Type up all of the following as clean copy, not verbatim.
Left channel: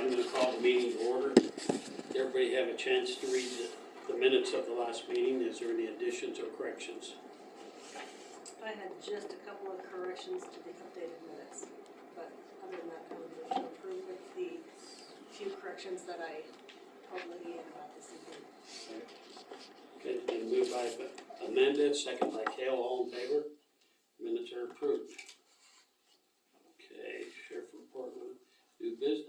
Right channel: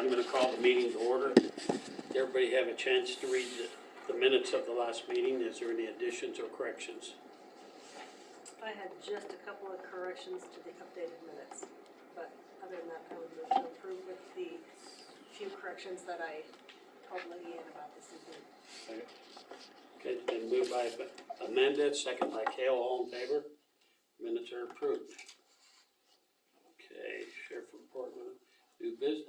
I'm gonna call the meeting to order. Did everybody have a chance to read the minutes of the last meeting? Is there any additions or corrections? I had just a couple of corrections to the updated minutes, but other than that, I would move to approve with the few corrections that I told Leanne about this evening. Okay, it's been moved by Amanda, second by Cale, all in favor? Minutes are approved. Okay, sheriff report, new business.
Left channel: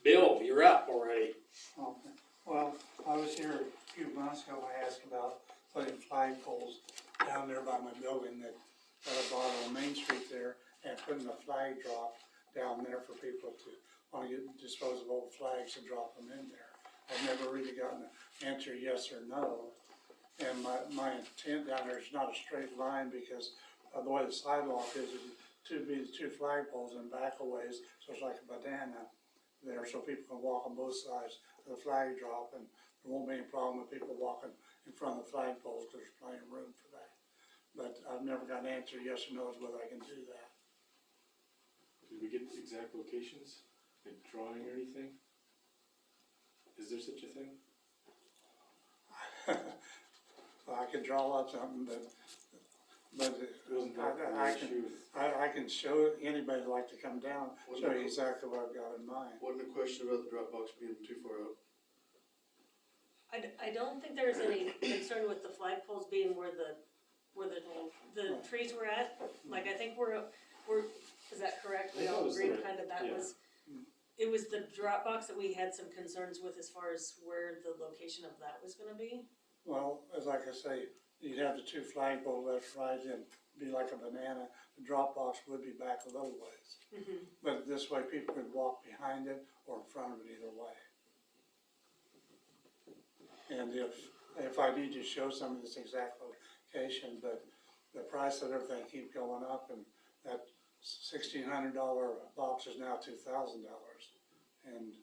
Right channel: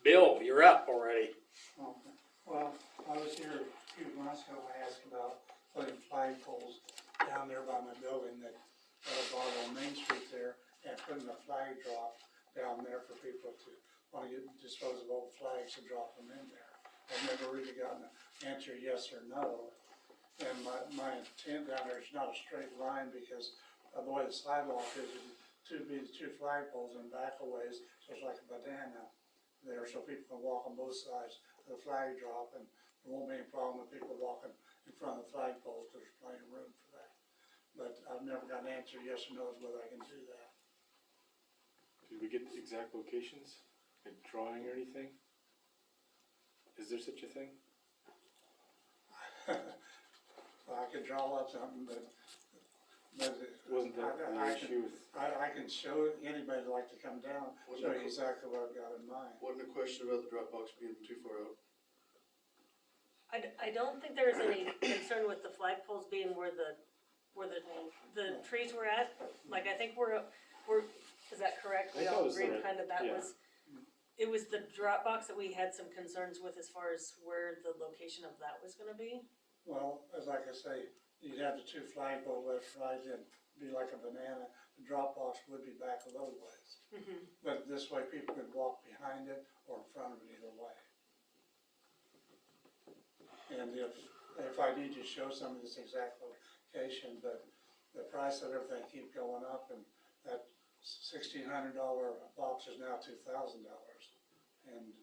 Bill, you're up already. Okay. Well, I was here a few months ago, I asked about putting flagpoles down there by my building that I bought on Main Street there, and putting a flag drop down there for people to want to dispose of old flags and drop them in there. I've never really gotten an answer yes or no. And my intent down there is not a straight line, because the way the sidewalk is two flagpoles and back a ways, so it's like a banana there, so people can walk on both sides of the flag drop, and there won't be any problem with people walking in front of the flagpoles, because there's plenty of room for that. But I've never got an answer yes or no as whether I can do that. Did we get the exact locations, like drawing or anything? Is there such a thing? So I could draw up something, but Wasn't that I the issue with? can show anybody that'd like to come down, show you exactly what I've got in mind. Wasn't a question about the Dropbox being too far out. I don't think there's any concern with the flagpoles being where the trees were at. Like, I think we're, is that correct? We I think all it was agreed there, kind of that yeah. was, it was the Dropbox that we had some concerns with as far as where the location of that was gonna be. Well, as like I say, you'd have the two flagpole left, right, and be like a banana. The drop box would be back a little ways. Mm-hmm. But this way people could walk behind it or in front of it either way. And if I need to show some of this exact location, but the price of everything keep going up, and that $1,600 box is now $2,000. And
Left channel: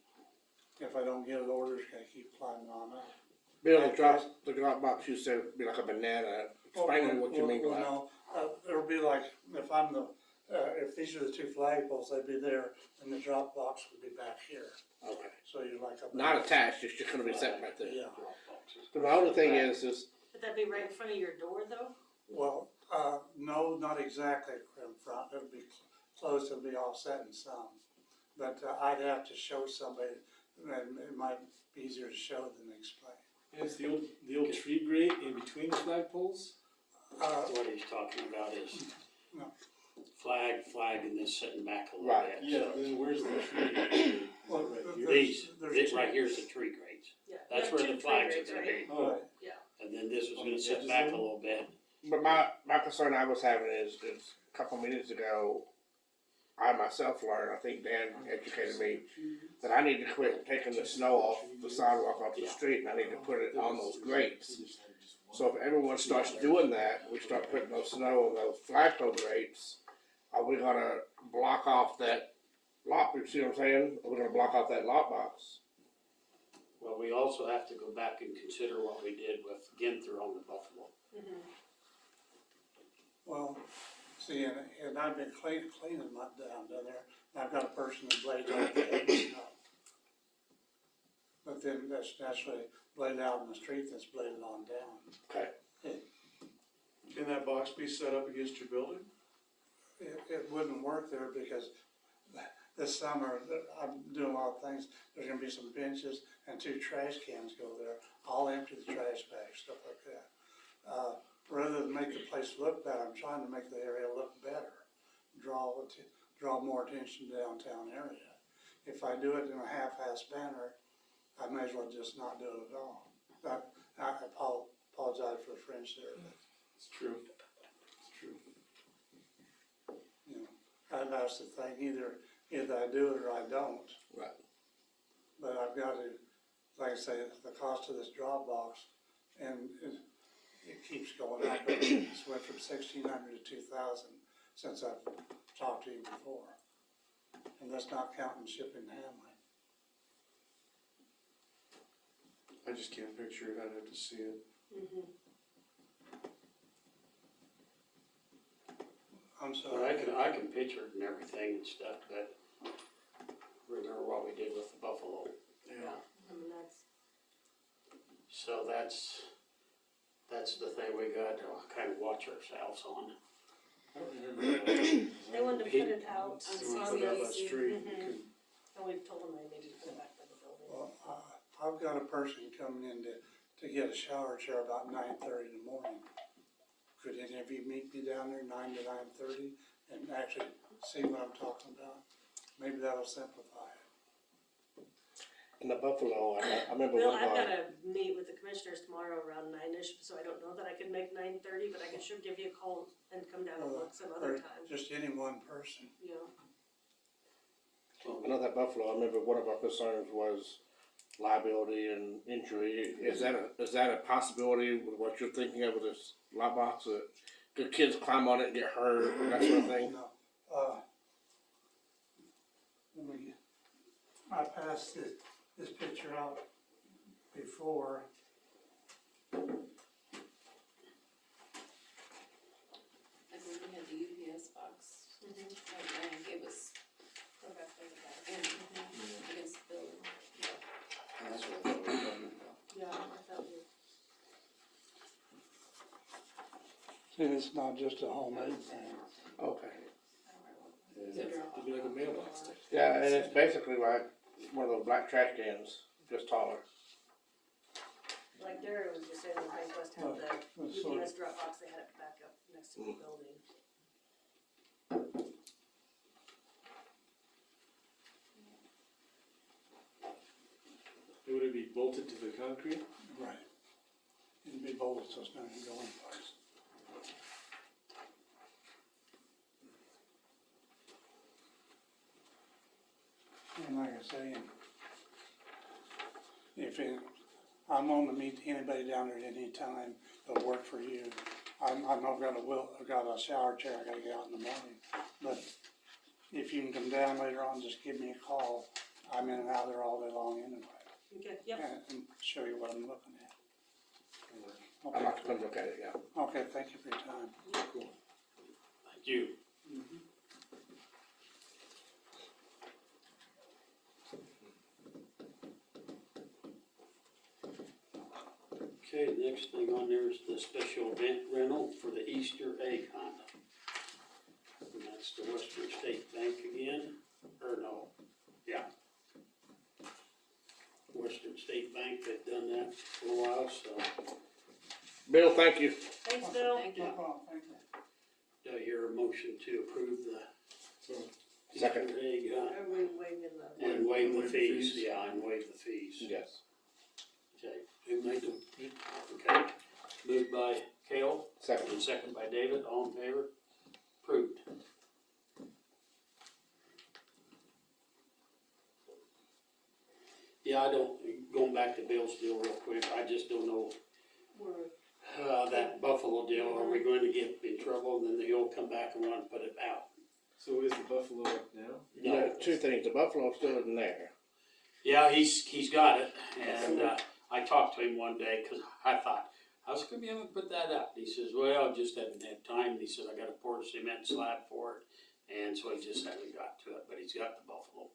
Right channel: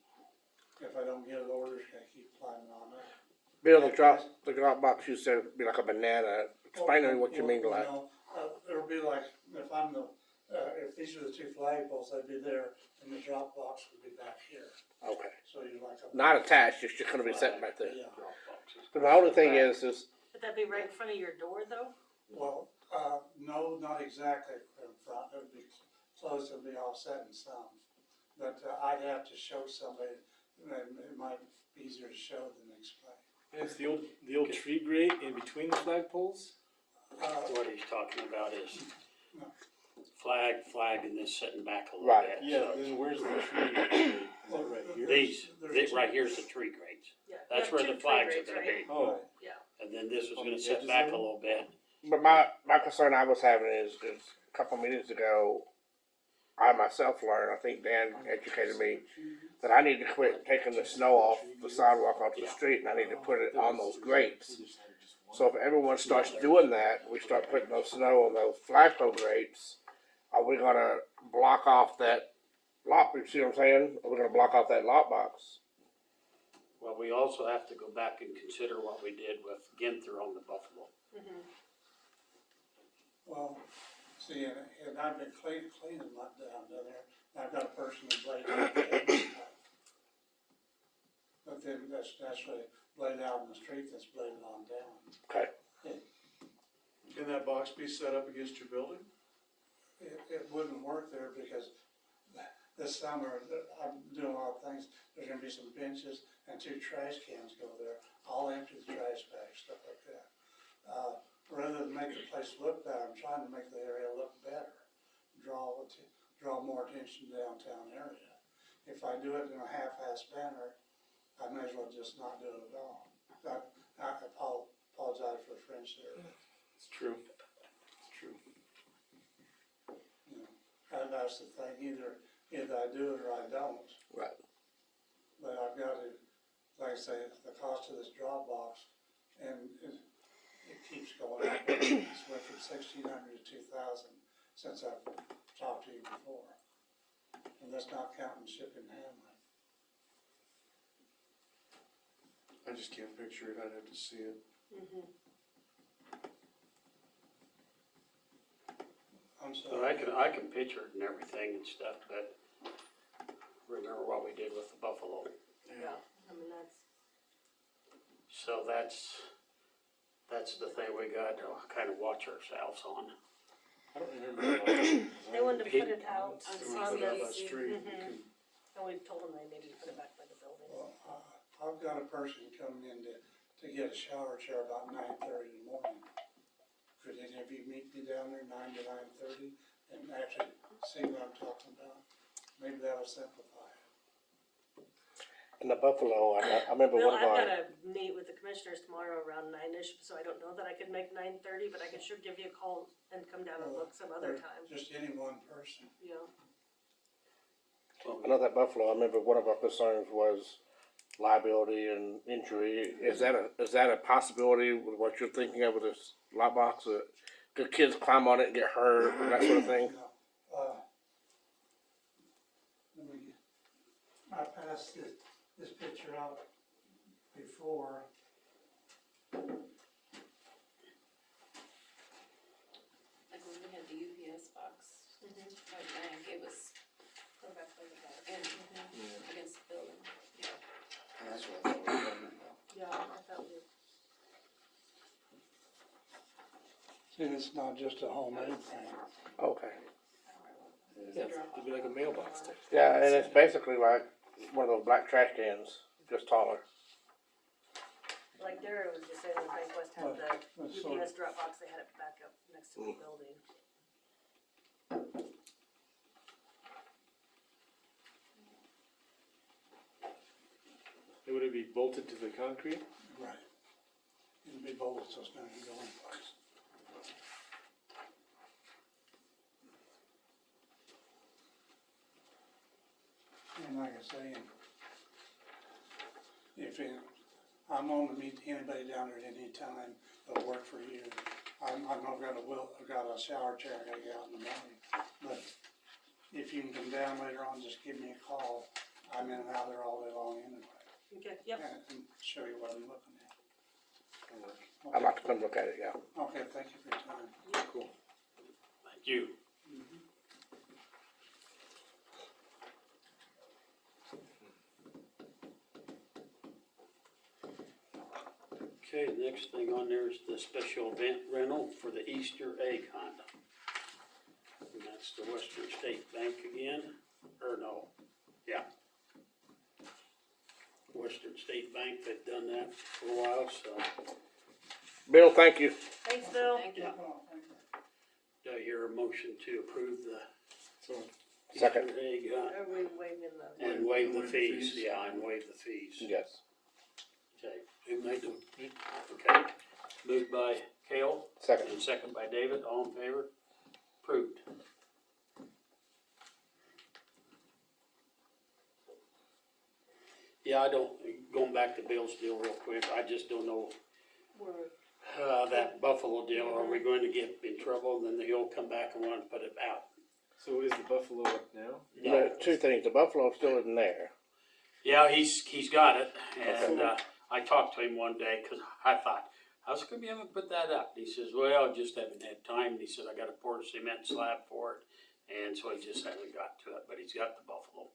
if I don't get it ordered, it's gonna keep climbing on up. Bill, the drop box you said would be like a banana. Explain to me what you mean by that. It would be like, if these are the two flagpoles, they'd be there, and the drop box would be back here. Okay. So you're like a. Not attached, it's just gonna be sitting right there. Yeah. But the only thing is Would that be right in front of your door, though? Well, no, not exactly in front. It would be close, it would be offset in some. But I'd have to show somebody, it might be easier to show than explain. And it's the old tree grate in between the flagpoles? What he's talking about is No. flag, and then sitting back a little Right. bit. Yeah, So then where's the tree grate? Is it right here? These right here's the tree grates. Yeah. That's You where have the two flags tree are gonna grates, be. Oh, And then this was On gonna the sit edges back of a it? little bit. but my concern I was having is a couple meetings ago, I myself learned, I think Dan educated me, that I need to quit taking the snow off the sidewalk onto the street, and I need to put it on those grates. So if everyone starts doing that, we start putting those snow on those flagpole grates, are we gonna block off that lot, you see what I'm saying? Are we gonna block off that lot box? Well, we also have to go back and consider what we did with Ginther on the Buffalo. Mm-hmm. Well, see, and I've been cleaning my down there, and I've got a person who blades out there. But then that's naturally blade out in the street, that's bladed on down. Okay. Can that box be set up against your building? It wouldn't work there, because this summer, I'm doing a lot of things. There's gonna be some benches and two trash cans go there. I'll empty the trash bags, stuff like that. Rather than make the place look better, I'm trying to make the area look better. Draw more attention to the downtown area. If I do it in a half-assed manner, I may as well just not do it at all. But I apologize for the French there. it's true. It's true. You know, that's the thing, either I do it or I don't. Right. But I've got to, like I say, the cost of this drop box, and it keeps going up. It's went from $1,600 to $2,000 since I've talked to you before. And that's not counting shipping and handling. I just can't picture it, I'd have to see it. Mm-hmm. I'm But sorry. I can picture it and everything and stuff, but remember what we did with the So that's the thing we got to kind of watch ourselves on. I don't remember. They wanted to put it out They on wanna put it out by the, street. and we told them they needed to put it back by the building. Well, I've got a person coming in to get a shower chair about 9:30 in the morning. Could any of you meet me down there 9 to 9:30 and actually see what I'm talking about? Maybe that'll simplify it. In the Buffalo, I remember Well, one of I've our, gotta meet with the commissioners tomorrow around 9-ish, so I don't know that I could make 9:30, but I can sure give you a call and come down and look some other Or time, just any one person. you know? I know that Buffalo, I remember one of our concerns was liability and injury. Is that a possibility with what you're thinking of with this lot box, that could kids climb on it and get hurt, and that sort of thing? No, let me, I passed this picture out before. Like when we had the UPS box, like Diane gave us, Go back there to that. and against the building. That's what I thought we were talking about. Yeah, I thought we, See, it's not just a homemade thing. Okay. Yeah, it'd be like a mailbox type. Yeah, and it's basically like one of those black trash cans, just taller. like Darren was just saying, when Bank West had the That's sort UPS drop box, they had it back up next to the building. Would it be bolted to the concrete? Right. It'd be bolted so it's not gonna go in place. And like I say, I'm on to meet anybody down there at any time that'll work for you. I know I've got a shower chair I gotta get out in the morning, but if you can come down later on, just give me a call. I'm in and out there all day long anyway, Okay, yep, and show you what I'm looking at. I'd like to come look at it, yeah. Okay, thank you for your time. Cool. Thank you. Okay, the next thing on there is the special event rental for the Easter egg hunt. And that's the Western State Bank again, or no, yeah. Western State Bank, they've done that for a while, so Bill, thank you. thanks, Bill. Thank you. do I hear a motion to approve the So, Second. Easter egg hunt? Are we waiving the? And waive the Waive the fees, fees. yeah, and waive the fees. Yes. Okay, who made them? Okay, moved by Cale, Second. and second by David, all in favor? Approved. Yeah, I don't, going back to Bill's deal real quick, I just don't know, We're, that Buffalo deal, are we going to get in trouble, and then he'll come back and want to put it out? so is the Buffalo up now? No. Two things, the Buffalo still isn't there. Yeah, he's got it, and, I talked to him one day, cause I thought, how's it gonna be able to put that up? He says, well, just haven't had time, he said, I gotta pour a cement slab for it, and so he just hasn't got to it, but he's got the Buffalo.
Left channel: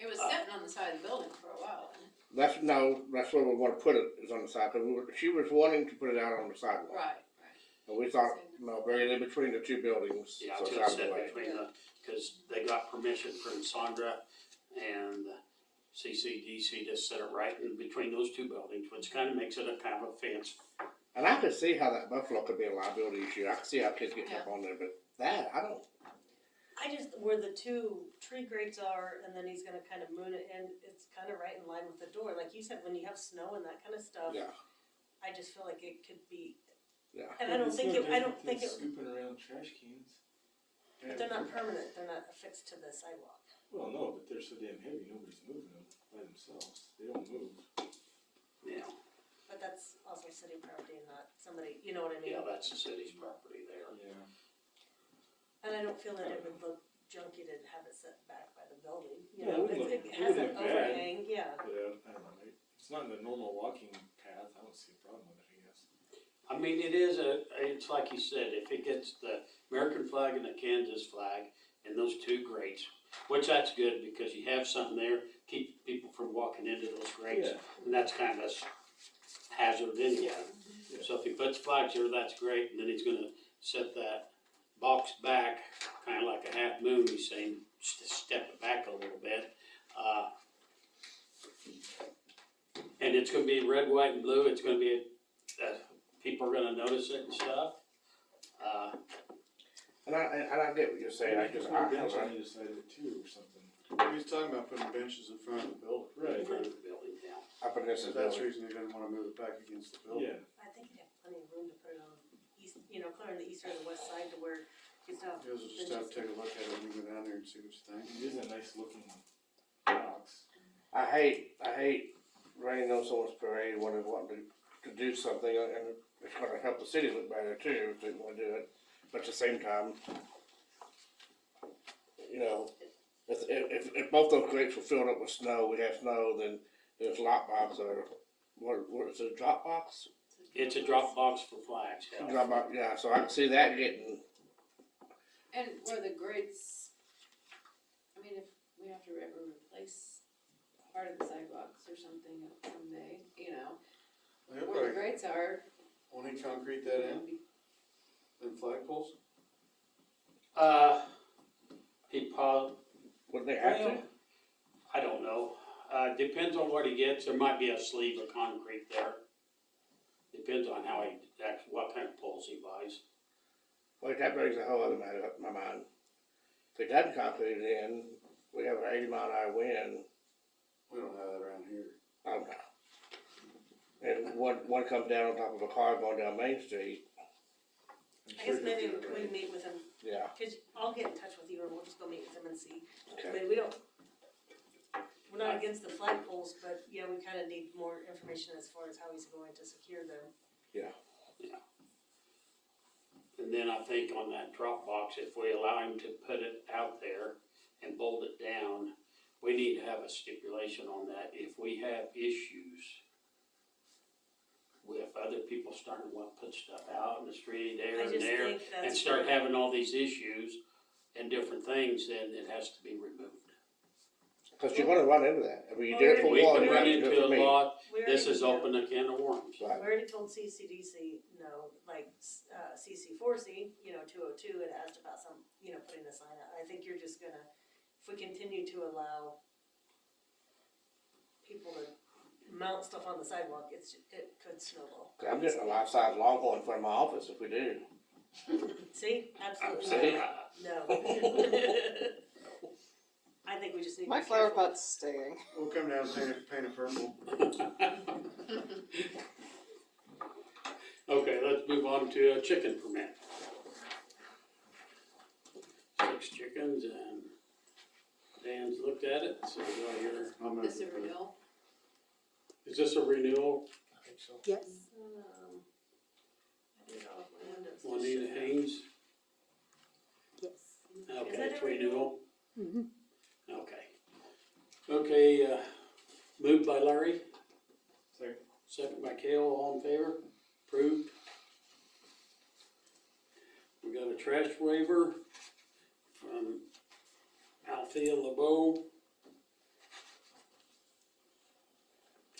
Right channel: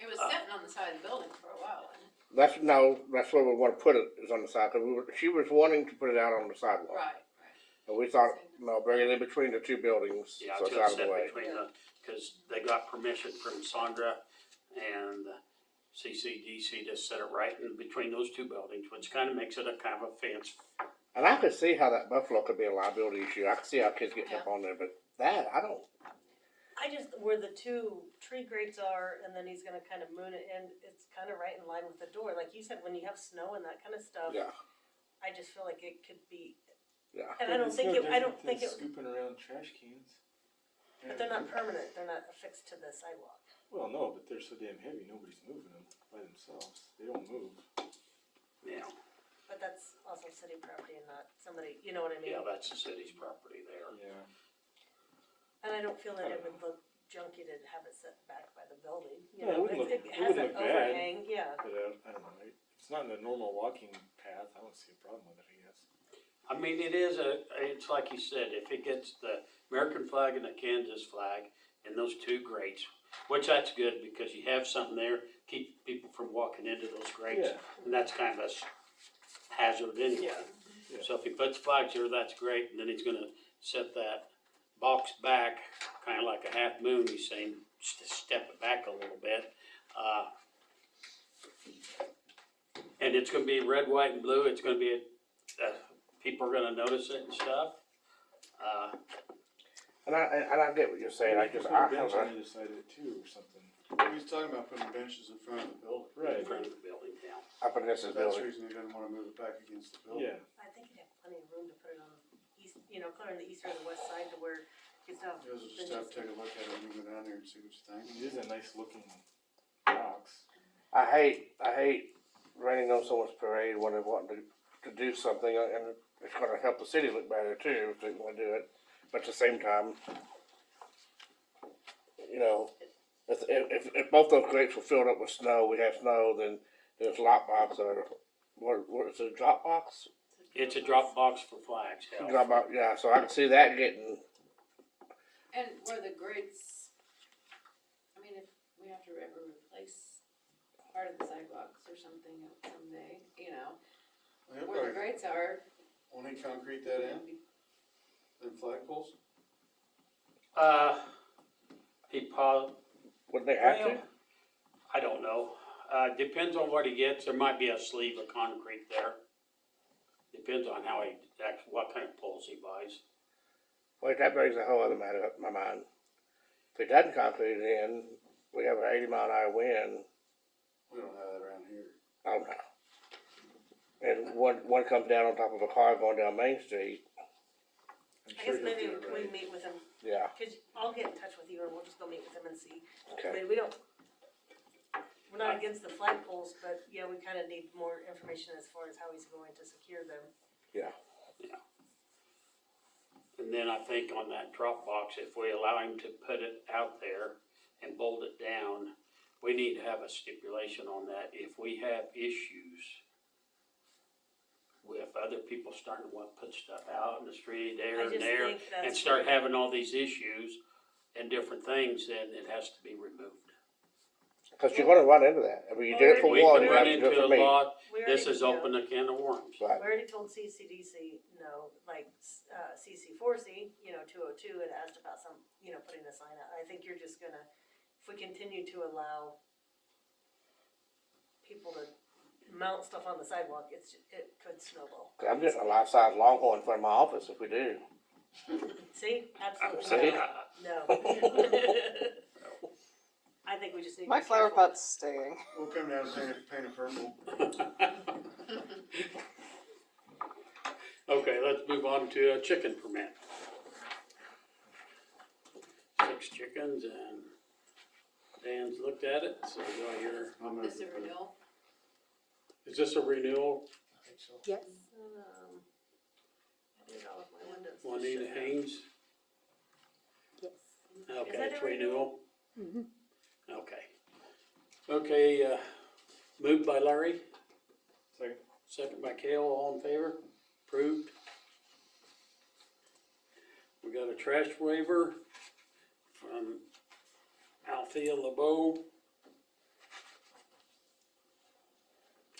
It was sitting on the side of the building for a while, wasn't it? That's where we wanna put it, is on the side, cause she was wanting to put it out on the sidewalk. Right. And we thought, no, bring it in between the two buildings, Yeah, so it's just out of the sit way. between the, cause they got permission from Sandra and CCDC to set it right in between those two buildings, which kinda makes it a kind of a fence. And I could see how that Buffalo could be a liability issue, I could see how kids getting up on there, but that, I don't, I just, where the two tree grates are, and then he's gonna kind of moon it, and it's kind of right in line with the door, like you said, when you have snow and that kind of stuff. yeah, I just feel like it could be, yeah. and I don't think it, Scooping around trash cans. but they're not permanent, they're not affixed to the sidewalk. Well, no, but they're so damn heavy, nobody's moving them by themselves. They don't move. Yeah, But that's also city property and not somebody, you know what I mean? yeah, that's the city's property there. Yeah. And I don't feel that it would look junky to have it set back by the building, you No, know, it wouldn't it look- has it an wouldn't look bad. overhang, yeah. But I don't know, if it's not in a normal walking path, I don't see a problem with it, I guess. I mean, it's like you said, if it gets the American flag and the Kansas flag and those two grates, which that's good because you have something there, keep people from walking into those grates. Yeah. And that's kind of hazard anyway. So if he puts flags here, that's great, and then he's gonna set that box back, kinda like a half moon, he's saying, just to step it back a little bit. And it's gonna be red, white, and blue, it's gonna be, people are gonna notice it and stuff. And I get what you're saying, I just, Put I a bench on have either side of it too, or something. He's talking about putting benches in front of the building. In front of the building, yeah. up in this So that's the building. reason he doesn't wanna move it back against the building. Yeah, I think you have plenty of room to put it on east, clear on the east or the west side to where you still have. You guys will just have to take a look at it when you go down there and see what you think. it is a nice looking box. I hate raining on someone's parade when they're wanting to do something, and it's gonna help the city look better too, if they wanna do it. But at the same time, you know, if both those grates were filled up with snow, we have snow, then there's lockbox or, what is it, a drop box? It's a drop box for flags, yeah. Drop box, yeah, so I can see that getting, And where the grates, I mean, if we have to ever replace part of the sidewalks or something someday, Well, he'll where the probably, grates are, won't he concrete that in, them flagpoles? He probably, wouldn't they have to? well, I don't know. Depends on what he gets, there might be a sleeve of concrete there. Depends on how what kind of poles he buys. Wait, that brings a whole other matter up in my mind. If it doesn't concrete it in, we have an 80-mile-an-hour wind, We don't have that around here. I don't know. And one comes down on top of a car going down Main Street, I'm I sure guess he'll maybe do it we right. meet with him, yeah, cause I'll get in touch with you or we'll just go meet with him and see. I okay. mean, we're not against the flagpoles, but yeah, we kinda need more information as far as how he's going to secure them. And then I think on that drop box, if we allow him to put it out there and bolt it down, we need to have a stipulation on that. If we have issues with other people starting to want to put stuff out in the street, there I and just there, think that's. and start where- having all these issues and different things, then it has to be removed. Cause you're gonna run into that. I mean, you did it for We one, can you run have to do into it a for me. lot, we this already- has opened a can of worms. Right. We already told CCDC, no, like, CC4C, 202 had asked about some, putting a sign out. I think you're just gonna, if we continue to allow people to mount stuff on the sidewalk, it could snowball. I'm getting a life-size Longhorn in front of my office if we do. See, See? absolutely no. I think we just need to My be flower careful. pot's staying. We'll come down and paint it purple. Okay, let's move on to a chicken permit. 6 chickens and Dan's looked at it, so do I hear, I'm this gonna- a renewal. is this a renewal? I think so. Yes. I did all of my windows. Juanita Haynes? Yes. Okay, that it's a renewal? renewal? Okay. Okay, moved by Larry, Second. second by Cale, all in favor? Approved. We got a trash waiver from Althea LeBeau.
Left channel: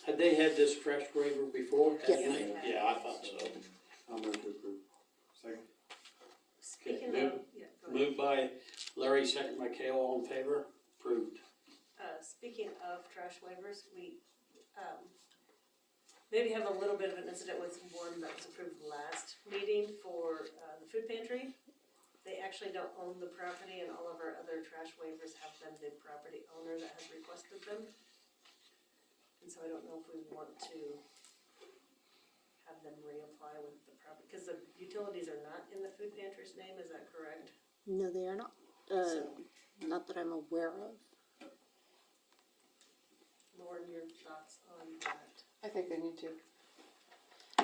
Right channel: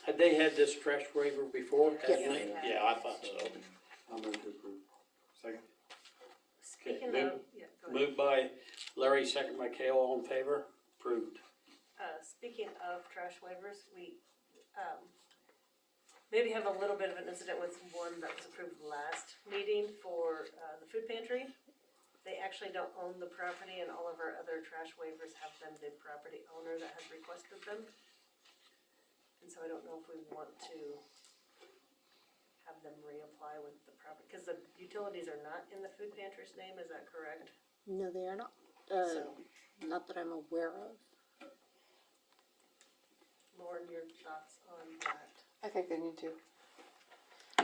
Had they had this trash waiver before? Yes. Hadn't they? Yeah. Yeah, I thought so. I'll move to approve. Second. Speaking Okay, of, yeah, go ahead. Moved by Larry, second by Cale, all in favor? Approved. Speaking of trash waivers, we, maybe have a little bit of an incident with one that was approved last meeting for, the food pantry. They actually don't own the property and all of our other trash waivers have been the property owner that has requested them. And so I don't know if we want to have them reapply with the property, cause the utilities are not in the food pantry's name, is that correct? No, they are not. So, Not that I'm aware of. Lauren, your thoughts on that? I think they need to.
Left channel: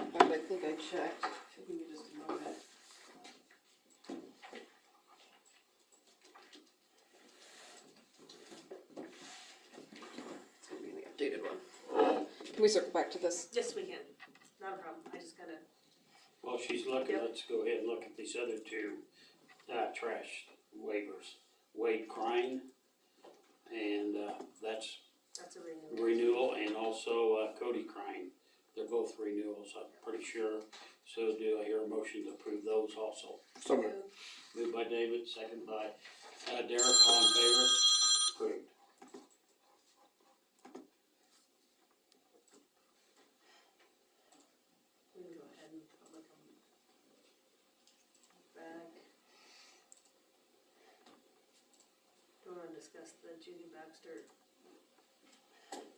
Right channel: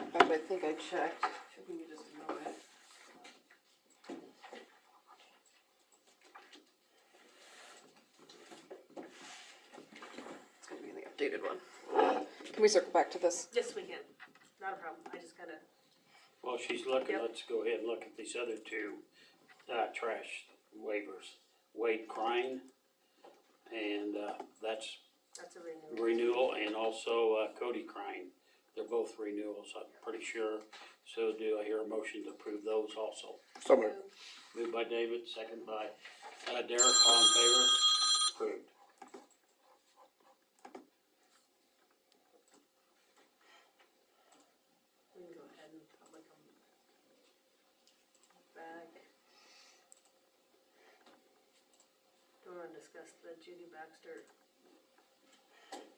In fact, I think I checked. Give me just a moment. It's gonna be the updated one. Can we circle back to this? Yes, we can, not a problem, I just gotta, While she's looking, Yep. let's go ahead and look at these other two, trash waivers. Wade Crine, and, that's that's a renewal. renewal, and also Cody Crine They're both renewals, I'm pretty sure. So do I hear a motion to approve those also? So moved. Moved by David, second by Derek, all in favor? Approved. We can go ahead and public them back. Do you wanna discuss the Judy Baxter?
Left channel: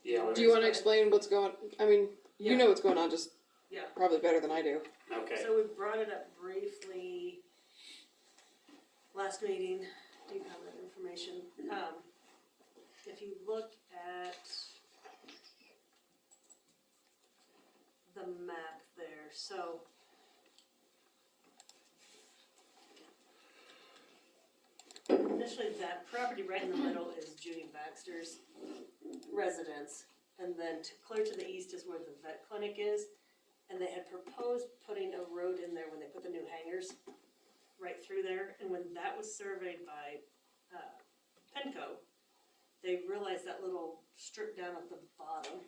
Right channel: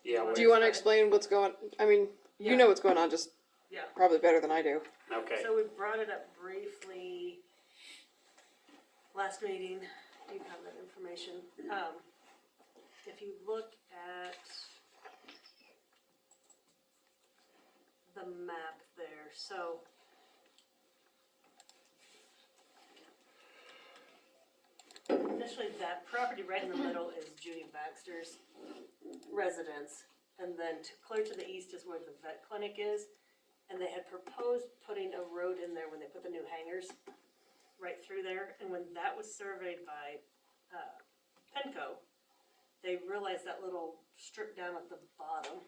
Yeah, Do you wanna explain what's going, I mean, you Yeah. know what's going on, just Yeah. probably better than I do. okay. So we brought it up briefly last meeting. Do you have that information? If you look at the map there, so initially that property right in the middle is Judy Baxter's residence. And then clear to the east is where the vet clinic is. And they had proposed putting a road in there when they put the new hangars right through there. And when that was surveyed by Penco, they realized that little strip down at the bottom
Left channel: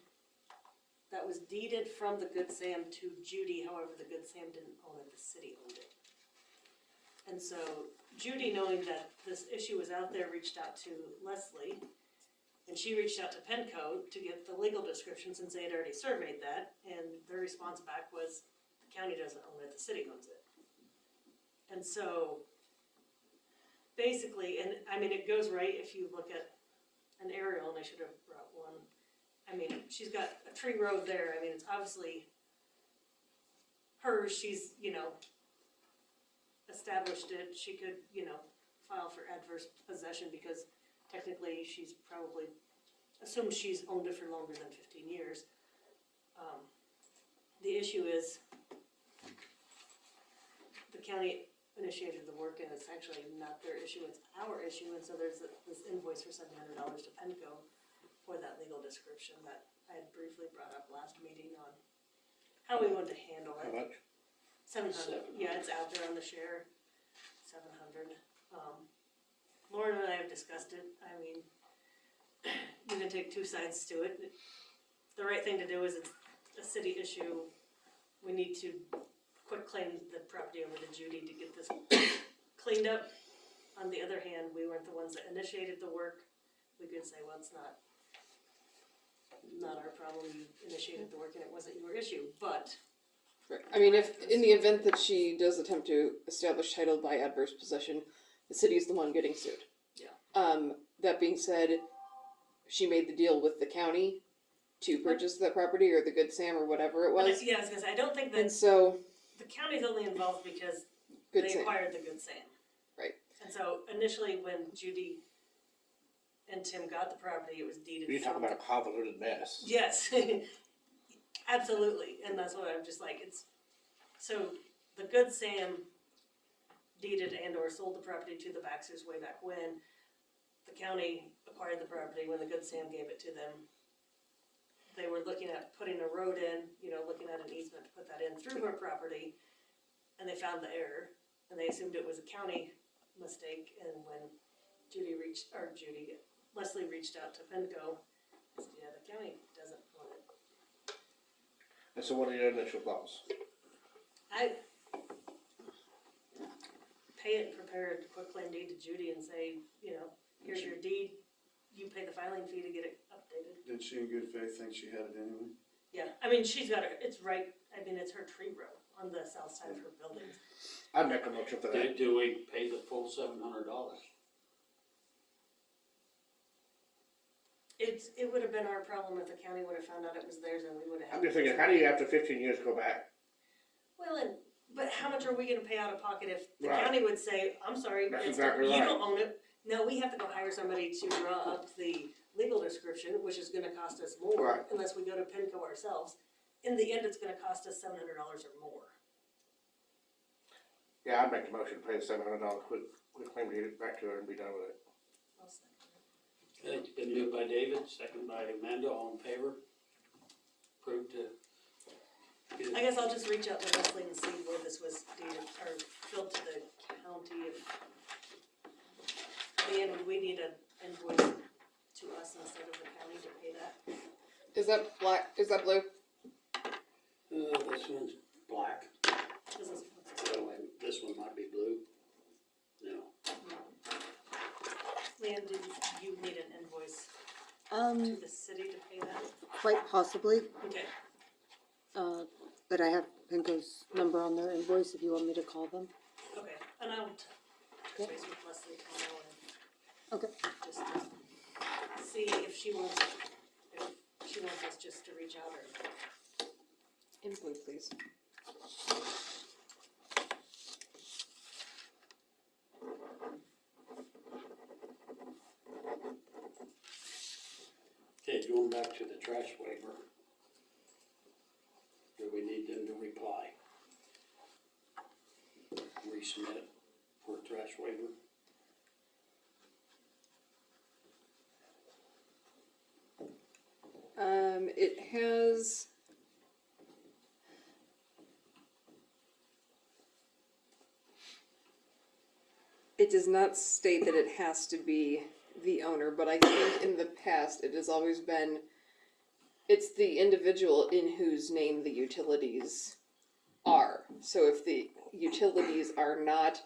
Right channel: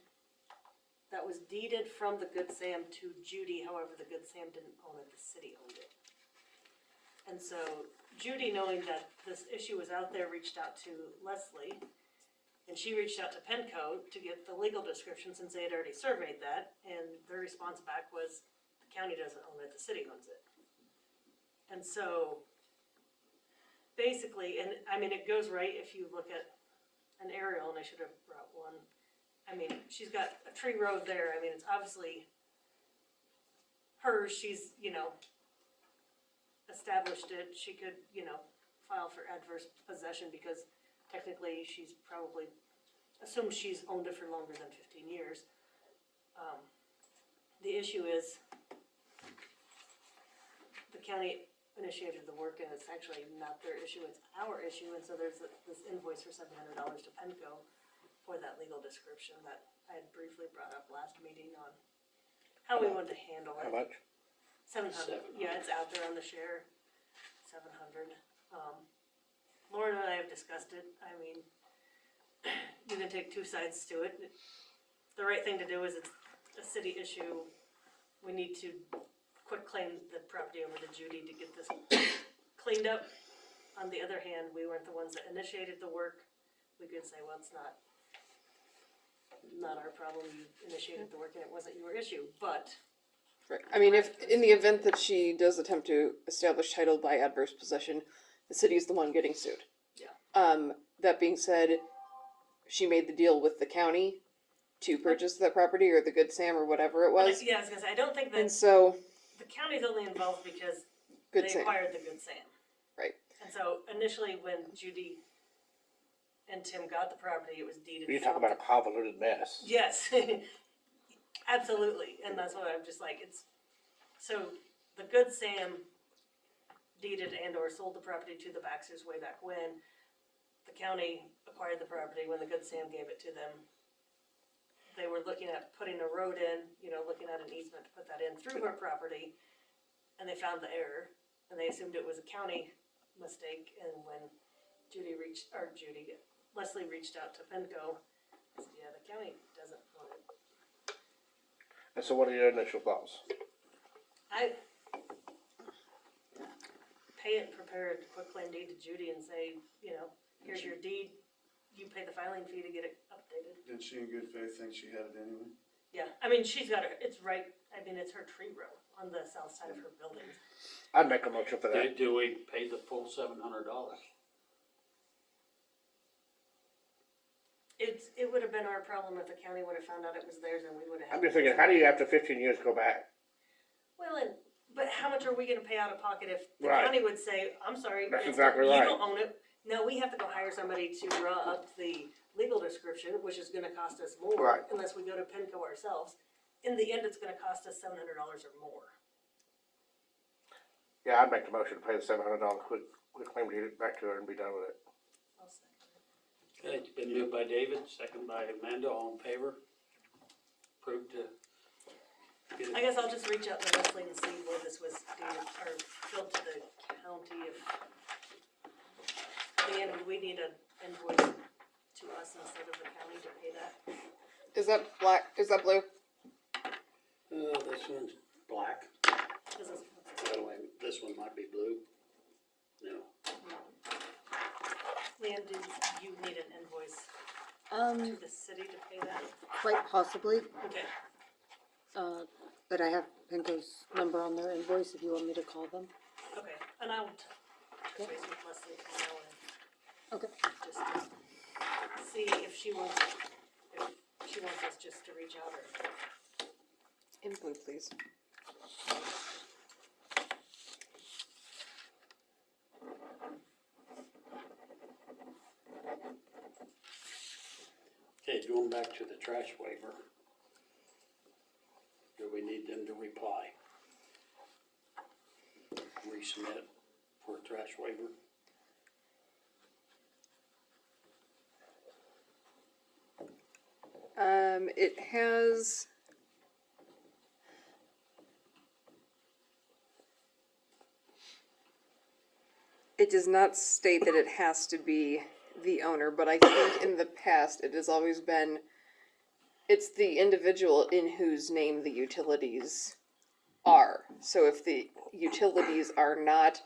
that was deeded from the Good Sam to Judy. However, the Good Sam didn't own it, the city owned it. And so Judy, knowing that this issue was out there, reached out to Leslie. And she reached out to Penco to get the legal description since they had already surveyed that. And their response back was, the county doesn't own it, the city owns it. And so basically, and I mean, it goes right if you look at an aerial, and I should have brought one. I mean, she's got a tree road there. I mean, it's obviously hers. She's, established it. She could, file for adverse possession because technically she's probably assumed she's owned it for longer than 15 years. The issue is the county initiated the work and it's actually not their issue, it's our issue. And so there's this invoice for $700 to Penco for that legal description that I had briefly brought up last meeting on how we wanted to handle How it. much? 700, yeah, it's out there on the share, 700. Lauren and I have discussed it. I mean, you can take two sides to it. The right thing to do is it's a city issue. We need to quit claim the property over to Judy to get this cleaned up. On the other hand, we weren't the ones that initiated the work. We could say, well, it's not our problem. You initiated the work and it wasn't your issue, but Right. I mean, if, in the event that she does attempt to establish title by adverse possession, the city is the one getting sued. Yeah. That being said, she made the deal with the county to purchase that property, or the Good Sam, or whatever it was. yeah, I was gonna say, I don't think And that so, the county's only involved because Good they Sam. acquired the Good Sam. Right. And so initially when Judy and Tim got the property, it was deeded. You talk about a convoluted mess. Yes, absolutely, and that's what I'm just like, so the Good Sam deeded and or sold the property to the Baxters way back when. The county acquired the property when the Good Sam gave it to them. They were looking at putting a road in, looking at an easement to put that in through her property, and they found the error, and they assumed it was a county mistake, and when Leslie reached out to Penco, said, yeah, the county doesn't own it. And so what are your initial thoughts? I pay it, prepare a quick claim deed to Judy and say, here's your deed, you pay the filing fee to get it updated. Did she in good faith think she had it anyway? Yeah, I mean, she's got it's right, it's her tree row on the south side of her building. I'd make a motion for that. Do we pay the full $700? It would have been our problem if the county would have found out it was theirs and we would have had. I'm just thinking, how do you after 15 years go back? Well, but how much are we gonna pay out of pocket if the Right. county would say, I'm sorry, That's it's- exactly you right. don't own it. No, we have to go hire somebody to draw up the legal description, which is gonna cost us more Right. unless we go to Penco ourselves. In the end, it's gonna cost us $700 or more. Yeah, I'd make the motion to pay the $700 quick claim to get it back to her and be done with it. I'll second it. Okay, it's been moved by David, second by Amanda, all in favor? Approved to. I guess I'll just reach out to Leslie and see where this was deeded or billed to the county. If at the end, we need an invoice to us instead of the county to pay that. is that black, is that blue? This one's black. This is, Oh, and this one might be blue. No. Leanne, did you need an invoice to the city to pay that? Quite possibly, Okay, but I have Pinko's number on their invoice if you want me to call them. okay, and I'll touch base with Leslie tomorrow and Okay. just see if she wants us just to reach out or. In blue, please. Okay, going back to the trash waiver. Do we need them to reply? Resubmit for a trash waiver? It has. It does not state that it has to be the owner, but I think in the past it has always been, it's the individual in whose name the utilities are. So if the utilities are not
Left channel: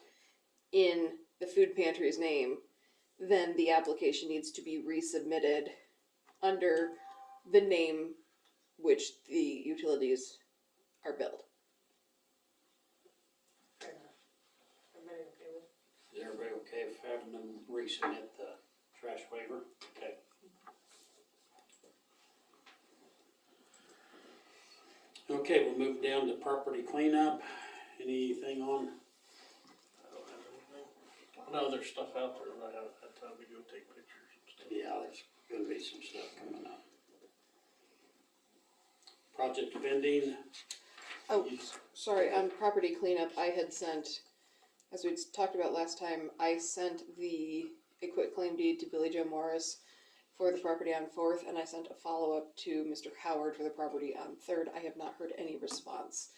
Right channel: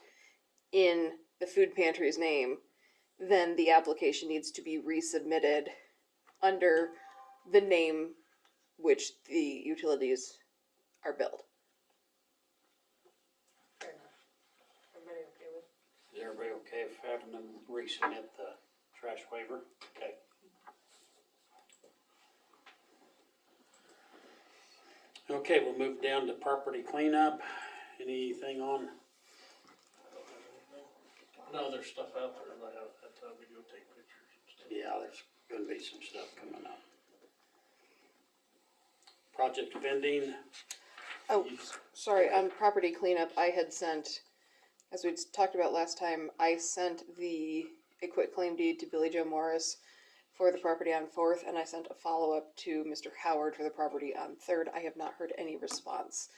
in the food pantry's name, then the application needs to be resubmitted under the name which the utilities are billed. Fair enough. Everybody okay with? Is everybody okay with having them resubmit the trash waiver? Okay. Okay, we'll move down to property cleanup. Anything on? No, there's stuff out there and I haven't had time to go take pictures and stuff. Yeah, there's gonna be some stuff coming up. Project vending, Oh, sorry, on property cleanup, I had sent, as we talked about last time, I sent the a quit claim deed to Billy Joe Morris for the property on 4th, and I sent a follow-up to Mr. Howard for the property on 3rd. I have not heard any response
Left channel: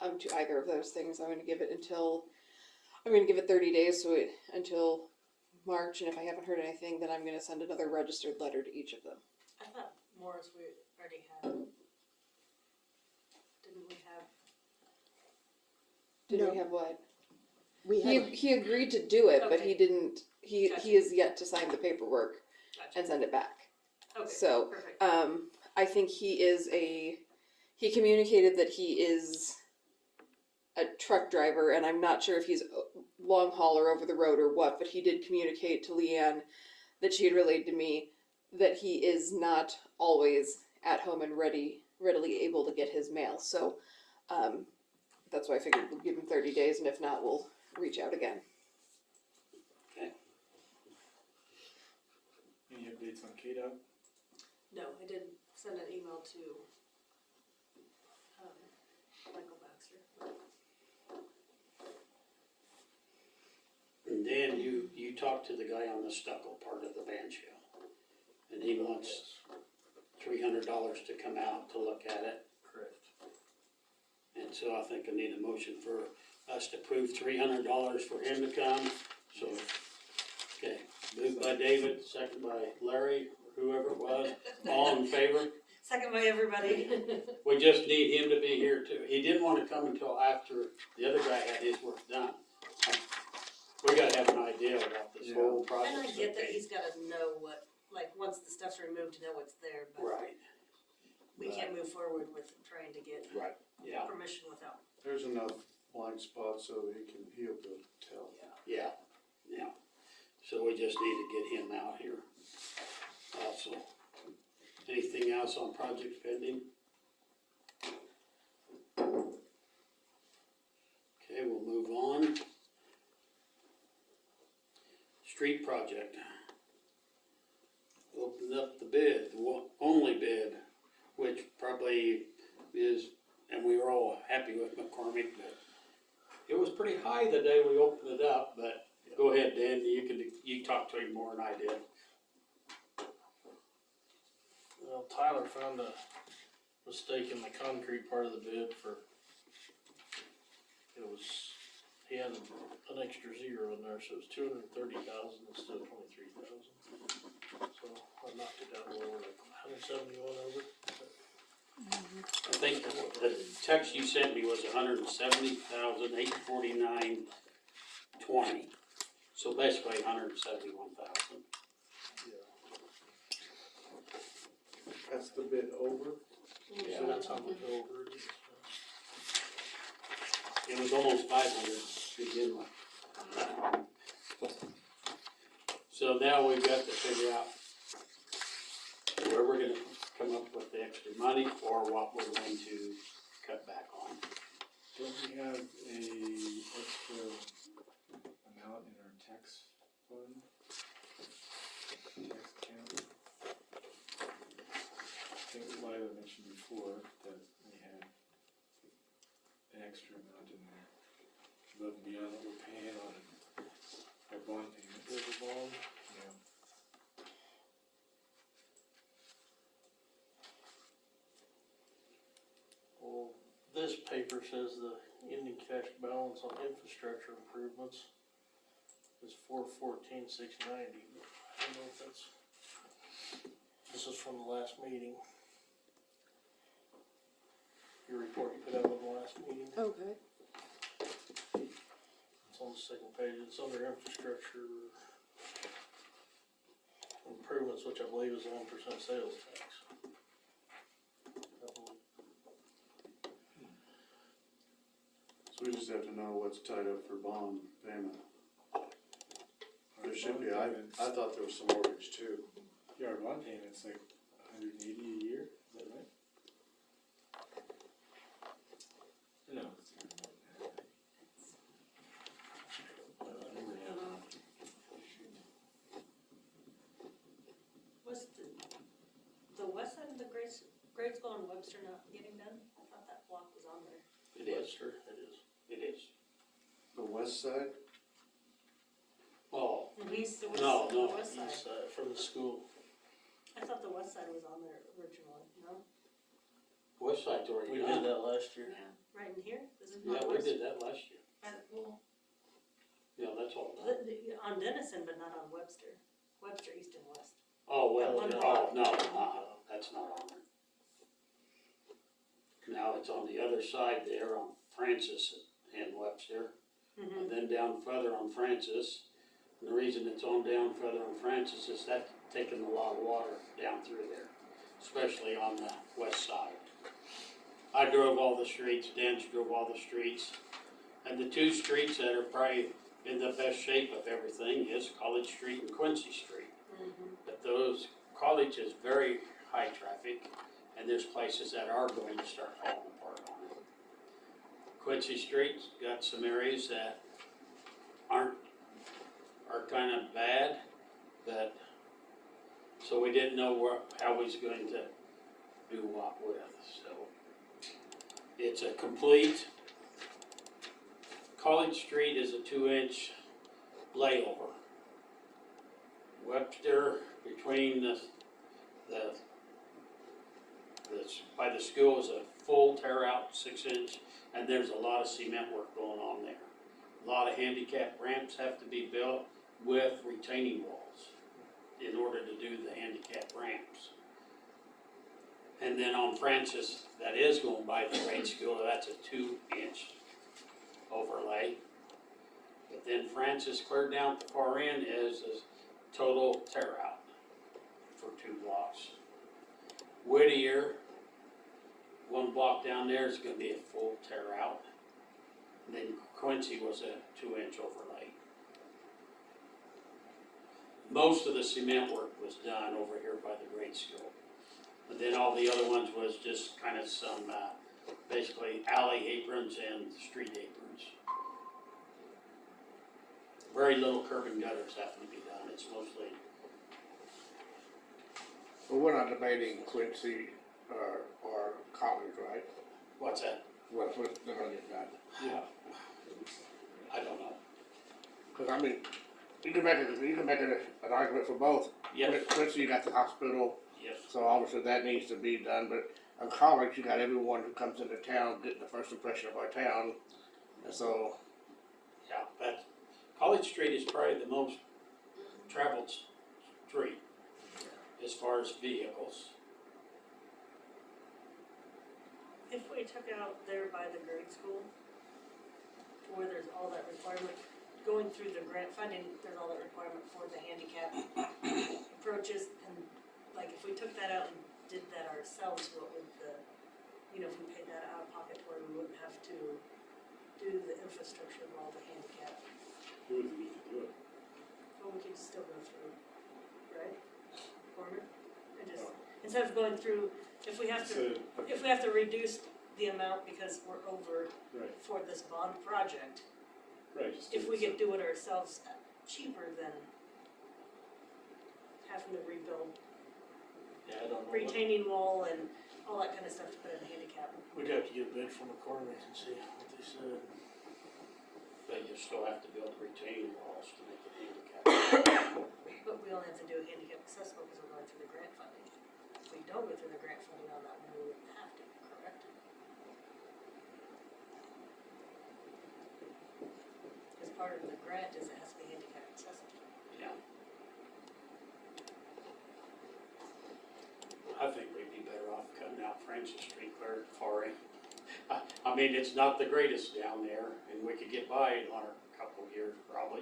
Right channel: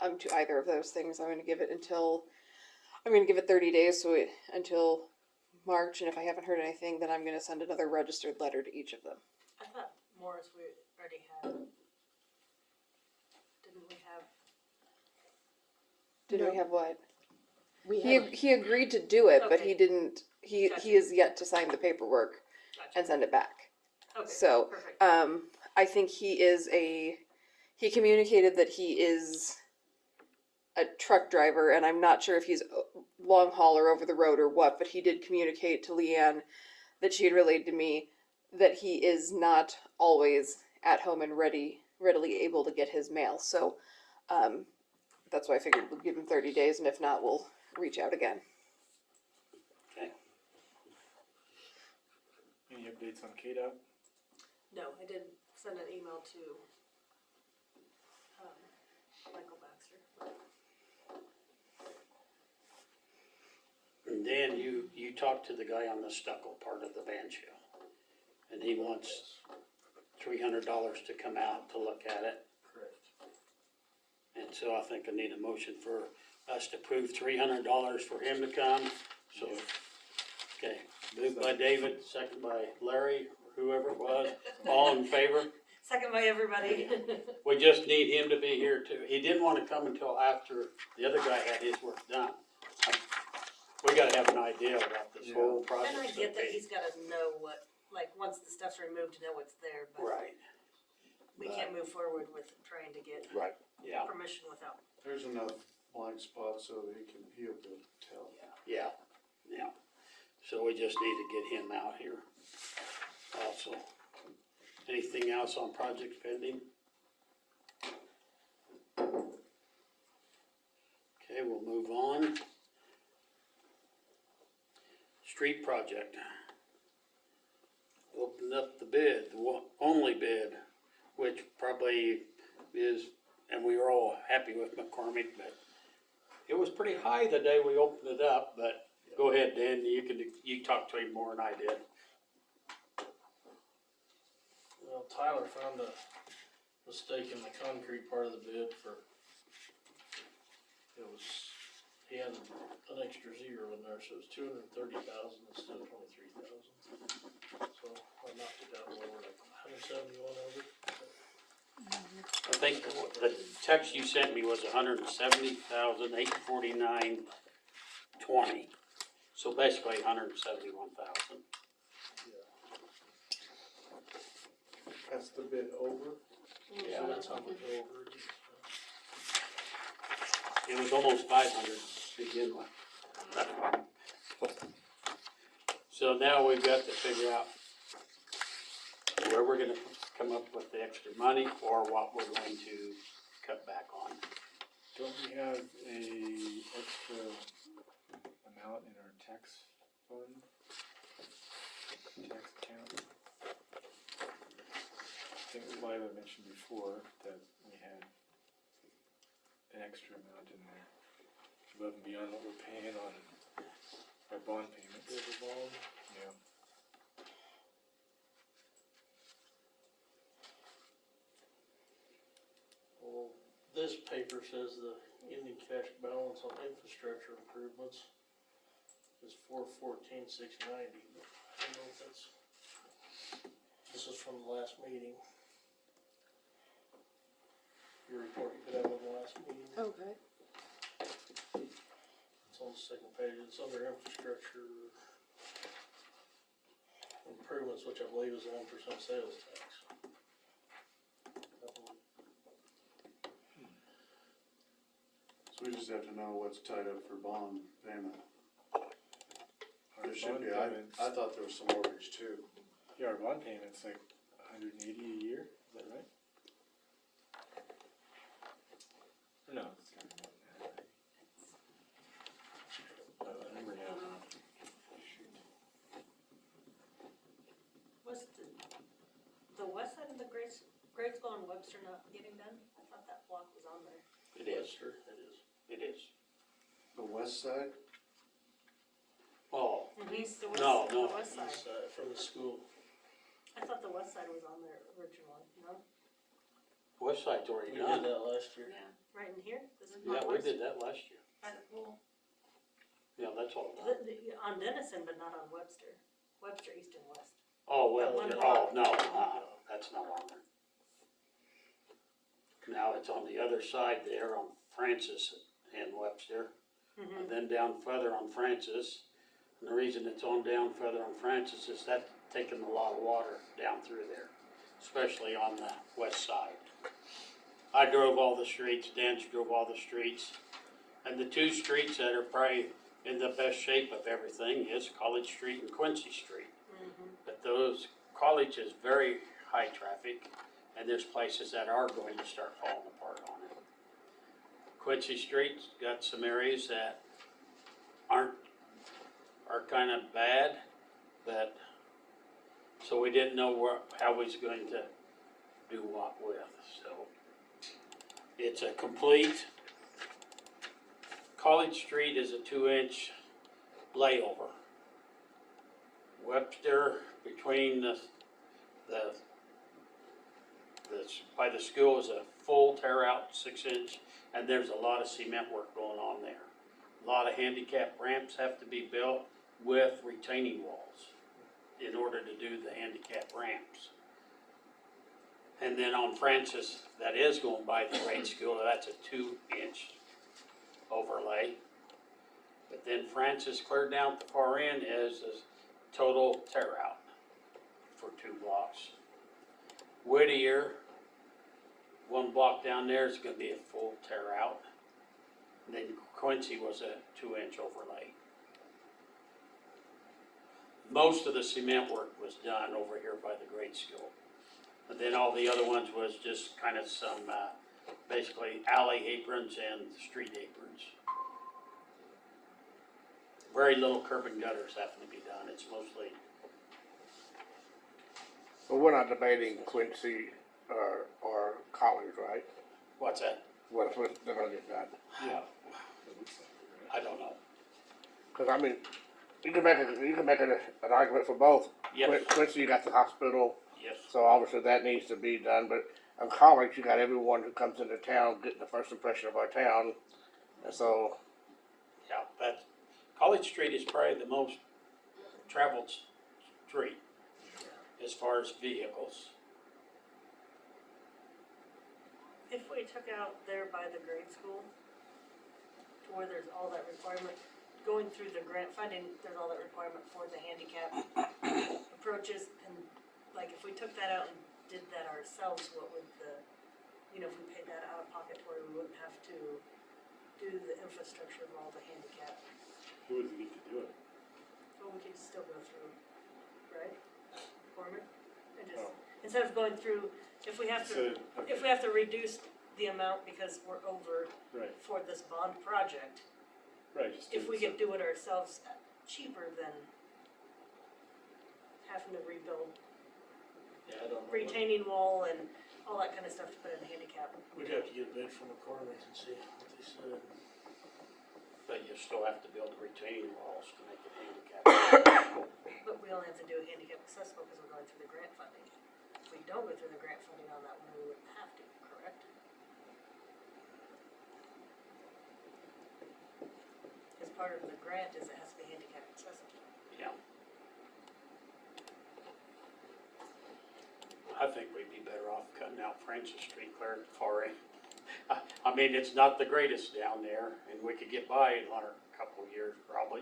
to either of those things. I'm gonna give it 30 days, so until March, and if I haven't heard anything, then I'm gonna send another registered letter to each of them. I thought Morris we already had. Didn't we have? Did No. we have what? We He, had, he agreed to do it, but Okay. he didn't, he Gotcha. is yet to sign the paperwork Gotcha. and send it back. Okay, So, perfect. I think he communicated that he is a truck driver, and I'm not sure if he's a long haul or over the road or what, but he did communicate to Leanne that she had relayed to me that he is not always at home and readily able to get his mail. So, that's why I figured we'll give him 30 days, and if not, we'll reach out again. okay, Any updates on KDOT? No, I did send an email to, Michael Baxter. and Dan, you talked to the guy on the stucco part of the van show, and he wants $300 to come out to look at it. Correct. And so I think I need a motion for us to approve $300 for him to come, so, okay, moved by David, second by Larry, whoever it was, all in favor? Second by everybody. We just need him to be here too. He didn't wanna come until after the other guy had his work done. We gotta have an idea about this whole project. And I get that he's gotta know what, like, once the stuff's removed, to know what's there, but Right, we can't move forward with trying to get Right. yeah, permission without. There's enough blind spots so that he'll be able to tell. yeah. So we just need to get him out here also. Anything else on project pending? Okay, we'll move on. Street project. Opened up the bid, the only bid, which probably is, and we were all happy with McCormick, but it was pretty high the day we opened it up, but go ahead, Dan, you talked to him more than I did. Well, Tyler found a mistake in the concrete part of the bid he had an extra zero in there, so it was 230,000 instead of 23,000. So I knocked it down lower, like 171 over. I think the text you sent me was $170,849.20. So basically $171,000. That's the bid over. Yeah. So that's how much over it is. It was almost 500 to begin with. So now we've got to figure out where we're gonna come up with the extra money or what we're going to cut back on. Don't we have a extra amount in our tax fund? Tax account? I think Lila mentioned before that we had an extra amount in there, above and beyond what we're paying on our bond payments. There's a bond. Yeah. Well, this paper says the ending cash balance on infrastructure improvements is $414,690, but I don't know if that's, this is from the last meeting. Your report you put out on the last meeting, Okay. it's on the second page, it's under infrastructure improvements, which I believe is 1% sales tax. So we just have to know what's tied up for bond payment. Our There should bond be, payments- I thought there was some mortgage too. Yeah, our bond payment's like $180 a year, is that right? Or no, it's more than that. I remember now. Shoot. Was the west side of the Gradesville and Webster not getting done? I thought that block was on there. It is, Sure, it is. it is. The west side? Oh, East, the No, west, no, the west side. East side, from the school. I thought the west side was on there originally, no? west side's already We did done. that last year. Right in here? This is Yeah, not we west. did that last year. Yeah, that's all done. On Denison, but not on Webster. Webster, east and west. Oh, well, One oh, block. no, that's not on there. Now it's on the other side there on Francis and Webster, and then down further on Francis. And the reason it's on down further on Francis is that's taking a lot of water down through there, especially on the west side. I drove all the streets, Dan's drove all the streets, and the two streets that are probably in the best shape of everything is College Street and Quincy Street. But those, College is very high traffic, and there's places that are going to start falling apart on it. Quincy Street's got some areas that are kind of bad, but, so we didn't know how we was going to do what with, so. It's a complete, College Street is a 2-inch layover. Webster, between by the school is a full tear out 6-inch, and there's a lot of cement work going on there. A lot of handicap ramps have to be built with retaining walls in order to do the handicap ramps. And then on Francis, that is going by the grade school, that's a 2-inch overlay. But then Francis clear down at the far end is a total tear out for 2 blocks. Whittier, 1 block down there is gonna be a full tear out. And then Quincy was a 2-inch overlay. Most of the cement work was done over here by the grade school. But then all the other ones was just kind of some, basically alley aprons and street aprons. Very little curb and gutters have to be done, it's mostly, But we're not debating Quincy or College, right? what's that? What's they're gonna get done? I don't know. Cause I mean, you can make an argument for both. Yes, Quincy, you got the hospital, yes, so obviously that needs to be done, but in College, you got everyone who comes into town getting the first impression of our town. And so, yeah, but College Street is probably the most traveled street as far as vehicles. If we took out there by the grade school, to where there's all that requirement, going through the grant funding, there's all that requirement for the handicap approaches, and like if we took that out and did that ourselves, what would the, if we paid that out of pocket where we wouldn't have to do the infrastructure of all the handicap, Who would need to do it? well, we could still go through, right? Foreman? And just, Oh. instead of going through, if we have to, So, if we have to reduce the amount because we're over right, for this bond project, right, just do if it we could do it ourselves cheaper than having to rebuild Yeah, I don't know. retaining wall and all that kind of stuff to put in a handicap. We'd have to get a bid from McCormick and see what they said. But you still have to build retaining walls to make it handicap. But we only have to do a handicap accessible because we're going through the grant funding. If we don't go through the grant funding on that one, we wouldn't have to, correct? Because part of the grant is it has to be handicap accessible. Yeah. I think we'd be better off cutting out Francis Street clear to far end. I mean, it's not the greatest down there, and we could get by in a couple of years probably.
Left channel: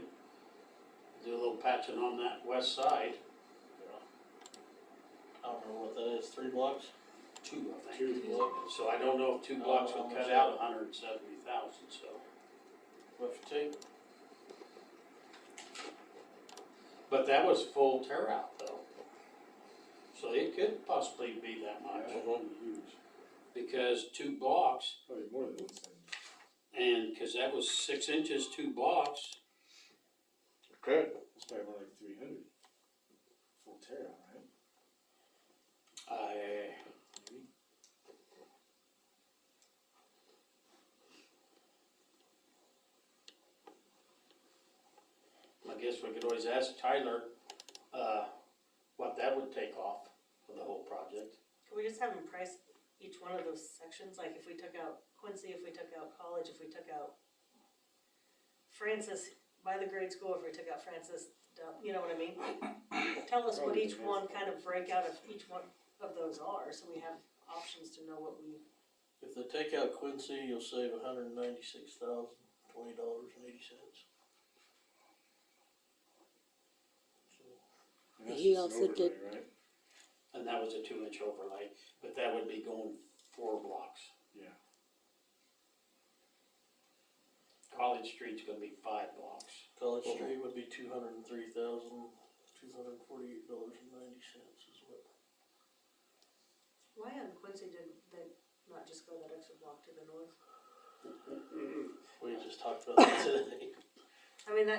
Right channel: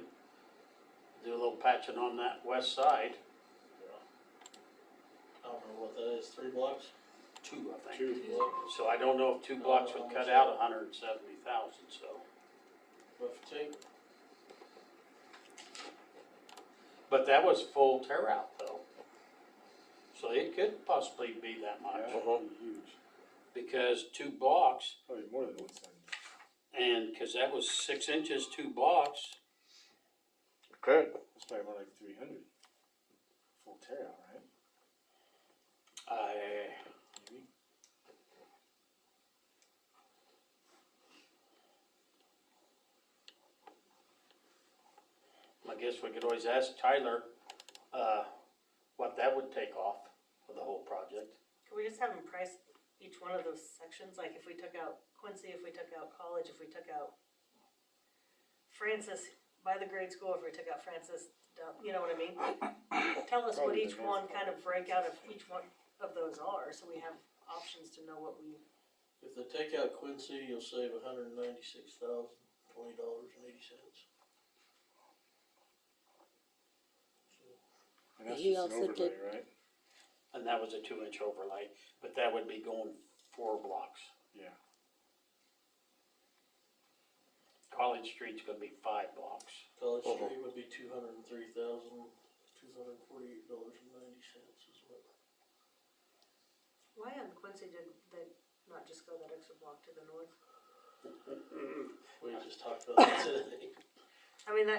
Do a little patching on that west side, I don't know what that is, 3 blocks? 2, I think. 2 blocks. So I don't know if 2 blocks would cut out 170,000, so. What if you take, But that was full tear out though. So it could possibly be that much, Yeah, that'd be huge. because 2 blocks, Probably more than 170. and, cause that was 6 inches, 2 blocks. Good. That's probably more like 300. Full tear out, right? Maybe. I guess we could always ask Tyler, what that would take off for the whole project. Could we just have them price each one of those sections, like if we took out Quincy, if we took out College, if we took out Francis by the grade school, if we took out Francis, you know what I mean? Tell us what Probably each the one most kind of breakout of each one of those are, so we have options to know what we, if they take out Quincy, you'll save $196,020.80. And that's He just an also did- overlay, right? And that was a 2-inch overlay, but that would be going 4 blocks. Yeah. College Street's gonna be 5 blocks. College Street would be $203,248.90 is what. why on Quincy did they not just go that extra block to the north? We just talked about that today. I mean,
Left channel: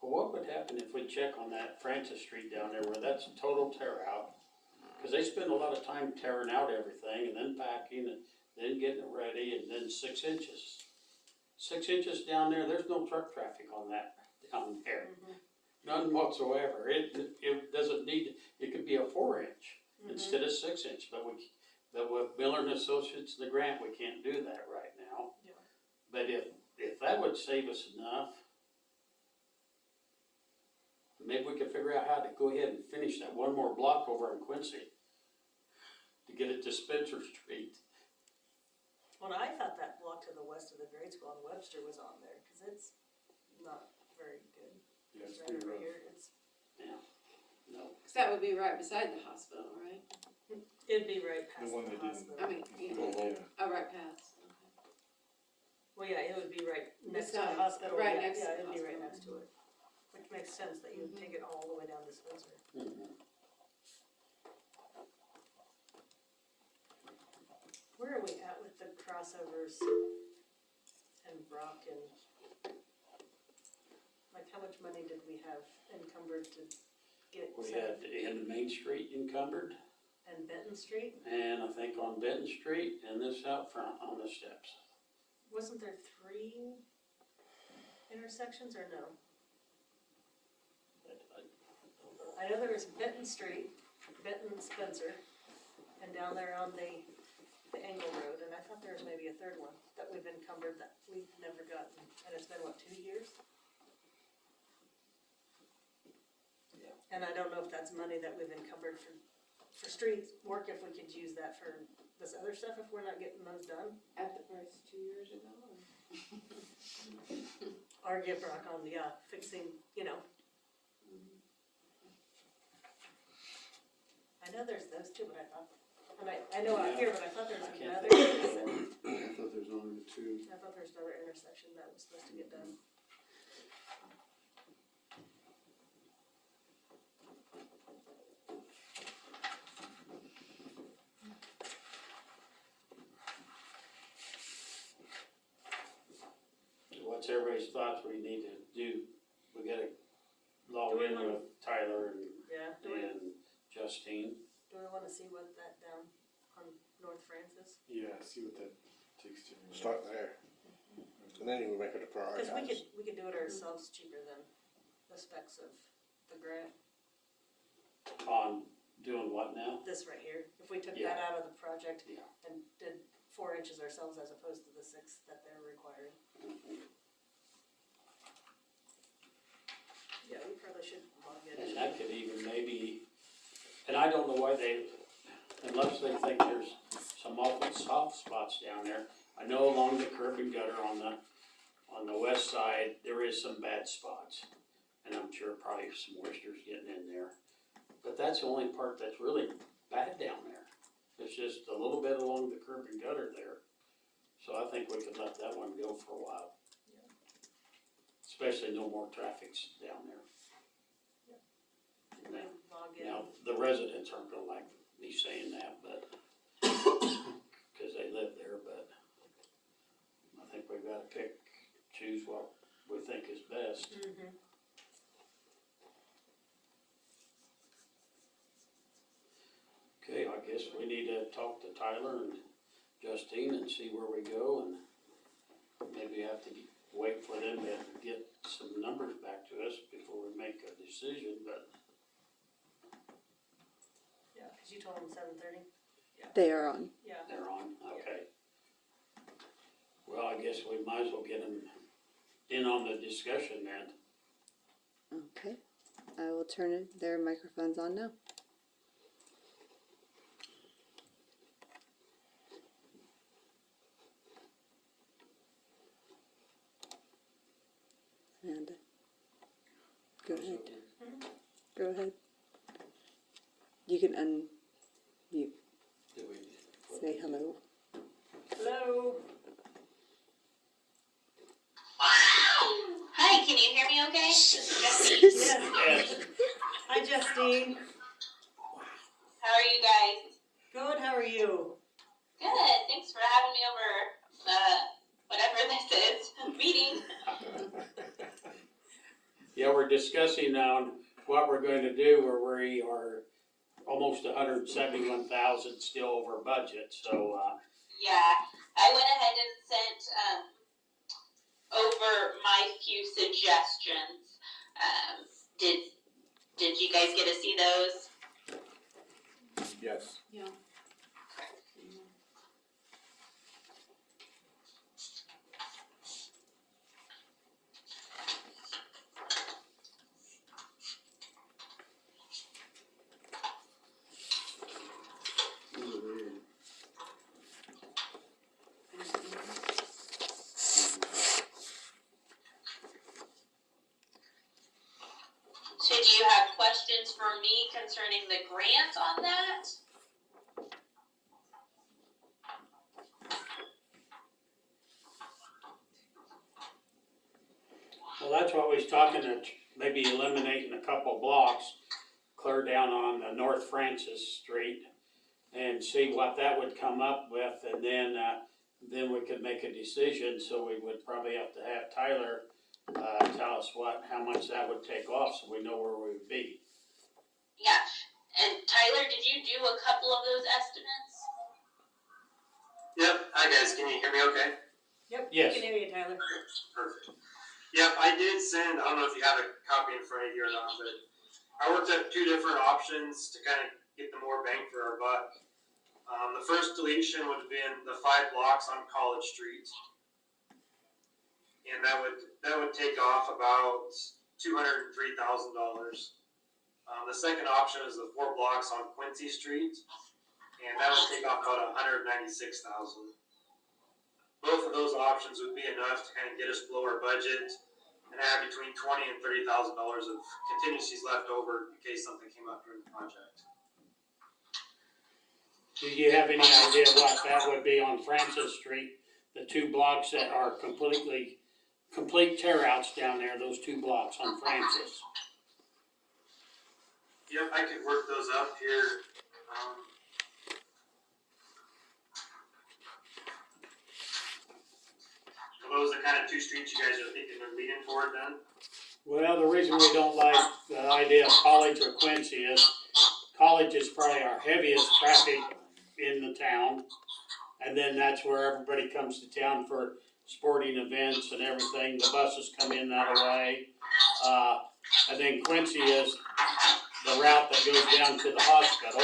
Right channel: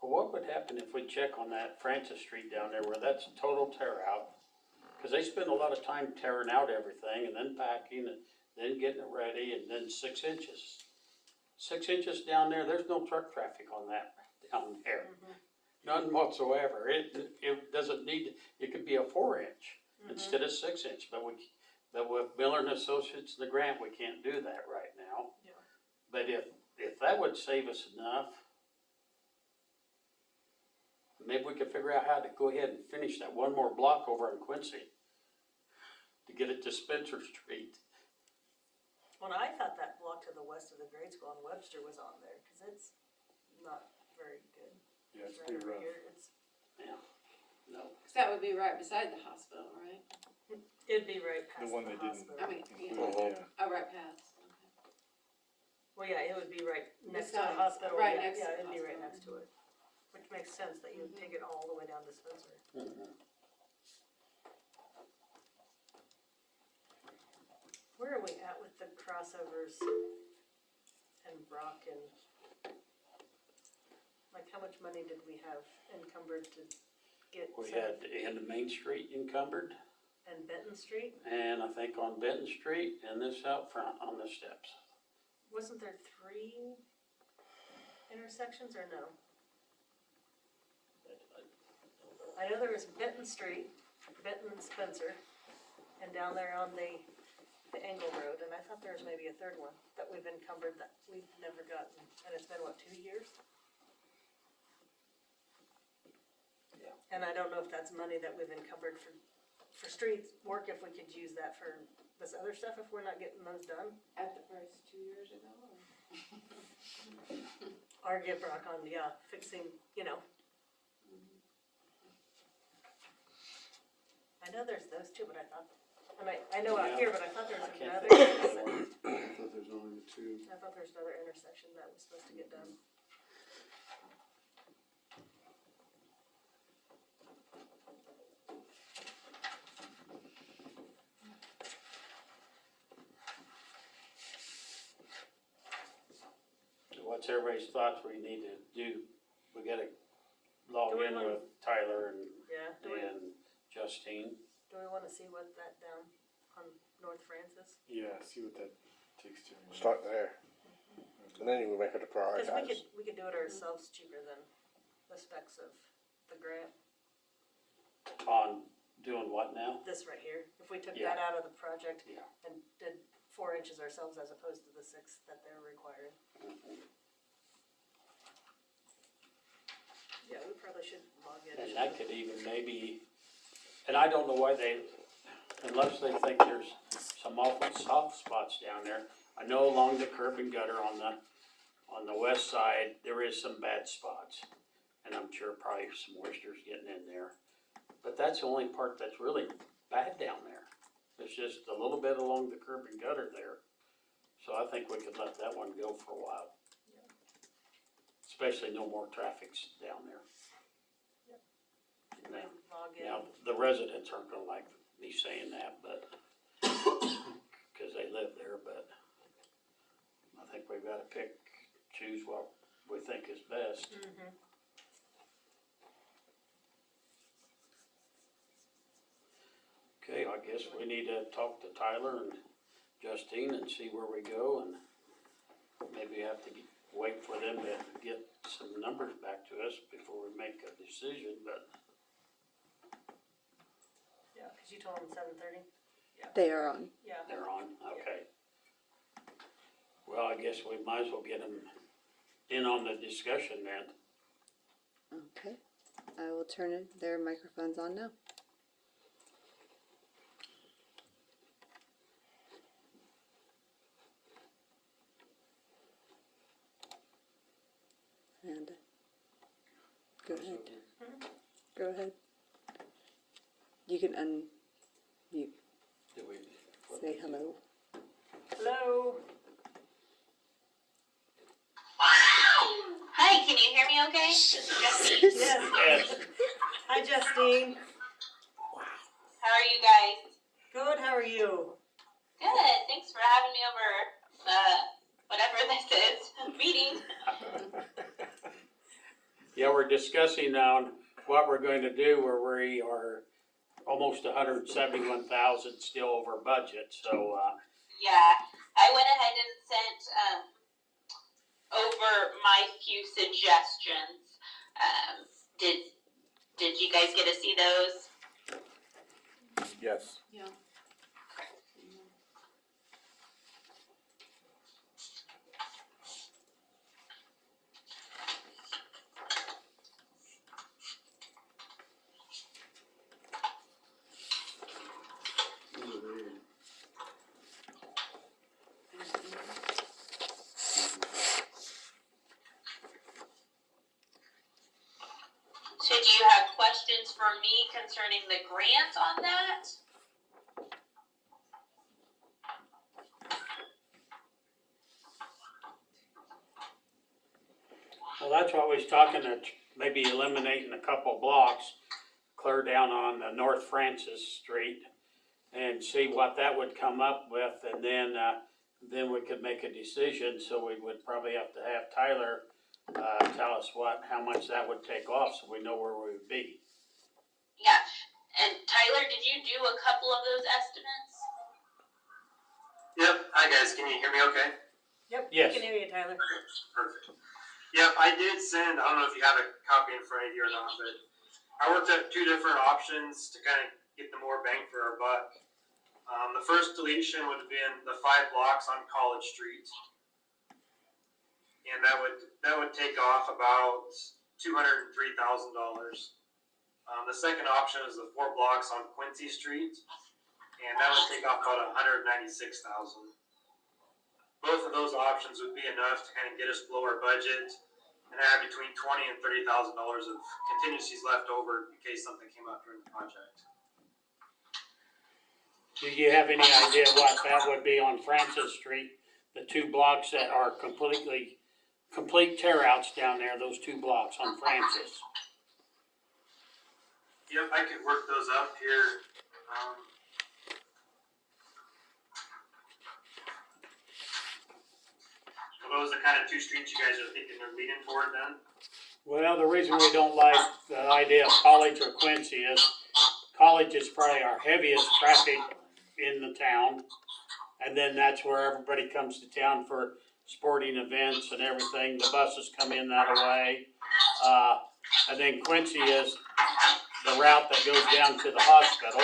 Well, what would happen if we check on that Francis Street down there where that's total tear out? Cause they spend a lot of time tearing out everything and then packing and then getting it ready and then 6 inches. 6 inches down there, there's no truck traffic on that down there. None whatsoever. It doesn't need, it could be a 4-inch instead of 6 inch, but with Miller and Associates and the grant, we can't do that right now. Yeah. But if that would save us enough, maybe we could figure out how to go ahead and finish that one more block over in Quincy to get it to Spencer Street. well, I thought that block to the west of the grade school on Webster was on there, cause it's not very good. Yeah, it's Right pretty over rough. here, it's, Yeah, no. Cause that would be right beside the hospital, right? it'd be right past The the one they didn't hospital. I mean, include, yeah. Oh, right past, okay. Well, yeah, it would be right next to the Beside, hospital, right yeah, next to yeah, the it'd be right hospital. next to it. Which makes sense that you would take it all the way down to Spencer. Where are we at with the crossovers and Brock and, like, how much money did we have encumbered to get We set had the end of Main Street encumbered, and Benton Street? and I think on Benton Street and this out front on the steps. Wasn't there 3 intersections or no? I know there was Benton Street, Benton Spencer, and down there on the Angle Road, and I thought there was maybe a third one that we've encumbered that we've never gotten, and it's been, what, 2 years? Yeah. And I don't know if that's money that we've encumbered for street work, if we could use that for this other stuff, if we're not getting those done. At the price 2 years ago, or? Or get Brock on, yeah, fixing, you know. I know there's those two, but I thought, and I know out here, but I thought there I was can't another, think of one. I thought there's only the two. I thought there was another intersection that was supposed to get done. What's everybody's thoughts we need to do? We gotta log Do we in wanna- with Tyler Yeah, and Justine. do we wanna see what that down on North Francis? Yeah, see what that takes to. Start there. And then you can make it a Cause prioritize. we could do it ourselves cheaper than the specs of the grant, On doing what now? this right here. If we took Yeah. that out of the project Yeah. and did 4 inches ourselves as opposed to the 6 that they're requiring. Yeah, we probably should log in. And that could even maybe, and I don't know why they, unless they think there's some awful soft spots down there. I know along the curb and gutter on the west side, there is some bad spots. And I'm sure probably some moisture's getting in there. But that's the only part that's really bad down there. It's just a little bit along the curb and gutter there. So I think we could let that one go for a while. Especially no more traffic's down there. And then log in. Now, the residents aren't gonna like me saying that, but, cause they live there, but I think we've gotta choose what we think is best. Mhm. Okay, I guess we need to talk to Tyler and Justine and see where we go, and maybe have to wait for them to get some numbers back to us before we make a decision, but Yeah, cause you told them 7:30? They are on. Yeah. they're on, okay. Well, I guess we might as well get them in on the discussion then. Okay. I will turn their microphones on now. And go ahead. Go ahead. You can unmute. Do we? Say hello. Hello? Hi, can you hear me okay? This is Justine. Yes. Yes, Hi, Justine. How are you guys? Good, how are you? Good. Thanks for having me over whatever this is, meeting. yeah, we're discussing on what we're going to do where we are almost 171,000 still over budget, so, Yeah, I went ahead and sent over my few suggestions. Did you guys get to see those? Yes. Yeah. So do you have questions for me concerning the grant on that? well, that's what we was talking, that maybe eliminating a couple blocks, clear down on the North Francis Street, and see what that would come up with, and then we could make a decision, so we would probably have to have Tyler, tell us how much that would take off, so we know where we would be. Yeah, and Tyler, did you do a couple of those estimates? Yep, hi guys, can you hear me okay? Yep, Yes. I can hear you, Tyler. Perfect. Yep, I did send, I don't know if you have a copy in front of you or not, but I worked at 2 different options to kind of get the more bang for our buck. The first deletion would have been the 5 blocks on College Street. And that would take off about $203,000. The second option is the 4 blocks on Quincy Street, and that would take off about $196,000. Both of those options would be enough to kind of get us below our budget and add between $20,000 and $30,000 of contingencies left over in case something came up during the project. Do you have any idea what that would be on Francis Street? The 2 blocks that are complete tear outs down there, those 2 blocks on Francis. Yep, I could work those up here. Are those the kind of 2 streets you guys are thinking they're leaning toward then? Well, the reason we don't like the idea of College or Quincy is College is probably our heaviest traffic in the town. And then that's where everybody comes to town for sporting events and everything. The buses come in that way. And then Quincy is the route that goes down to the hospital.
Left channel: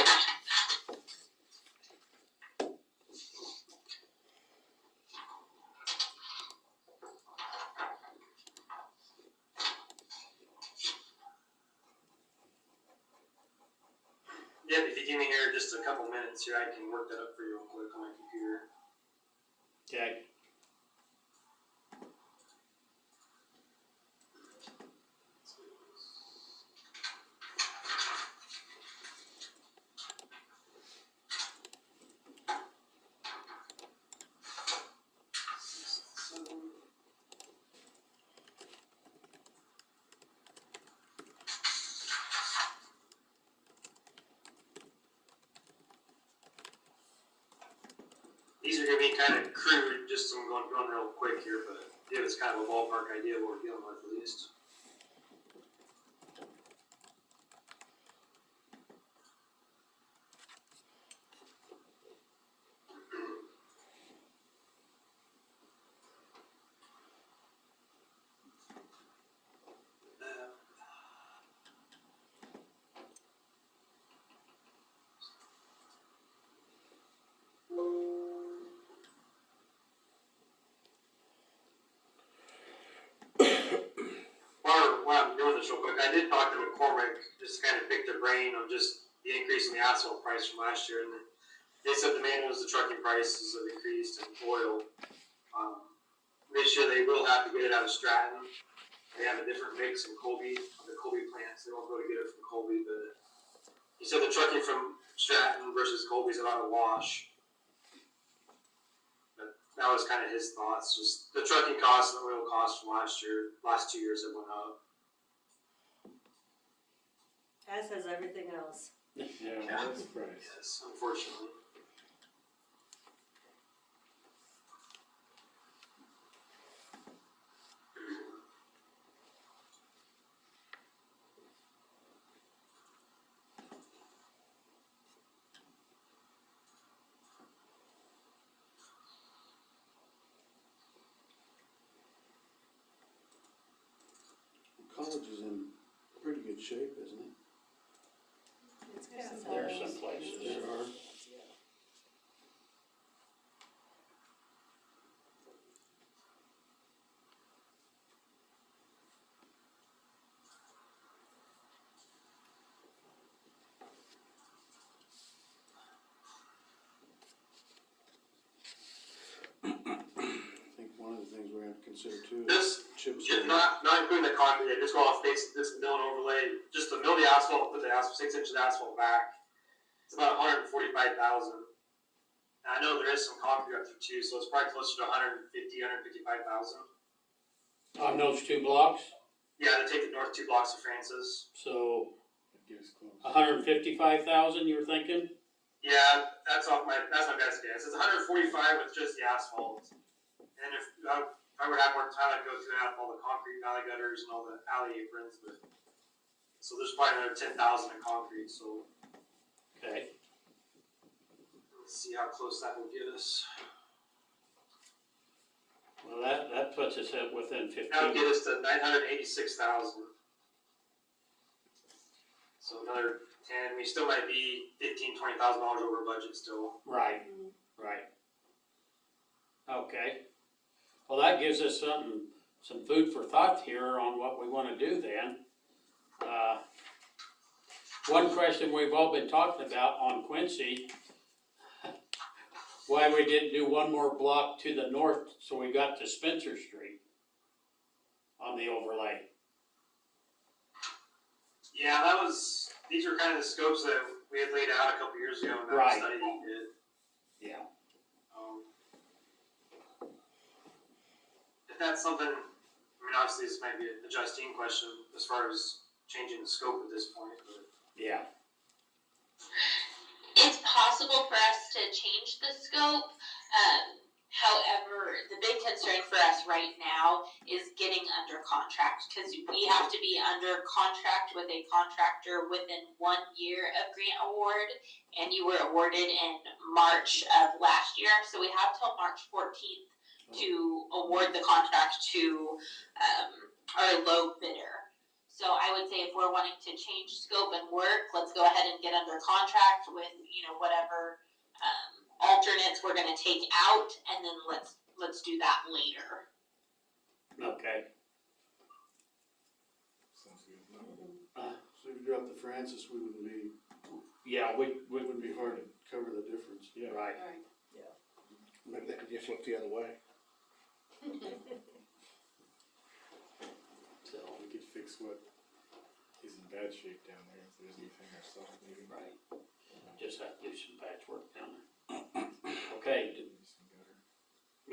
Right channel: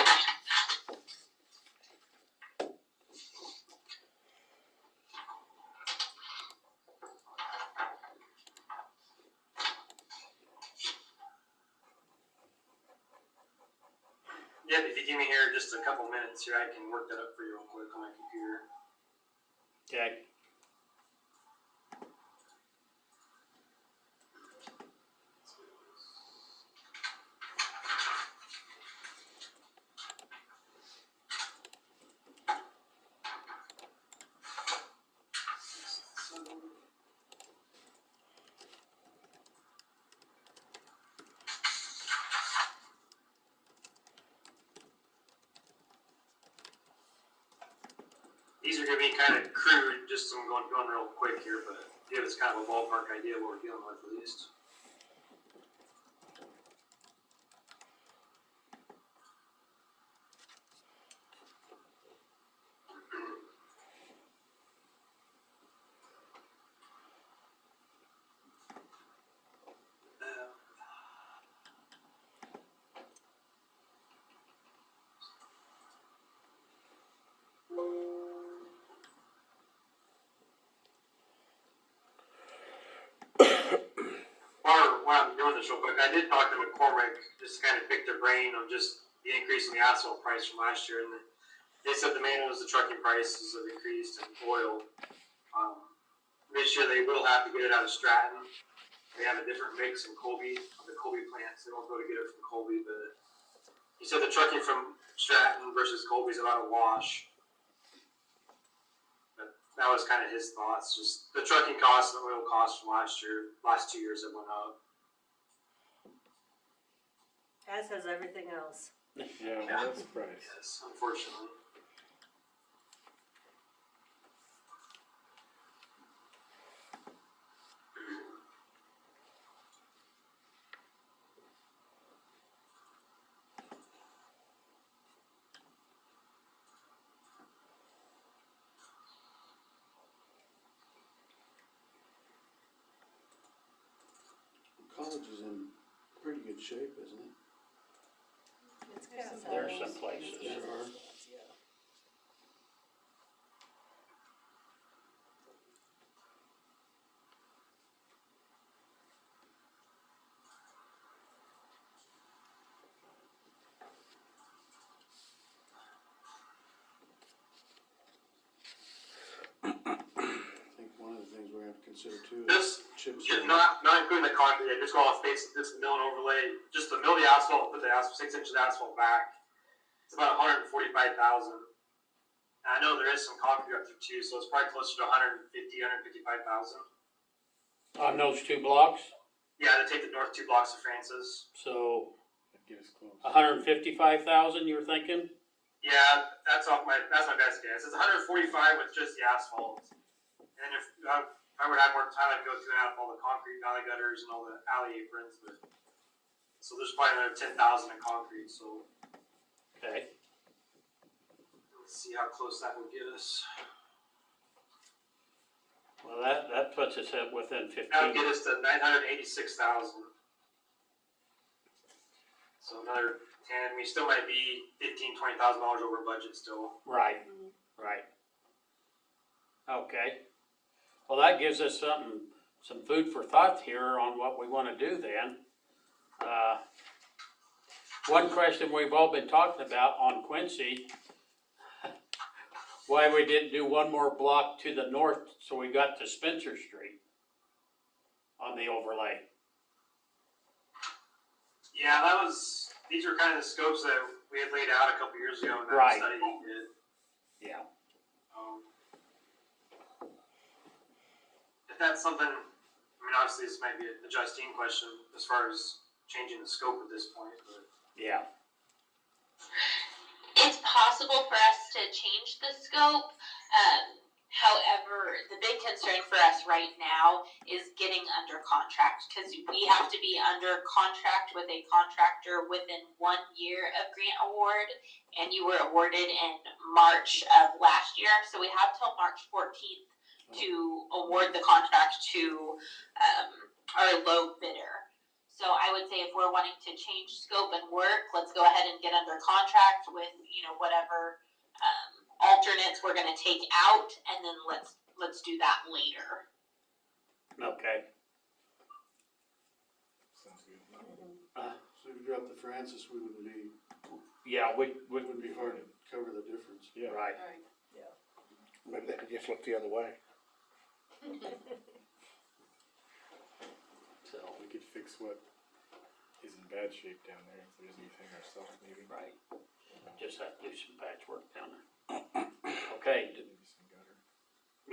Yeah, if you give me here just a couple minutes here, I can work that up for you real quick on my computer. Okay. These are gonna be kind of crude, just so I'm going real quick here, but give us kind of a ballpark idea of what we're dealing with at least. While I'm doing this real quick, I did talk to McCormick, just to kind of pick their brain on just the increase in the asphalt price from last year, and they said the main was the trucking prices have increased and oil. This year they will have to get it out of Stratton. They have a different mix in Colby, the Colby plants. They won't go to get it from Colby, but he said the trucking from Stratton versus Colby is about a wash. But that was kind of his thoughts. Just the trucking costs and the oil costs from last 2 years that went up. As has everything else. Yeah, well, that's surprised. Yes, unfortunately. College is in pretty good shape, isn't it? It's got some There are holes. some places. There are. I think one of the things we're gonna have to consider too is This, chip just seal. not including the concrete, just go off face, this mill and overlay, just to mill the asphalt, put the 6 inches of asphalt back. It's about 145,000. I know there is some concrete up there too, so it's probably closer to 155,000. On those 2 blocks, Yeah, to take the north 2 blocks of Francis. so That gives close. 155,000 you're thinking? Yeah, that's my best guess. It's 145 with just the asphalt. And if I would have more time, I'd go through and out all the concrete valley gutters and all the alley aprons, but so there's probably another 10,000 in concrete. So Okay. let's see how close that will get us. Well, that puts us at within 15. That would get us to 986,000. So another 10. We still might be $15,000-$20,000 over budget still. Right, right. Okay. Well, that gives us some food for thought here on what we wanna do then. one question we've all been talking about on Quincy, why we didn't do one more block to the north, so we got to Spencer Street on the overlay. Yeah, these were kind of the scopes that we had laid out a couple years ago in that Right. study we did. Yeah. If that's something, I mean, obviously this might be a Justine question as far as changing the scope at this point, but. Yeah. It's possible for us to change the scope. However, the big concern for us right now is getting under contract, because we have to be under contract with a contractor within 1 year of grant award, and you were awarded in March of last year, so we have till March 14th to award the contract to our low bidder. So I would say if we're wanting to change scope and work, let's go ahead and get under contract with, whatever alternates we're gonna take out, and then let's do that later. Okay. Sounds good. So if you drop the Francis, we wouldn't be, Yeah, it wouldn't be hard to cover the difference. Yeah. right. Alright. Maybe they could just look the other way. So, We could fix what is in bad shape down there, if there's anything ourselves maybe. right. Just have to do some patchwork down there. Okay, Maybe some gutter.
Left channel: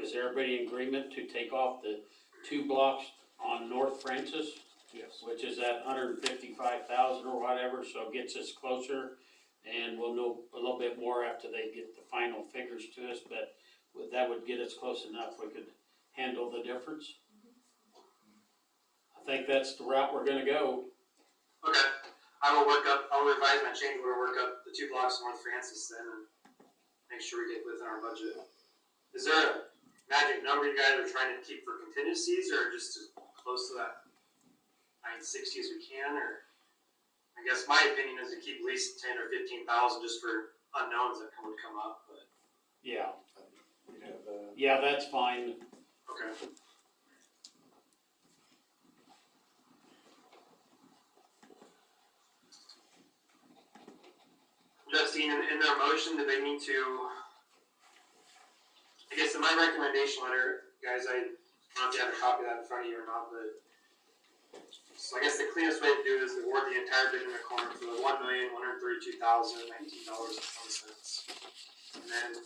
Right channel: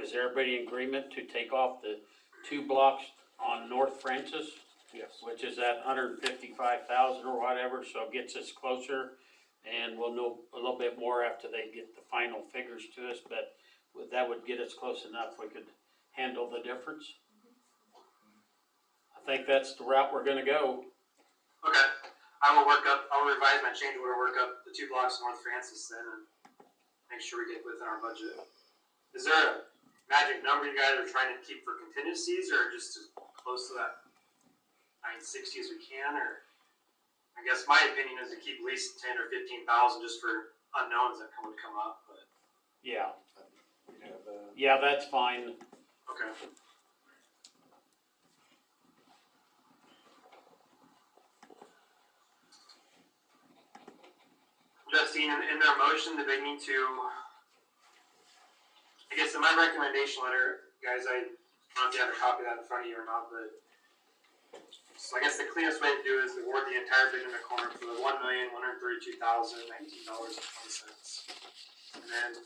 is everybody in agreement to take off the 2 blocks on North Francis? Yes. Which is at 155,000 or whatever, so it gets us closer, and we'll know a little bit more after they get the final figures to us, but that would get us close enough, we could handle the difference. I think that's the route we're gonna go. Okay, I'll revise my change order, work up the 2 blocks North Francis then, and make sure we get within our budget. Is there a magic number you guys are trying to keep for contingencies, or just as close to that 960 as we can, or? I guess my opinion is to keep at least 10 or 15,000 just for unknowns that would come up, but, Yeah, We'd have, yeah, that's fine. okay. Justine, in their motion, did they need to, I guess in my recommendation letter, guys, I don't know if you have a copy of that in front of you or not, but, so I guess the cleanest way to do it is to award the entire bid in the corner for the $1,132,019.20. And then,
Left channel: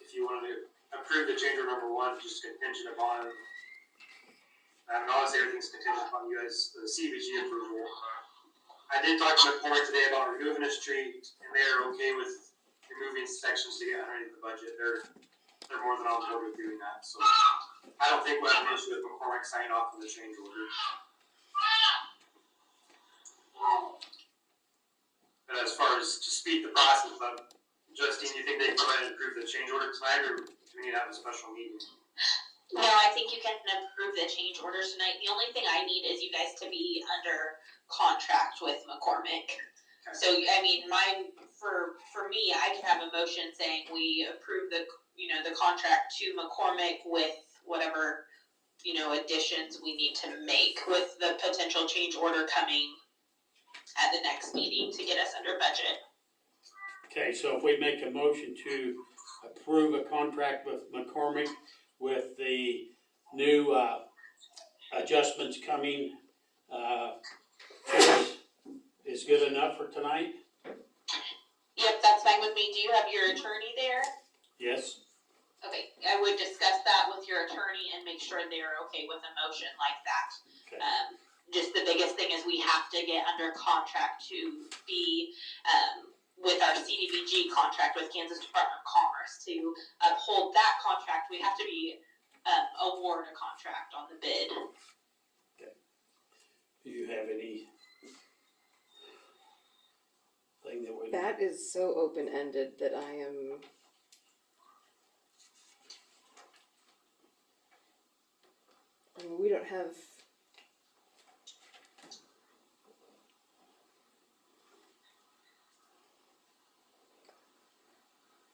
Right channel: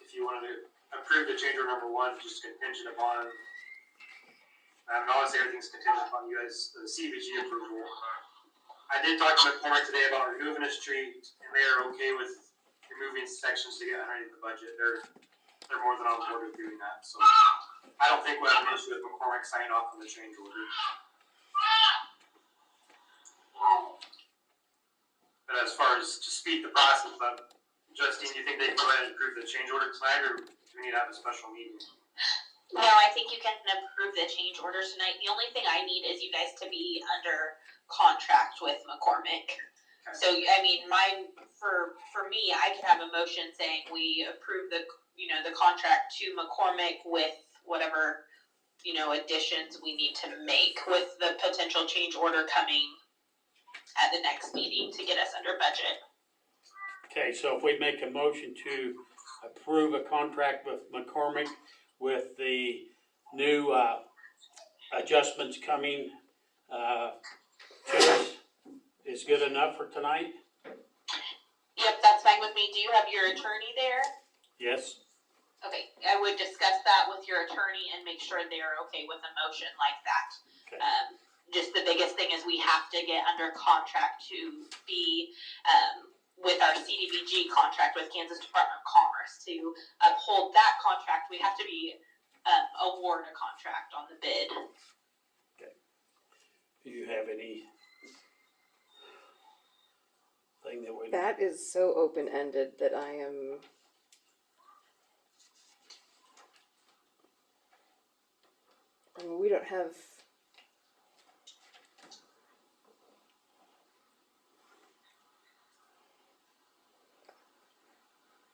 if you wanted to approve the change order number 1, just contingent upon, and obviously everything's contingent upon you guys, the CBG approval. I did talk to McCormick today about removing a street, and they are okay with removing sections to get underneath the budget. They're more than on board with doing that, so I don't think we'll have an issue with McCormick signing off on the change order. But as far as to speed the process up, Justine, you think they can go ahead and approve the change order tonight, or do we need to have a special meeting? No, I think you can approve the change orders tonight. The only thing I need is you guys to be under contract with McCormick. So, I mean, for me, I could have a motion saying we approve the contract to McCormick with whatever, additions we need to make, with the potential change order coming at the next meeting to get us under budget. Okay, so if we make a motion to approve a contract with McCormick with the new, adjustments coming, is good enough for tonight? Yep, that's fine with me. Do you have your attorney there? Yes? Okay, I would discuss that with your attorney and make sure they're okay with a motion like that. Okay. Just the biggest thing is we have to get under contract to be, with our CDBG contract with Kansas Department of Commerce. To uphold that contract, we have to be, award a contract on the bid. Do you have any thing that would? That is so open-ended that I am. I mean, we don't have.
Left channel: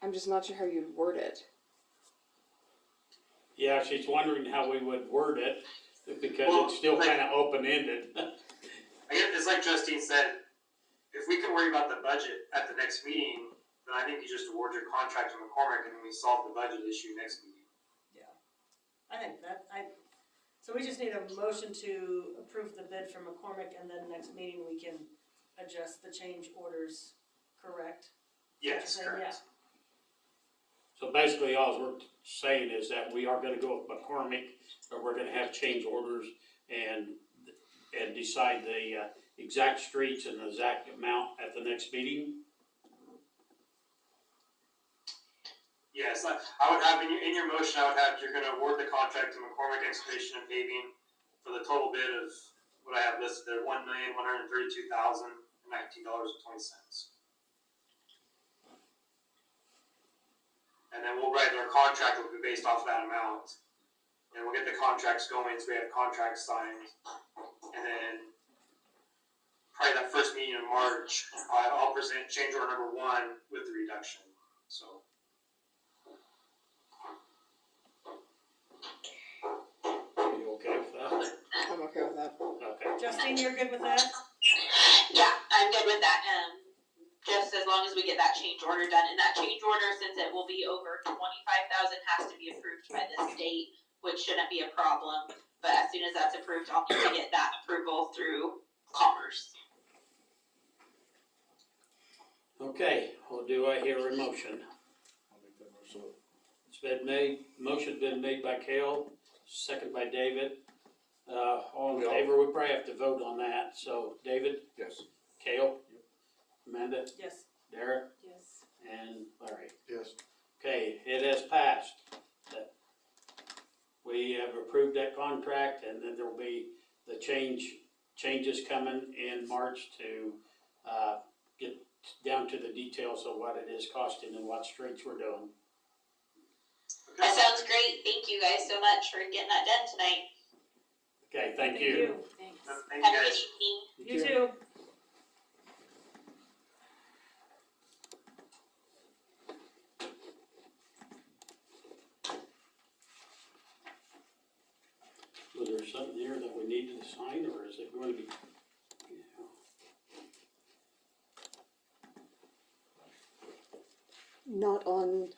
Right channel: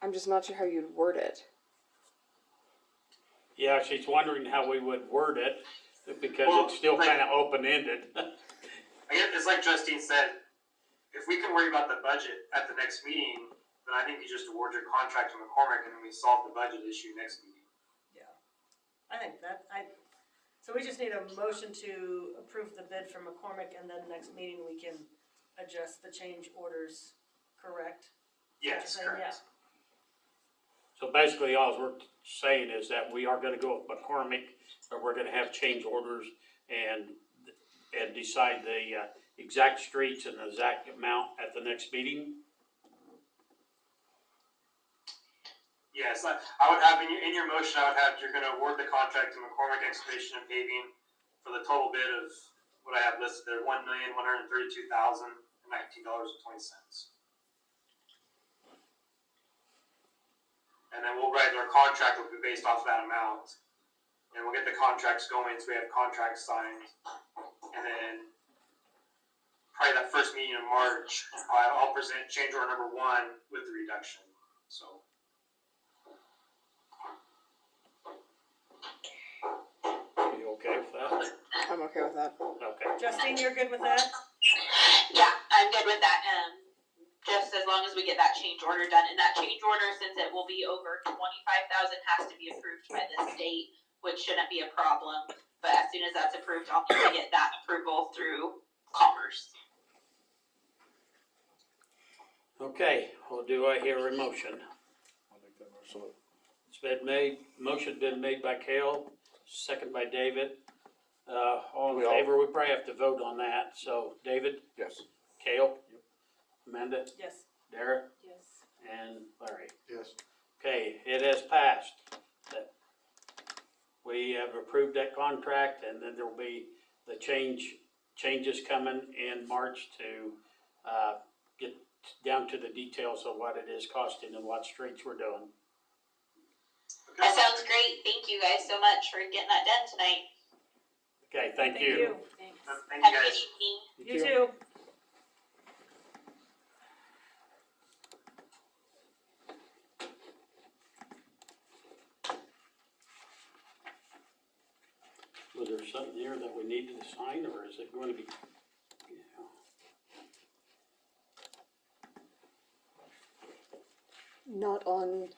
I'm just not sure how you'd word it. Yeah, she's wondering how we would word it, because Well, it's still like- kinda open-ended. I guess it's like Justine said, if we can worry about the budget at the next meeting, then I think you just award your contract to McCormick and then we solve the budget issue next meeting. I think that, so we just need a motion to approve the bid from McCormick, and then next meeting we can adjust the change orders, correct? Yes, Saying, correct. So basically, all we're saying is that we are gonna go with McCormick, but we're gonna have change orders and decide the exact streets and the exact amount at the next meeting. Yes, I would have in your motion, I would have, you're gonna award the contract to McCormick Excavation and Paving for the total bid of what I have listed there, $1,132,019.20. And then we'll write our contract will be based off that amount. And we'll get the contracts going, so we have contracts signed. And then probably that first meeting in March, I'll present change order number 1 with the reduction, so. You okay with that? I'm okay with that. Okay. Justine, you're good with that? Yeah, I'm good with that. Just as long as we get that change order done, and that change order, since it will be over 25,000, has to be approved by the state, which shouldn't be a problem. But as soon as that's approved, I'll need to get that approval through Commerce. Okay, well, do I hear a motion? I'll make that motion. It's been made, motion's been made by Cale, second by David. All in favor, we probably have to vote on that, so David, Yes. Cale, Amanda, Yes. Derek, Yes. and Larry. Yes. Okay, it has passed. That we have approved that contract, and then there'll be the changes coming in March to, get down to the details of what it is costing and what streets we're doing. That sounds great. Thank you guys so much for getting that done tonight. Okay, thank you. Thanks. Thank Have you a good guys. evening. You too. Was there something here that we needed to sign, or is it going to be, Not on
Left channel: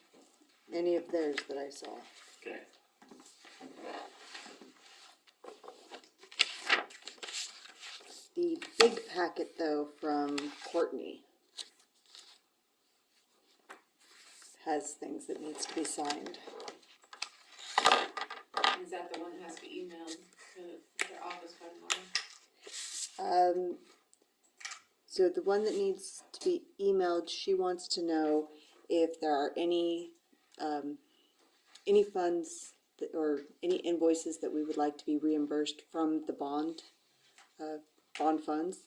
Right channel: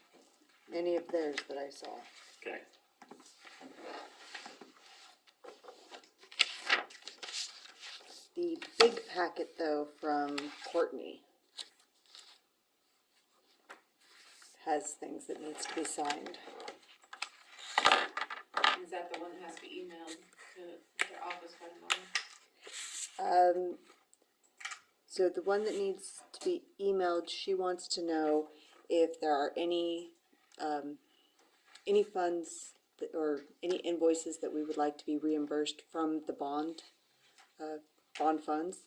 any of theirs that I saw. okay. The big packet though from Courtney has things that needs to be signed. Is that the one that has to be emailed to their office by tomorrow? So the one that needs to be emailed, she wants to know if there are any funds that, or any invoices that we would like to be reimbursed from the bond funds.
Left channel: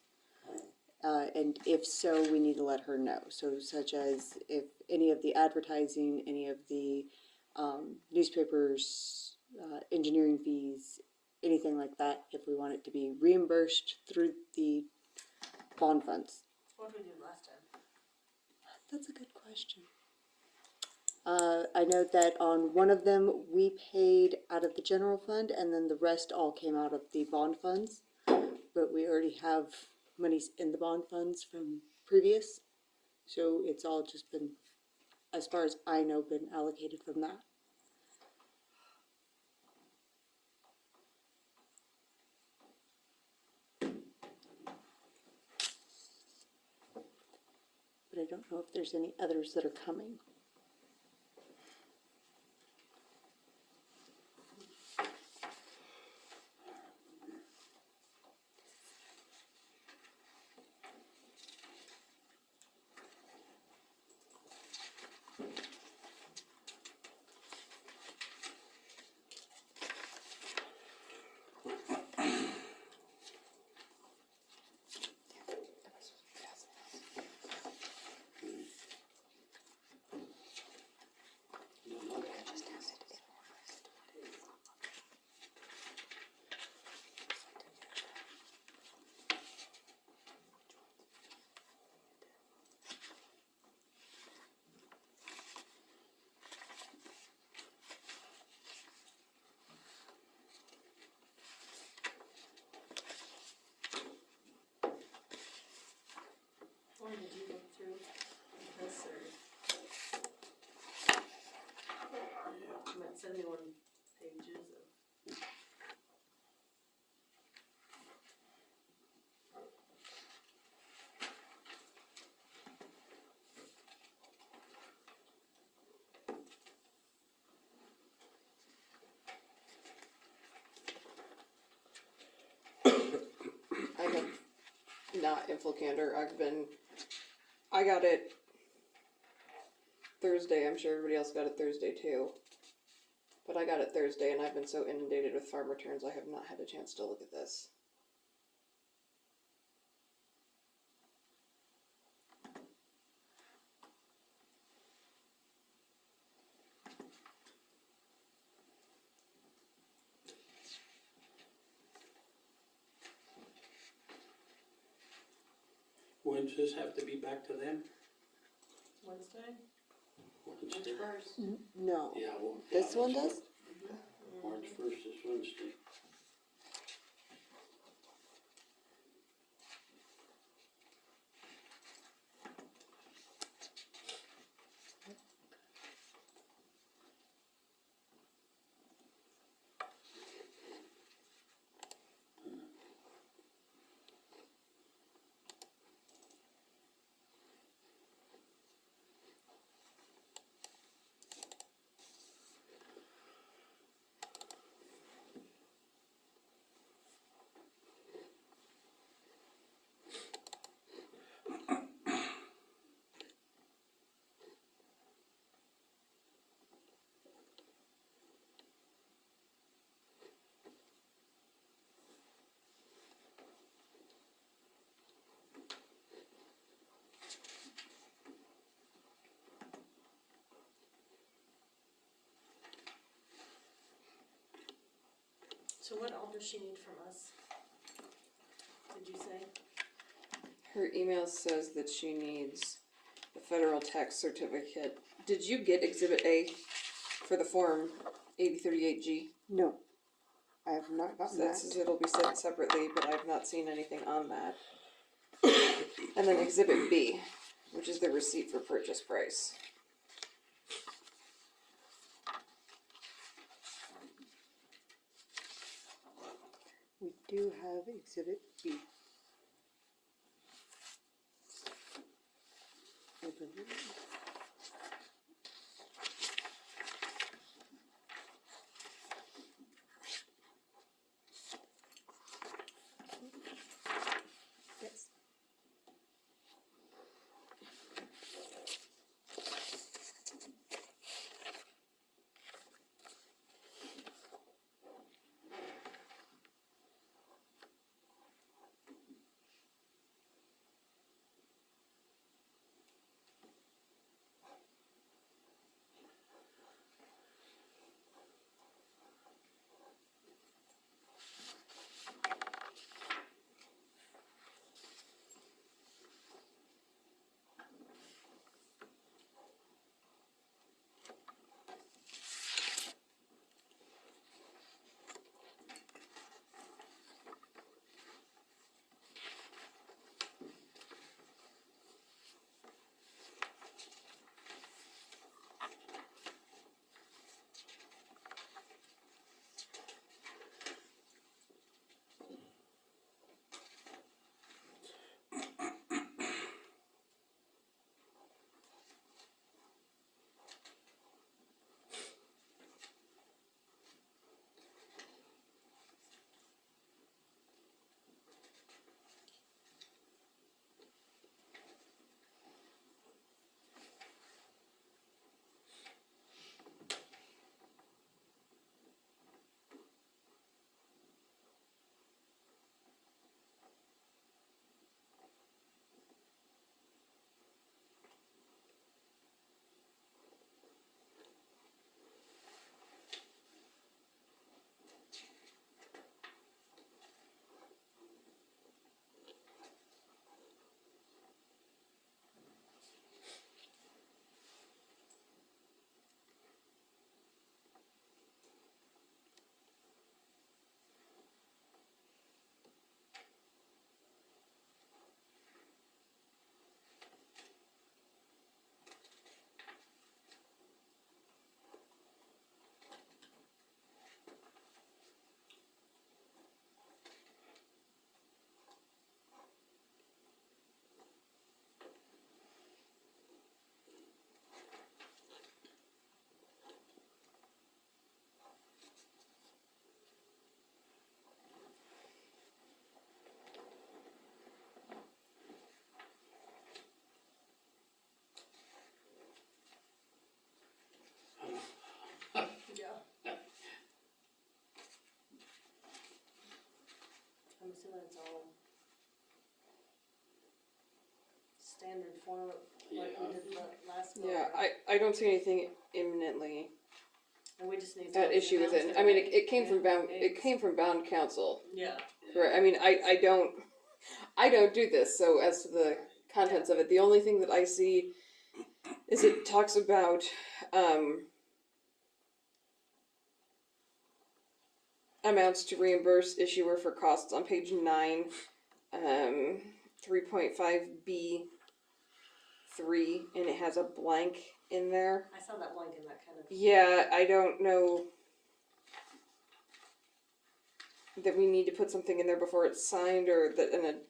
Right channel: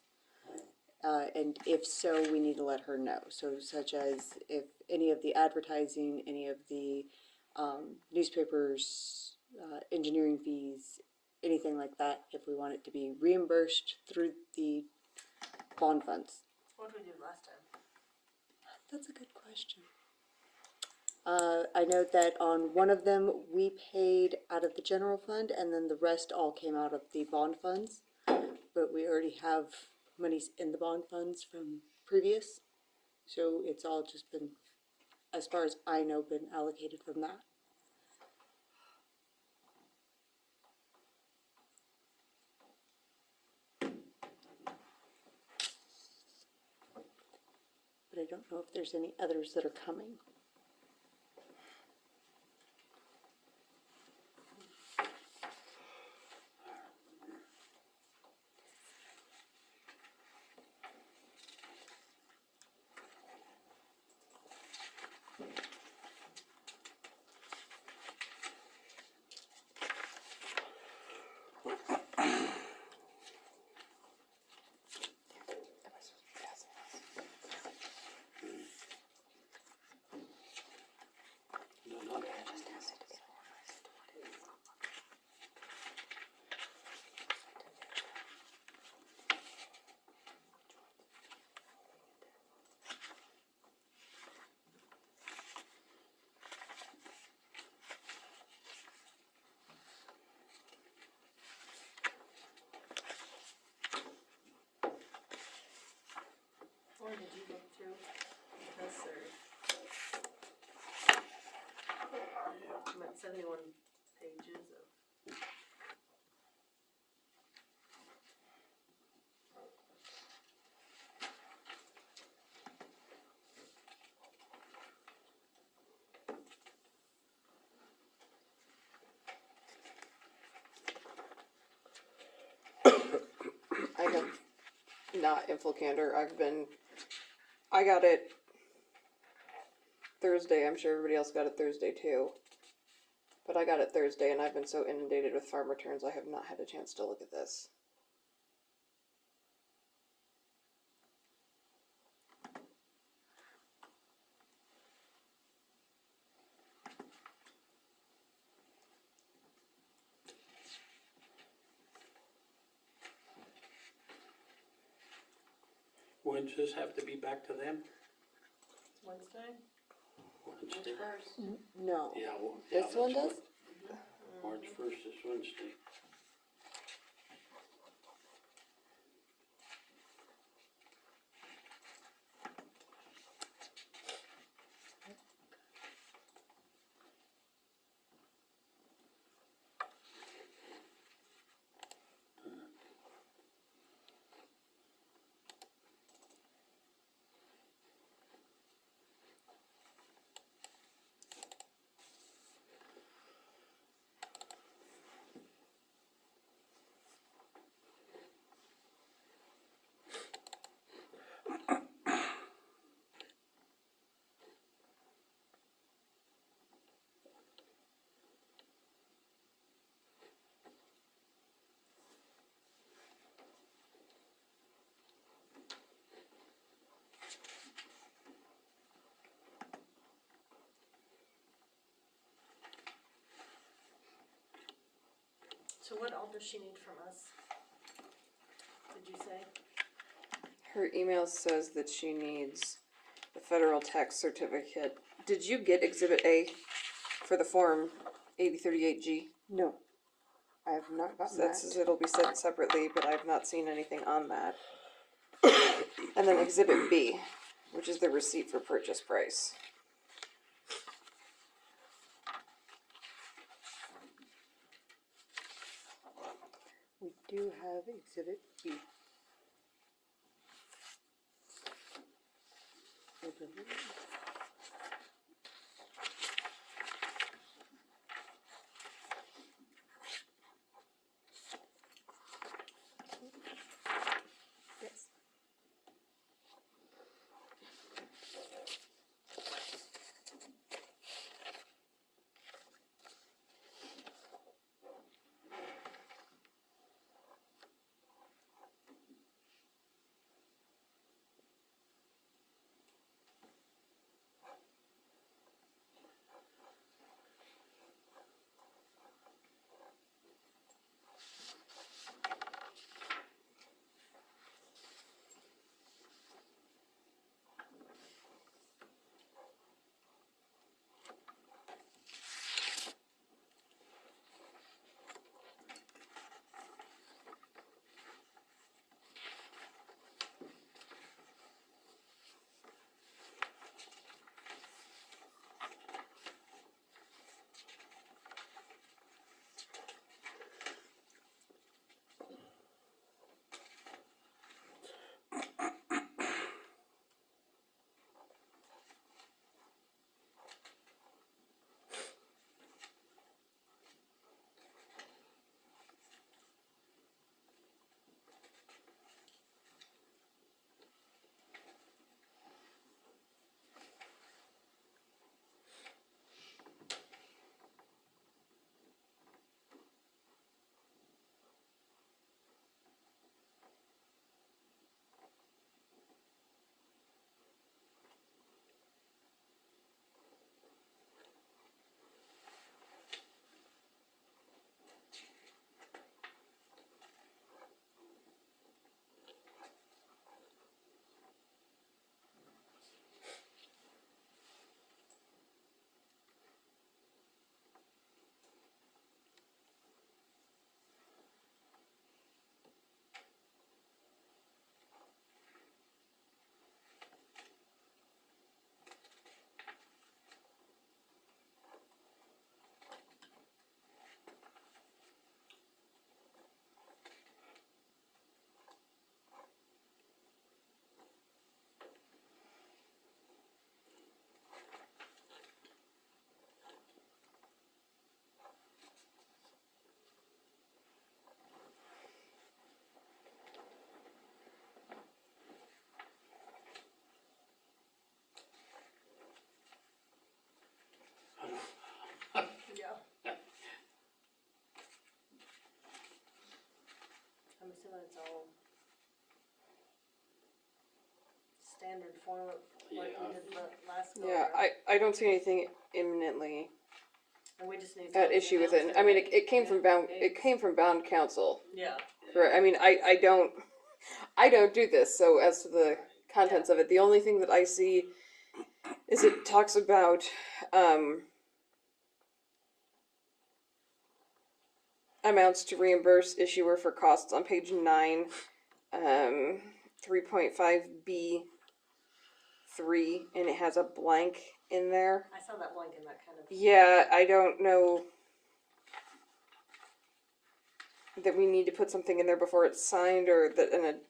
And if so, we need to let her know. So such as if any of the advertising, any of the newspapers, engineering fees, anything like that, if we want it to be reimbursed through the bond funds. What did we do last time? That's a good question. I know that on one of them, we paid out of the general fund, and then the rest all came out of the bond funds. But we already have monies in the bond funds from previous, so it's all just been, as far as I know, been allocated from that. But I don't know if there's any others that are coming. not info candor. I got it Thursday. I'm sure everybody else got it Thursday too. But I got it Thursday, and I've been so inundated with farm returns, I have not had a chance to look at this. When does this have to be back to them? Wednesday? Wednesday. First. No, Yeah, well, this yeah, one that's does? March first is Wednesday. So what all does she need from us? Did you say? Her email says that she needs the federal tax certificate. Did you get Exhibit A for the Form 8038G? No, I have not gotten That that. says it'll be sent separately, but I've not seen anything on that. And then Exhibit B, which is the receipt for purchase price. We do have Exhibit B. I believe. Yes. assuming it's all standard form like we Yeah. did last go Yeah, around. I don't see anything imminently And we just need to. at issue with it. I mean, it came from bound council. Yeah. Right. I mean, I don't do this. So as to the contents of it, the only thing that I see is it talks about amounts to reimburse issuer for costs on page 9, 3.5B3, and it has a blank in there. I saw that blank in that kind of. Yeah, I don't know that we need to put something in there before it's signed, or that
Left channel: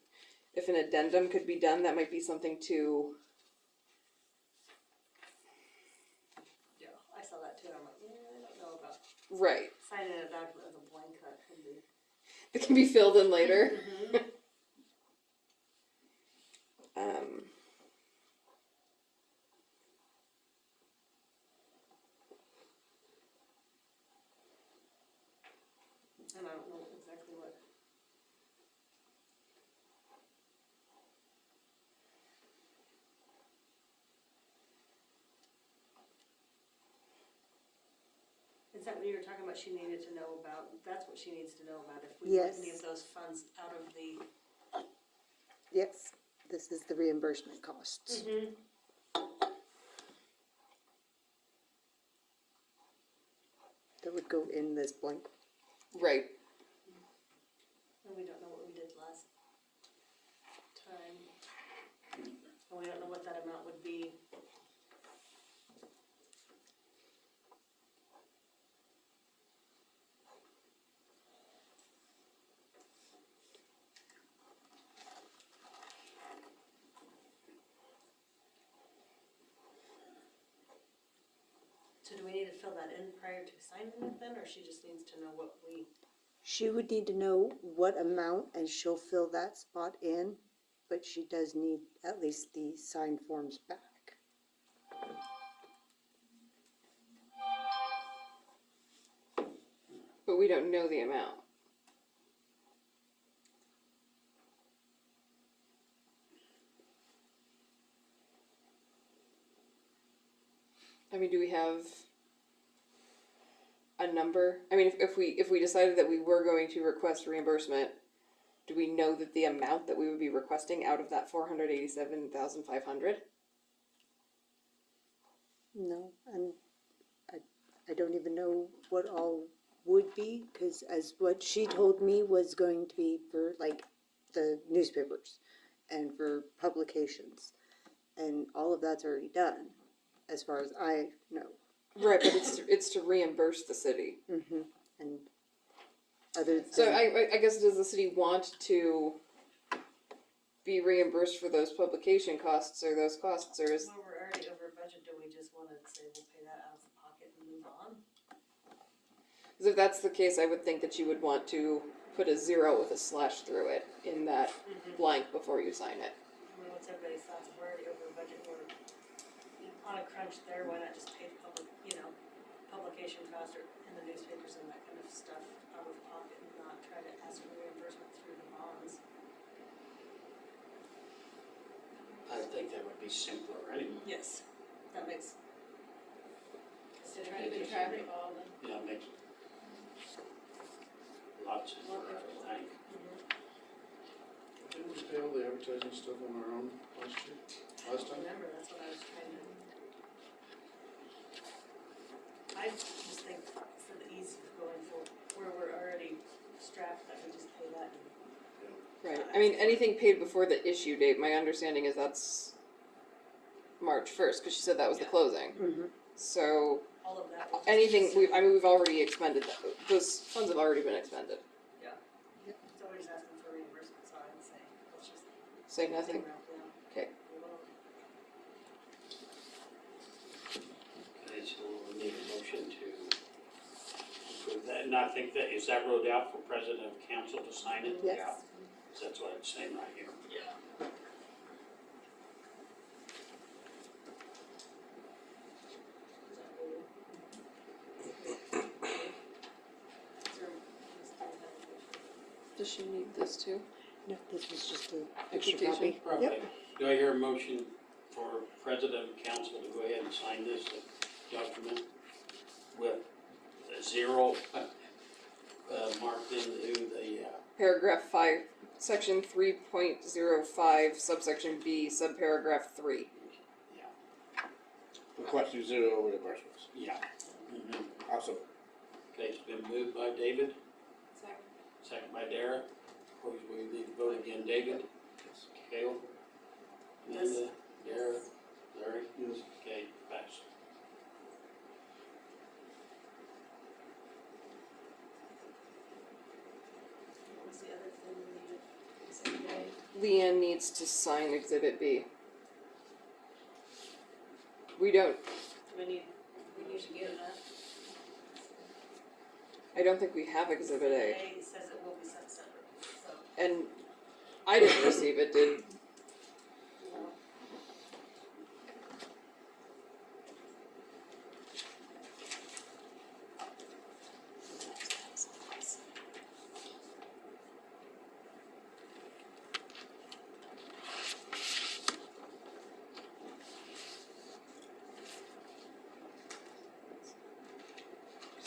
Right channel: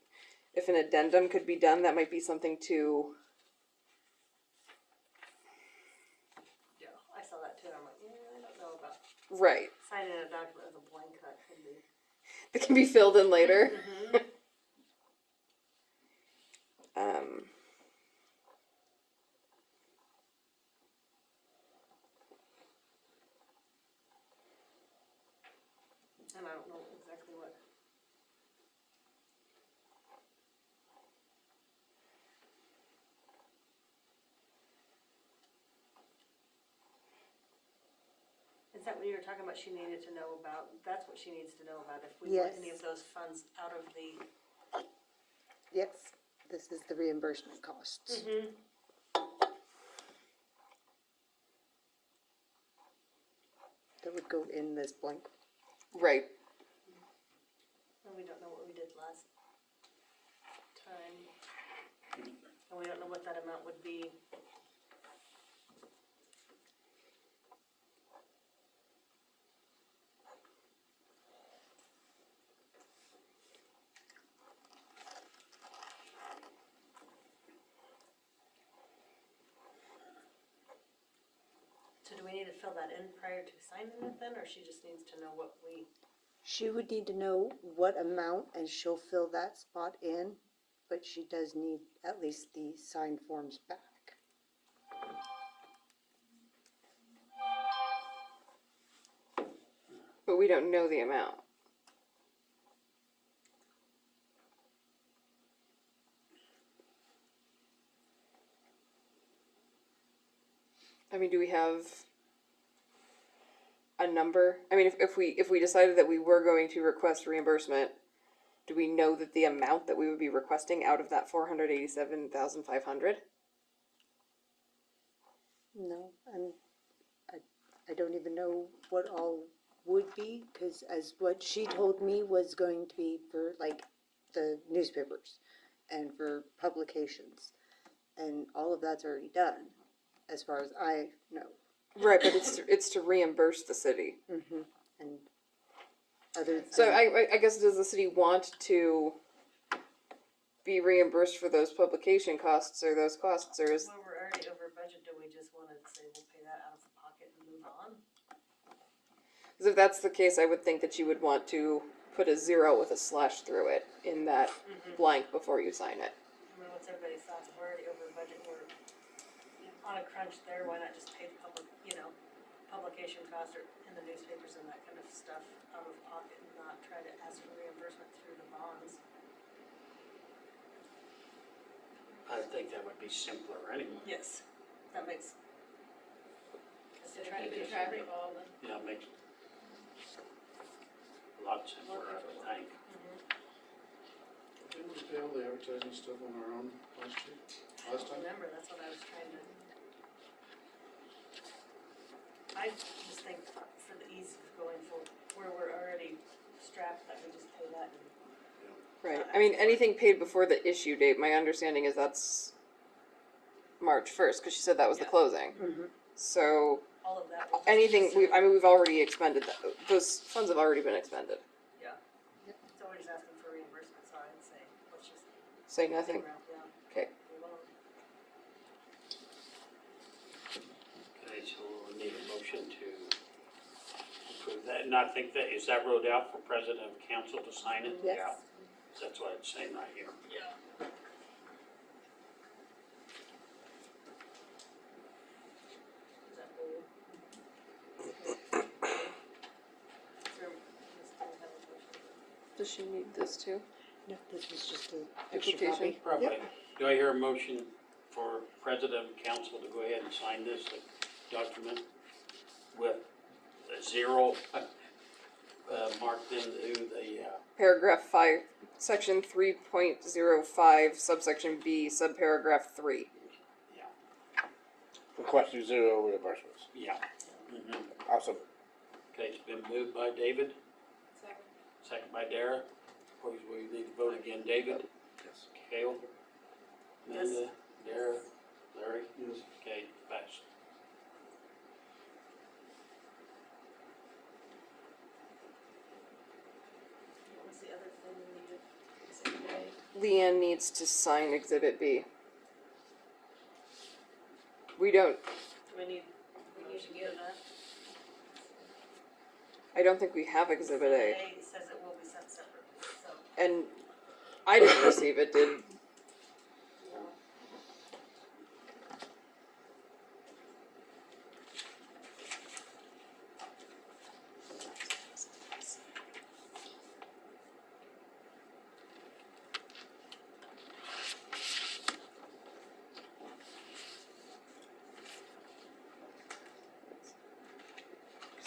if an addendum could be done, that might be something to. Yeah, I saw that too. I'm like, I don't know about Right. signing a document with a blank that could be. It can be filled in later. Mm-hmm. And I don't know exactly what. Is that what you were talking about? She needed to know about. That's what she needs to know about. If we want any of Yes. those funds out of the. Yes, this is the reimbursement costs. Mm-hmm. That would go in this blank. Right. And we don't know what we did last time. And we don't know what that amount would be. So do we need to fill that in prior to signing it then, or she just needs to know what we? She would need to know what amount and she'll fill that spot in, but she does need at least the signed forms back. But we don't know the amount. I mean, do we have a number? I mean, if we decided that we were going to request reimbursement, do we know that the amount that we would be requesting out of that 487,500? No, and I don't even know what all would be, because as what she told me was going to be for like the newspapers and for publications, and all of that's already done, as far as I know. Right, but it's to reimburse the city. Mm-hmm. And other. So I guess, does the city want to be reimbursed for those publication costs or those costs, or is? Well, we're already over budget. Do we just want to say we'll pay that out of the pocket and move on? Because if that's the case, I would think that you would want to put a 0 with a slash through it in that blank before you sign it. I mean, what's everybody's thoughts? We're already over budget. We're on a crunch there. Why not just pay the publication cost or in the newspapers and that kind of stuff out of pocket and not try to ask for reimbursement through the bonds? I think that would be simpler anyway. Yes, that makes. Instead of keeping track of all the. Yeah, it makes lots simpler, I would think. Didn't we pay all the advertising stuff on our own last time? Remember, that's what I was trying to. I just think for the ease of going for where we're already strapped, that we just pay that. Right. I mean, anything paid before the issue date, my understanding is that's March 1st, because she said that was the closing. Mm-hmm. So All of that. anything, we've already expended that. Those funds have already been expended. Yeah. So we're just asking for reimbursement, so I'd say, let's just. Say nothing. Yeah. Okay. Move on. Okay, so we need a motion to approve that, and I think that, is that wrote out for president of council to sign it? Yes. Yeah. That's what it's saying right here. Yeah. Is that for you? Is there- Does she need this too? No, this was just an extra Application. copy. Probably. Do I hear a motion for president and council to go ahead and sign this document with a zero marked into the, Paragraph 5, section 3.05, subsection B, subparagraph 3. Requesting zero reimbursements. yeah. Mhm. Awesome. Okay, it's been moved by David, Second. second by Dara. Please, we need to vote again. David? Yes. Cale? Yes. Linda? Dara? Larry? Yes. Okay, passed. What was the other thing we needed? Exhibit A? Leanne needs to sign Exhibit B. We don't, We need to get that. I don't think we have Exhibit A. Says it will be sent separately, so. And I didn't receive it, did,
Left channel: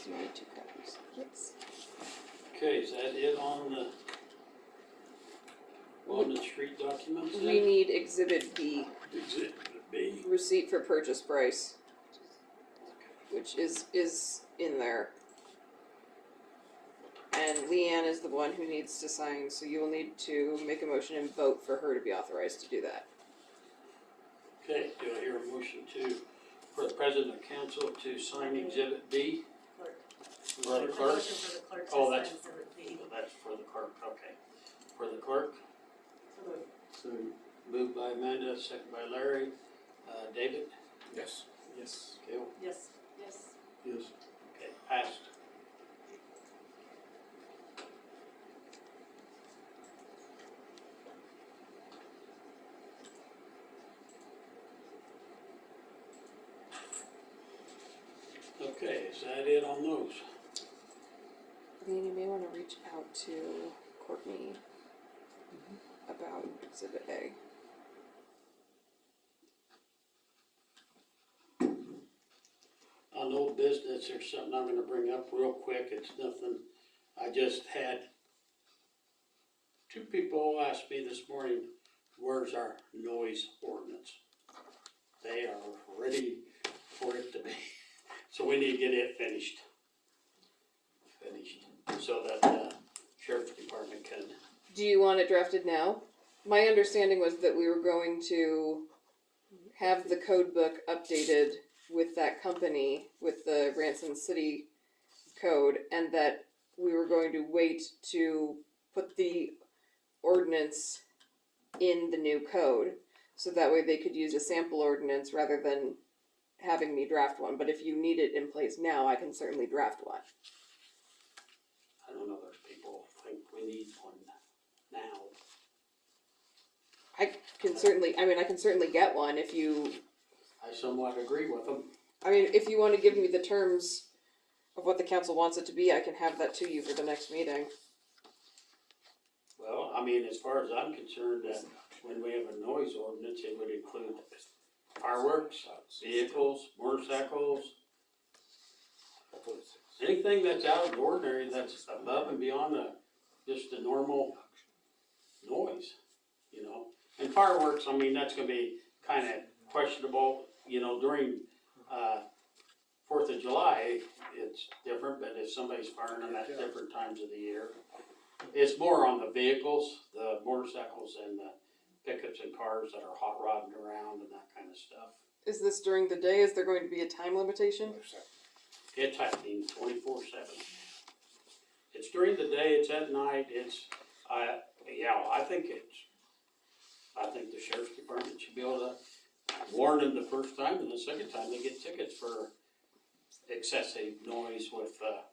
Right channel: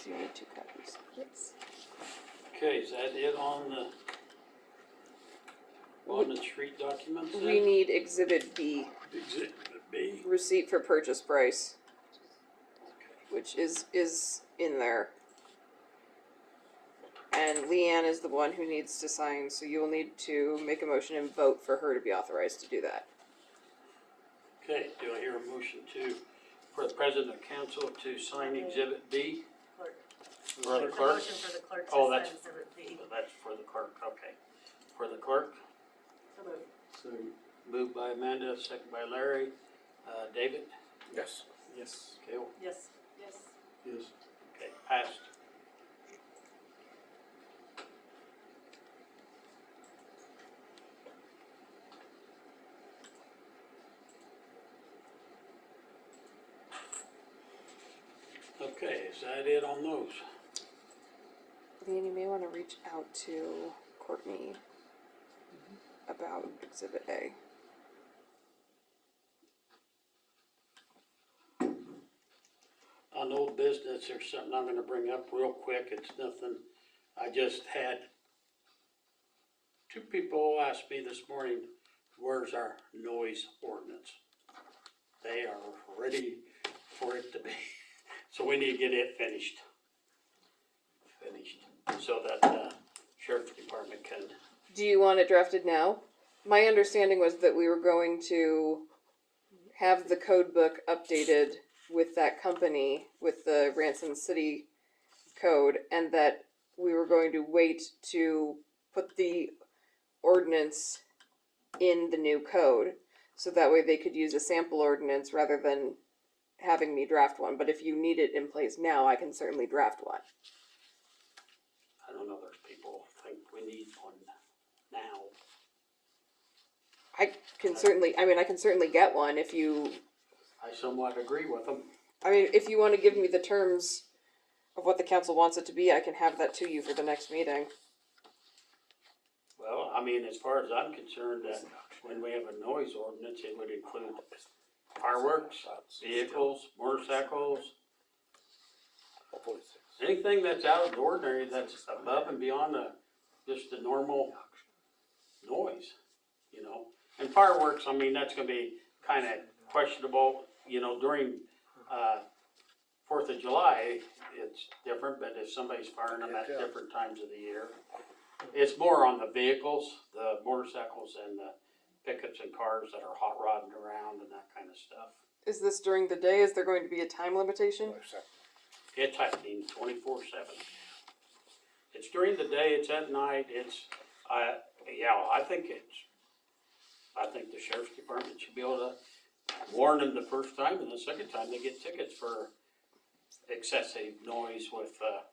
you need 2 copies. Yes. Okay, is that it on the street documents then? We need Exhibit B, Exhibit B. receipt for purchase price, which is in there. And Leanne is the one who needs to sign, so you will need to make a motion and vote for her to be authorized to do that. Okay, do I hear a motion for the president of council to sign Exhibit B? Clerk. For the Make clerk? motion for the clerk to Oh, sign that's- exhibit B. That's for the clerk, okay. For the clerk, So moved. So, moved by Amanda, second by Larry. David? Yes. yes. Cale? Yes. Yes. Yes. Okay, passed. Okay, is that it on those? Leanne, you may want to reach out to Courtney about Exhibit A. On old business, there's something I'm gonna bring up real quick, it's nothing, I just had 2 people ask me this morning, where's our noise ordinance? They are ready for it to be, so we need to get it finished. So that, sheriff's department can, Do you want it drafted now? My understanding was that we were going to have the code book updated with that company, with the Ransom City code, and that we were going to wait to put the ordinance in the new code, so that way they could use a sample ordinance rather than having me draft one. But if you need it in place now, I can certainly draft one. I don't know, there's people think we need one now. I can certainly get one if you, I somewhat agree with them. if you wanna give me the terms of what the council wants it to be, I can have that to you for the next meeting. Well, as far as I'm concerned, when we have a noise ordinance, it would include fireworks, vehicles, motorcycles, anything that's out of the ordinary, that's above and beyond just the normal noise, you know? And fireworks, that's gonna be kinda questionable, during, 4th of July, it's different, but if somebody's firing them at different times of the year. It's more on the vehicles, the motorcycles and the pickups and cars that are hot rodding around and that kind of stuff. Is this during the day? Is there going to be a time limitation? It's happening 24/7. It's during the day, it's at night, I think the sheriff's department should be able to warn them the first time, and the second time they get tickets for excessive noise with a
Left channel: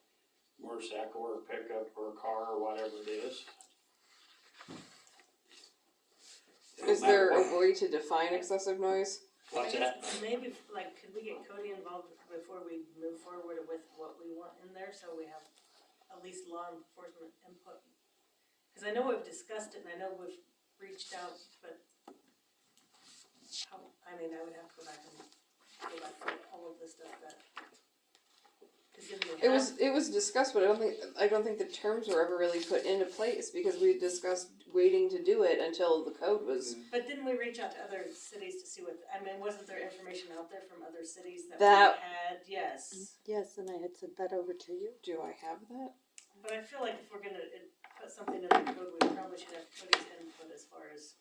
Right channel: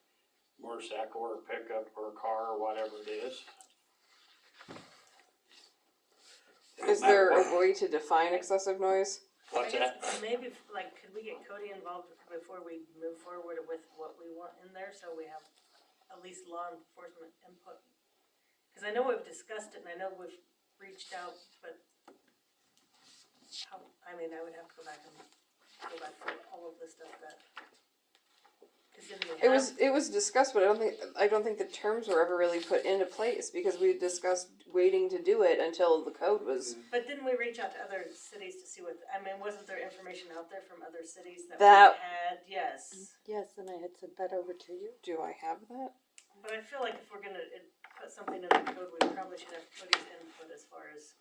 motorcycle or a pickup or a car or whatever it is. Is there a way to define excessive noise? What's I guess that? maybe, could we get Cody involved before we move forward with what we want in there, so we have at least law enforcement input? Cause I know we've discussed it and I know we've reached out, but how, I mean, I would have to go back through all of the stuff that. 'Cause didn't we have, It was discussed, but I don't think the terms were ever really put into place because we discussed waiting to do it until the code was. but didn't we reach out to other cities to see what, I mean, wasn't there information out there from other cities that we That- had? Yes. Yes, and I had sent that over to you. Do I have that? But I feel like if we're gonna put something in the code, we probably should have Cody's input as far as,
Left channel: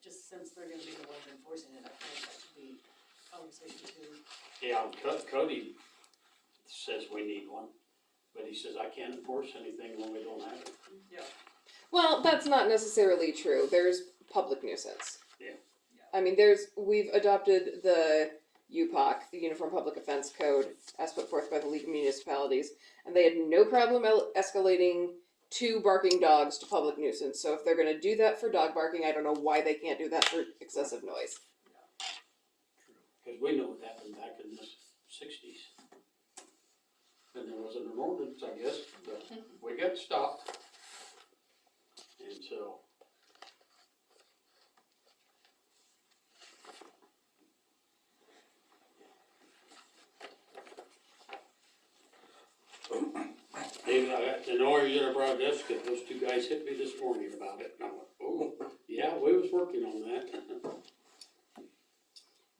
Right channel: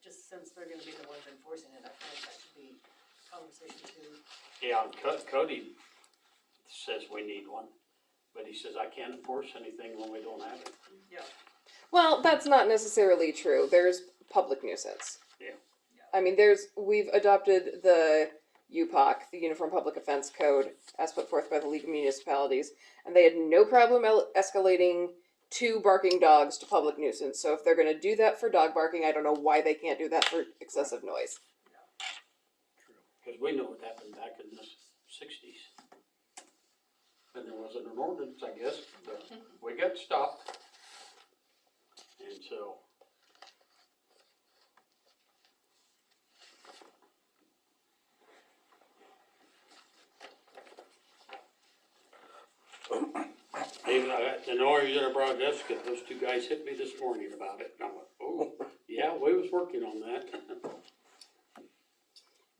just since they're gonna be the ones enforcing it, I feel like that should be conversation too. Yeah, Cody says we need one, but he says I can't enforce anything when we don't have it. Yeah. Well, that's not necessarily true. There's public nuisance. Yeah. I mean, we've adopted the UPOC, the Uniform Public Offense Code, as put forth by the League of Municipalities, and they had no problem escalating 2 barking dogs to public nuisance. So if they're going to do that for dog barking, I don't know why they can't do that for excessive noise. Because we know what happened back in the 60s. And there wasn't an ordinance, I guess, but we got stopped. And so. Even the only reason I brought it up is because those 2 guys hit me this morning about it. And I'm like, oh, yeah, we was working on that.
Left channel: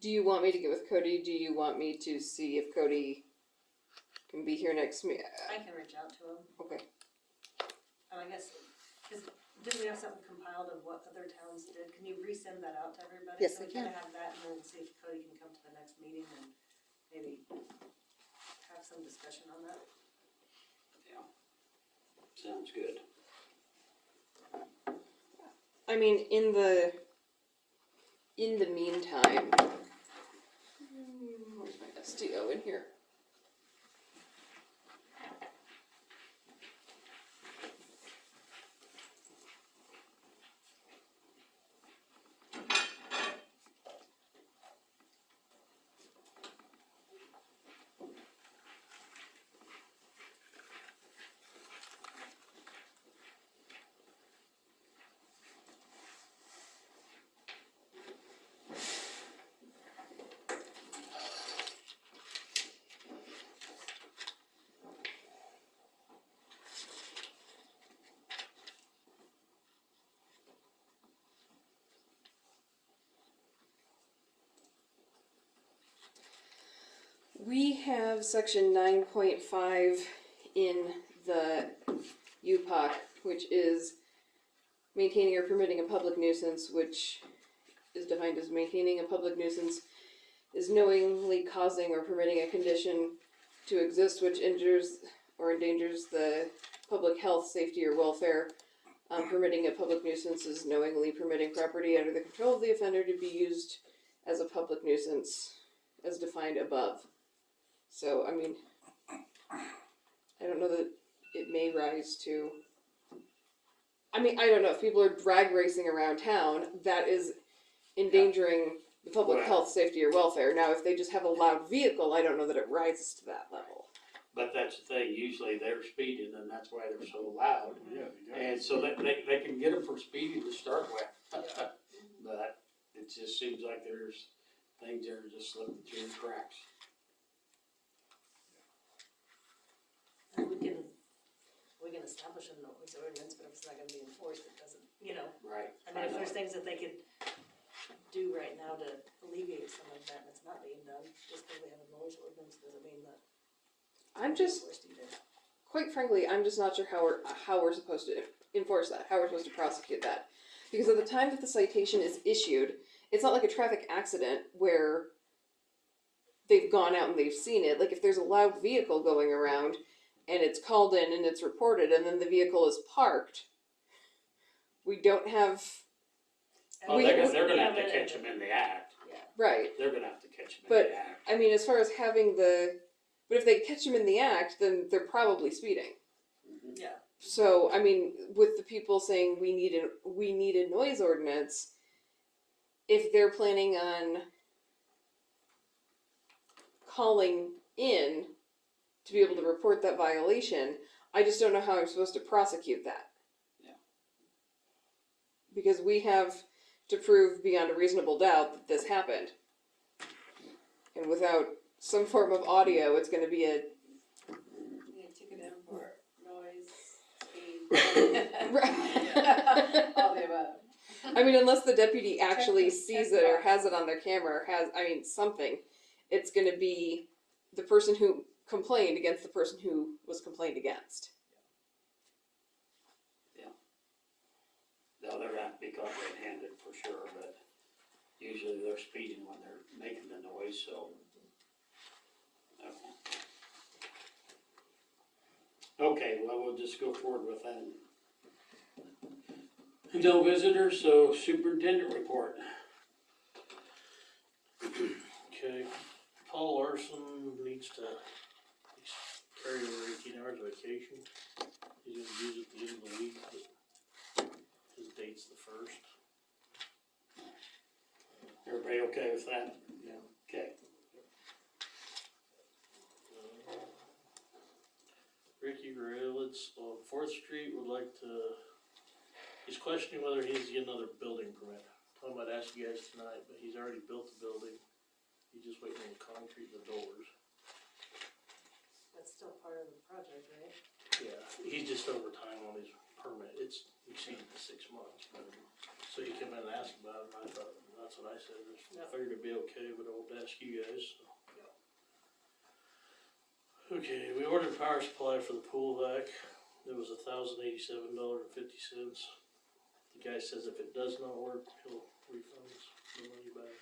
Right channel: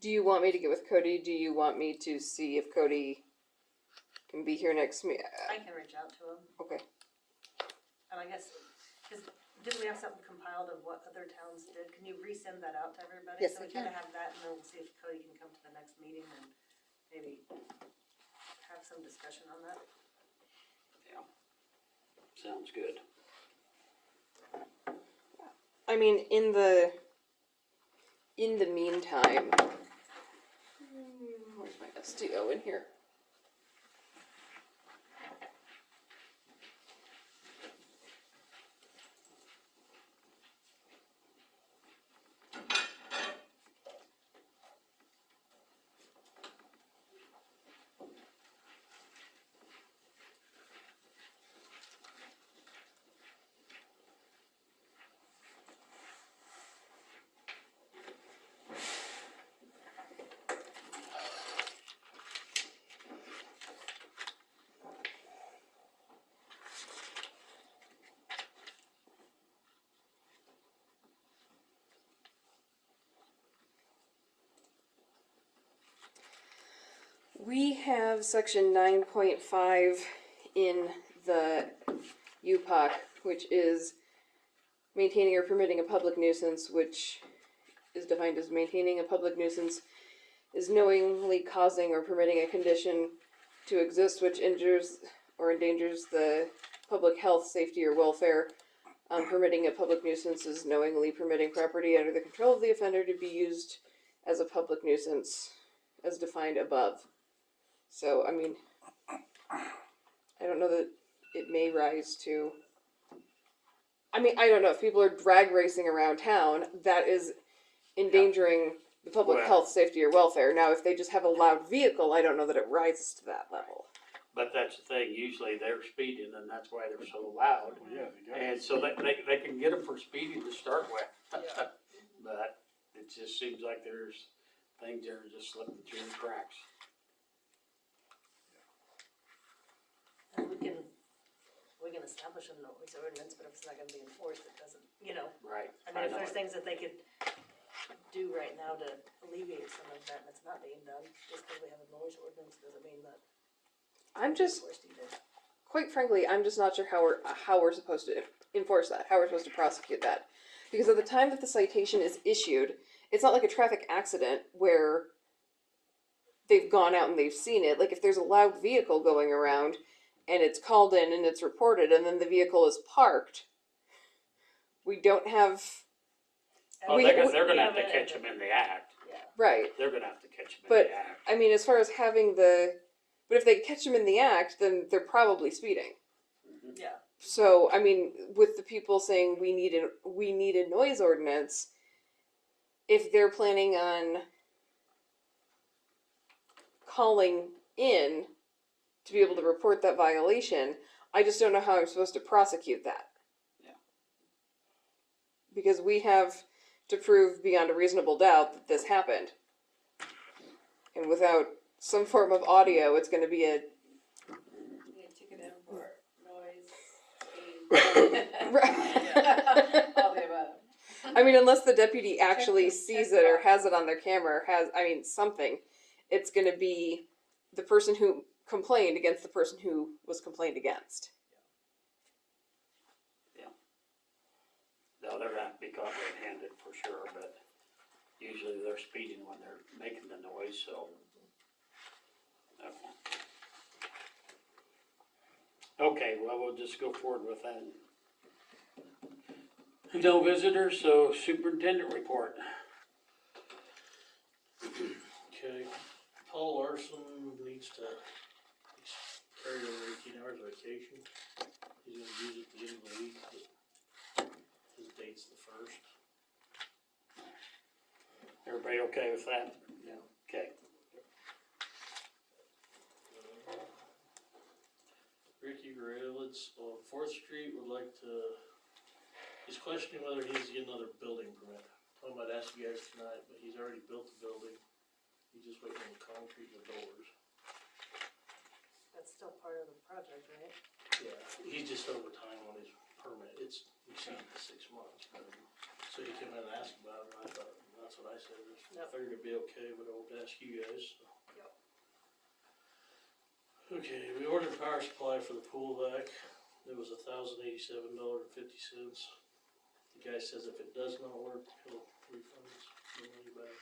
Do you want me to get with Cody? Do you want me to see if Cody can be here next meeting? I can reach out to him, Okay. and I guess, didn't we have something compiled of what other towns did? Can you resend that out to everybody? Yes, So I we kinda can. have that, and then we'll see if Cody can come to the next meeting and maybe have some discussion on that. Yeah. Sounds good. I mean, in the meantime, where's my SDO in here? We have section 9.5 in the UPOC, which is maintaining or permitting a public nuisance, which is defined as maintaining a public nuisance is knowingly causing or permitting a condition to exist which injures or endangers the public health, safety, or welfare. Permitting a public nuisance is knowingly permitting property under the control of the offender to be used as a public nuisance as defined above. So, I mean, I don't know that it may rise to. I mean, I don't know if people are drag racing around town, that is endangering the public Well- health, safety, or welfare. Now, if they just have a loud vehicle, I don't know that it rises to that level. But that's the thing, usually they're speeding and that's why they're so loud. Yeah, they got And it. so they can get them for speeding to start with. Yeah. But it just seems like there's things that are just slipping through the cracks. And we can establish a noise ordinance, but if it's not gonna be enforced, it doesn't, Right. I mean, if there's things that they could do right now to alleviate some of that, and it's not being done, just because we have a noise ordinance doesn't mean that. I'm just, Enforced either. quite frankly, I'm just not sure how we're supposed to enforce that, how we're supposed to prosecute that. Because at the time that the citation is issued, it's not like a traffic accident where they've gone out and they've seen it. Like if there's a loud vehicle going around and it's called in and it's reported and then the vehicle is parked, we don't have, Oh, We- they're gonna have to Yeah, catch them in the act. right. They're gonna have to catch them in But- the act. I mean, as far as having but if they catch them in the act, then they're probably speeding. Yeah. So, I mean, with the people saying we need a noise ordinance, if they're planning on calling in to be able to report that violation, I just don't know how I'm supposed to prosecute that. Yeah. because we have to prove beyond a reasonable doubt that this happened. And without some form of audio, it's going to be a Yeah, ticket import, noise, speed. All the above. I mean, unless the deputy actually Check sees the it or box. has it on their camera, or something, it's going to be the person who complained against the person who was complained against. No, they're gonna have to be caught red-handed for sure, but usually they're speeding when they're making the noise, so. Okay, well, we'll just go forward with that. No visitors, so superintendent report. Okay, Paul Larson needs to carry over 18 hours of vacation. He's gonna use it at the end of the week, but his date's the 1st. Everybody okay with that? Yeah. Okay. Ricky Raylitz on 4th Street would like to, he's questioning whether he needs to get another building permit. I might ask you guys tonight, but he's already built the building. He's just waiting on the concrete and the doors. That's still part of the project, right? Yeah, he's just over time on his permit. It's exceeded the 6 months. So he came in and asked about it, and I thought, that's what I said. I figured it'd be okay, but I won't ask you guys, so. Okay, we ordered power supply for the pool deck. It was $1,087.50. The guy says if it does not work, he'll refund us the money back.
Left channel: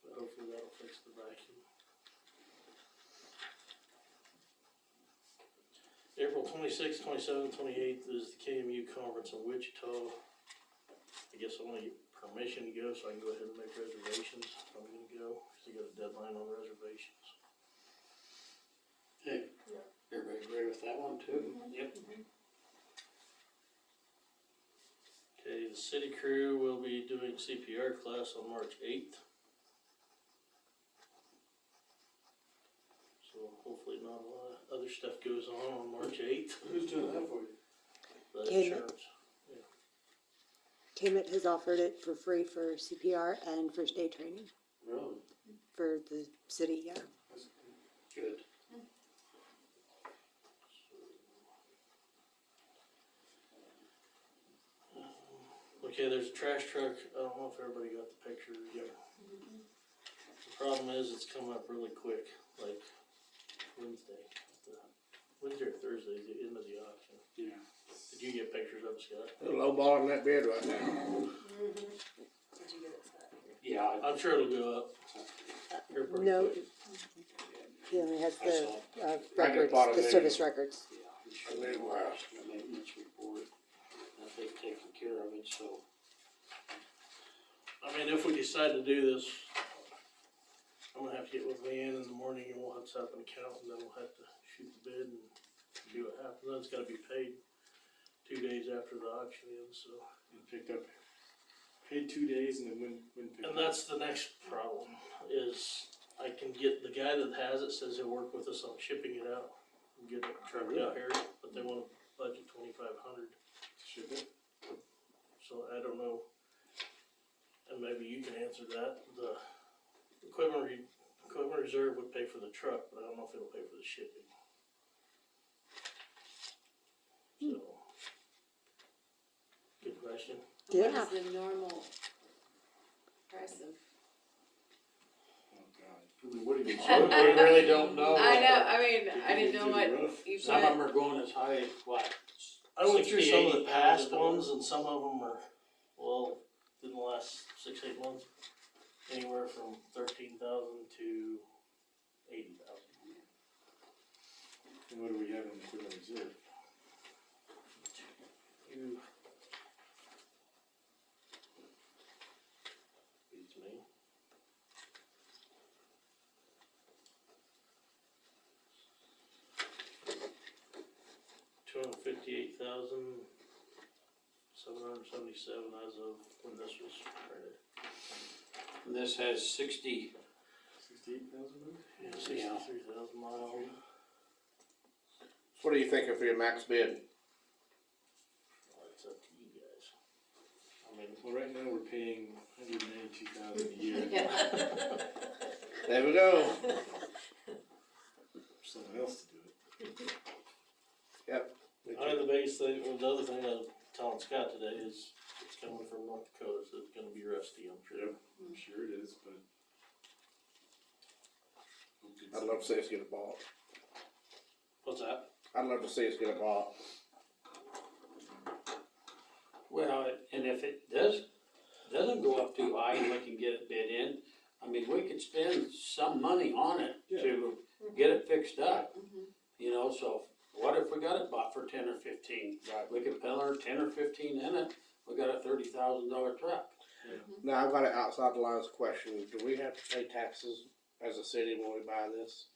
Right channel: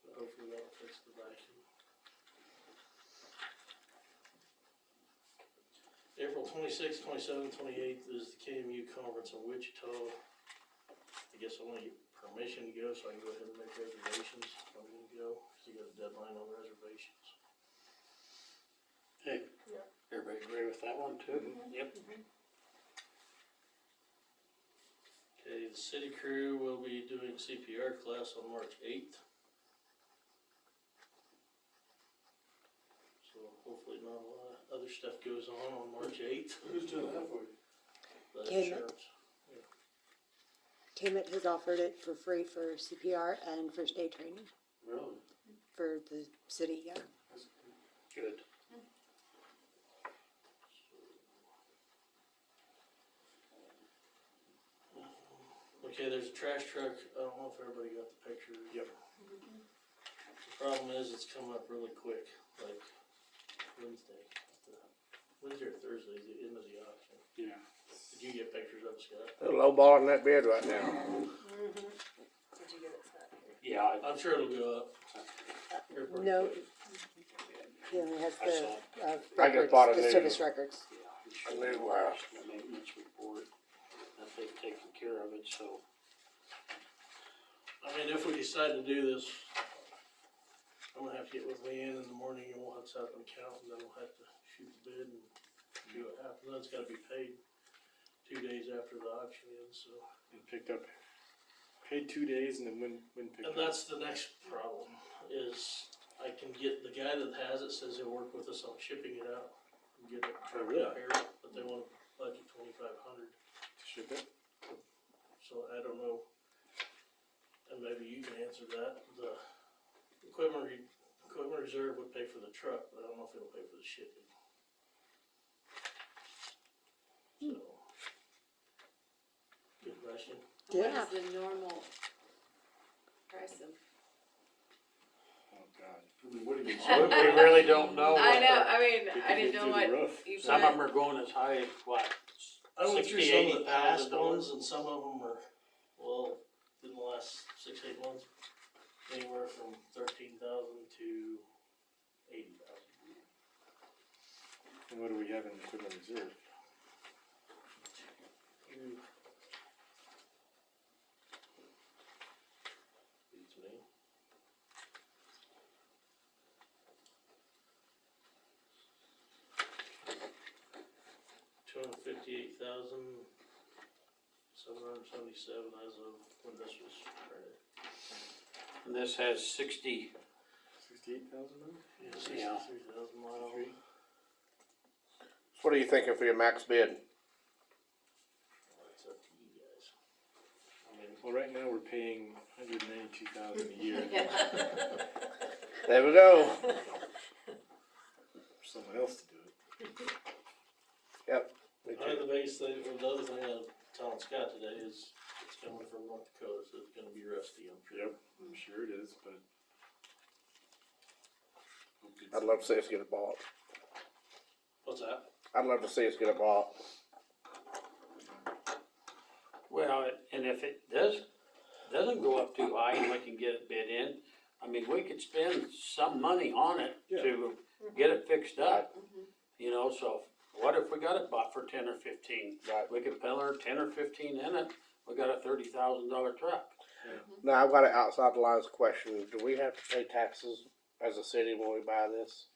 But hopefully that'll fix the vacuum. April 26th, 27th, 28th is the KMU conference in Wichita. I guess I want to get permission to go so I can go ahead and make reservations if I'm gonna go, because I got a deadline on reservations. Okay, everybody agree with that one too? Yep. Okay, the city crew will be doing CPR class on March 8th. So hopefully not a lot of other stuff goes on March 8th. Who's doing that for you? The Cayman. insurance. KMIT has offered it for free for CPR and first aid training Really? for the city, yeah. That's Good. Okay, there's a trash truck. I don't know if everybody got the picture. Yep. The problem is it's coming up really quick, like Wednesday. Wednesday or Thursday is the end of the auction. Yeah. Did you get pictures of it, Scott? They're lowballing that bid right now. Did you get it set? Yeah, I'm sure it'll go up. Here pretty No, quick. he only has I the saw it. I just records, bought a the new- service records. Yeah, A new warehouse. the maintenance report, that they've taken care of it, so. I mean, if we decide to do this, I'm gonna have to get with Leanne in the morning and we'll have to set up an account and then we'll have to shoot the bid and see what happens. Then it's gotta be paid 2 days after the auction ends, so. And picked up, paid 2 days and then when picked And up. that's the next problem, is I can get, the guy that has it says he'll work with us on shipping it out. And get it trucked up here, but they want a budget $2,500. Ship it. So I don't know, and maybe you can answer that. The equipment reserve would pay for the truck, but I don't know if it'll pay for the shipping. So, good question. Yeah. What is the normal price of? Oh, God. I mean, what do you? We really don't know. I what know, the- I mean, Did I you didn't do know the what roof? you Some of put. them are going as high as what? I went through some of the 60, past 80,000 ones, and some of them are, well, in the last 6-8 months, anywhere from 13,000 to 80,000. And what do we have in equipment reserve? You. Beats me. $258,777 as of when this was printed. And this has 60, 68,000 maybe? Yeah, 63,000 miles. So what are you thinking for your max bid? Well, it's up to you guys. Well, right now we're paying $192,000 a year There we go. for someone else to do it. I mean, the biggest thing, or the other thing I was telling Scott today is, it's coming from North Dakota, so it's gonna be rusty, I'm sure. Yep, I'm sure it is, but. I'd love to see us get it bought. What's that? I'd love to see us get it bought. Well, and if it doesn't go up too high and we can get it bid in, I mean, we could spend some money on it to get it fixed up. You know, so what if we got it bought for 10 or 15? Right. We could put our 10 or 15 in it, we got a $30,000 truck. Now, I've got an outside the lines question. Do we have to pay taxes as a city when we buy this?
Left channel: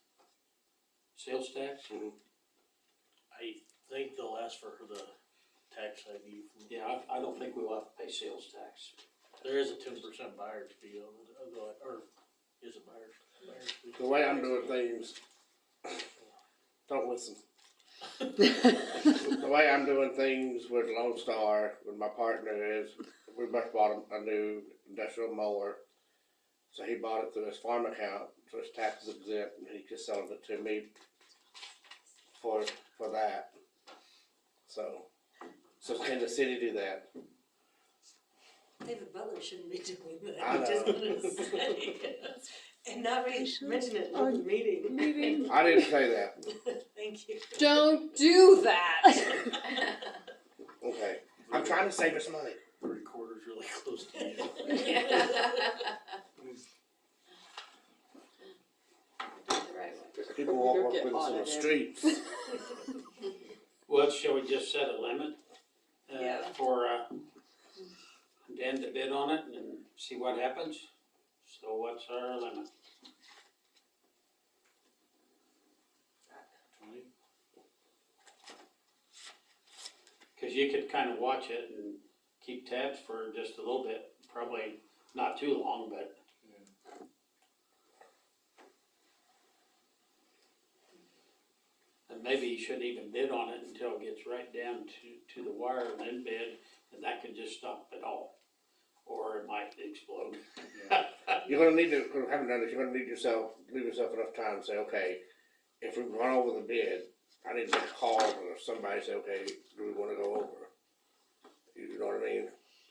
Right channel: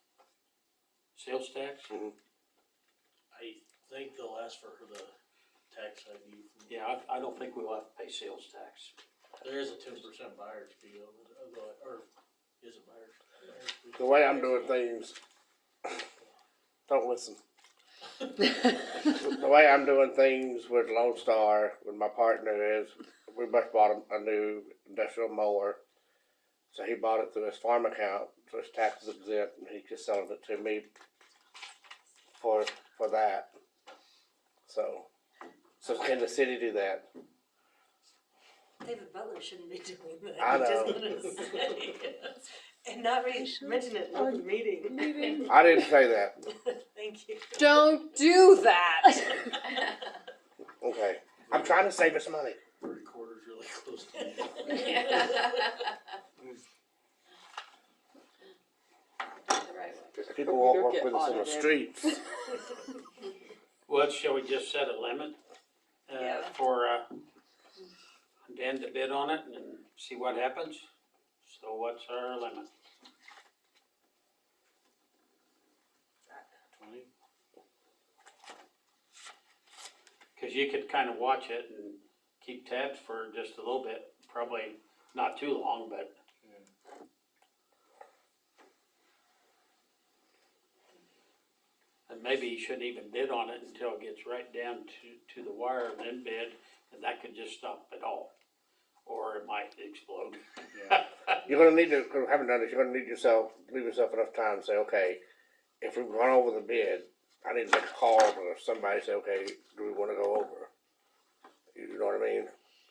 Sales tax? I think they'll ask for the tax ID. Yeah, I don't think we'll have to pay sales tax. There is a 10% buyer's fee on it, or is it buyer's fee? The way I'm doing things, don't listen. The way I'm doing things with Lone Star, with my partner is, we both bought a new industrial mower. So he bought it through his farm account, so his taxes exempt, and he's just selling it to me for that. So can the city do that? David Butler shouldn't be doing that. I know. Just wanna say. And not mention it in the meeting. I didn't say that. Thank you. Don't do that. Okay. I'm trying to save us money. The recorder's really close to you. The right way. People won't Or work get with us in the audited. streets. Well, shall we just set a limit, Yeah. for, Dan to bid on it and see what happens? So what's our limit? 20? Cause you could kinda watch it and keep tabs for just a little bit, probably not too long, but. And maybe you shouldn't even bid on it until it gets right down to the wire and then bid, and that could just stop it all. Or it might explode. You're gonna need to, cause I haven't done this, you're gonna need leave yourself enough time to say, okay, if we run over the bid, I need to make a call to somebody, say, okay, do we wanna go over? You know what I mean?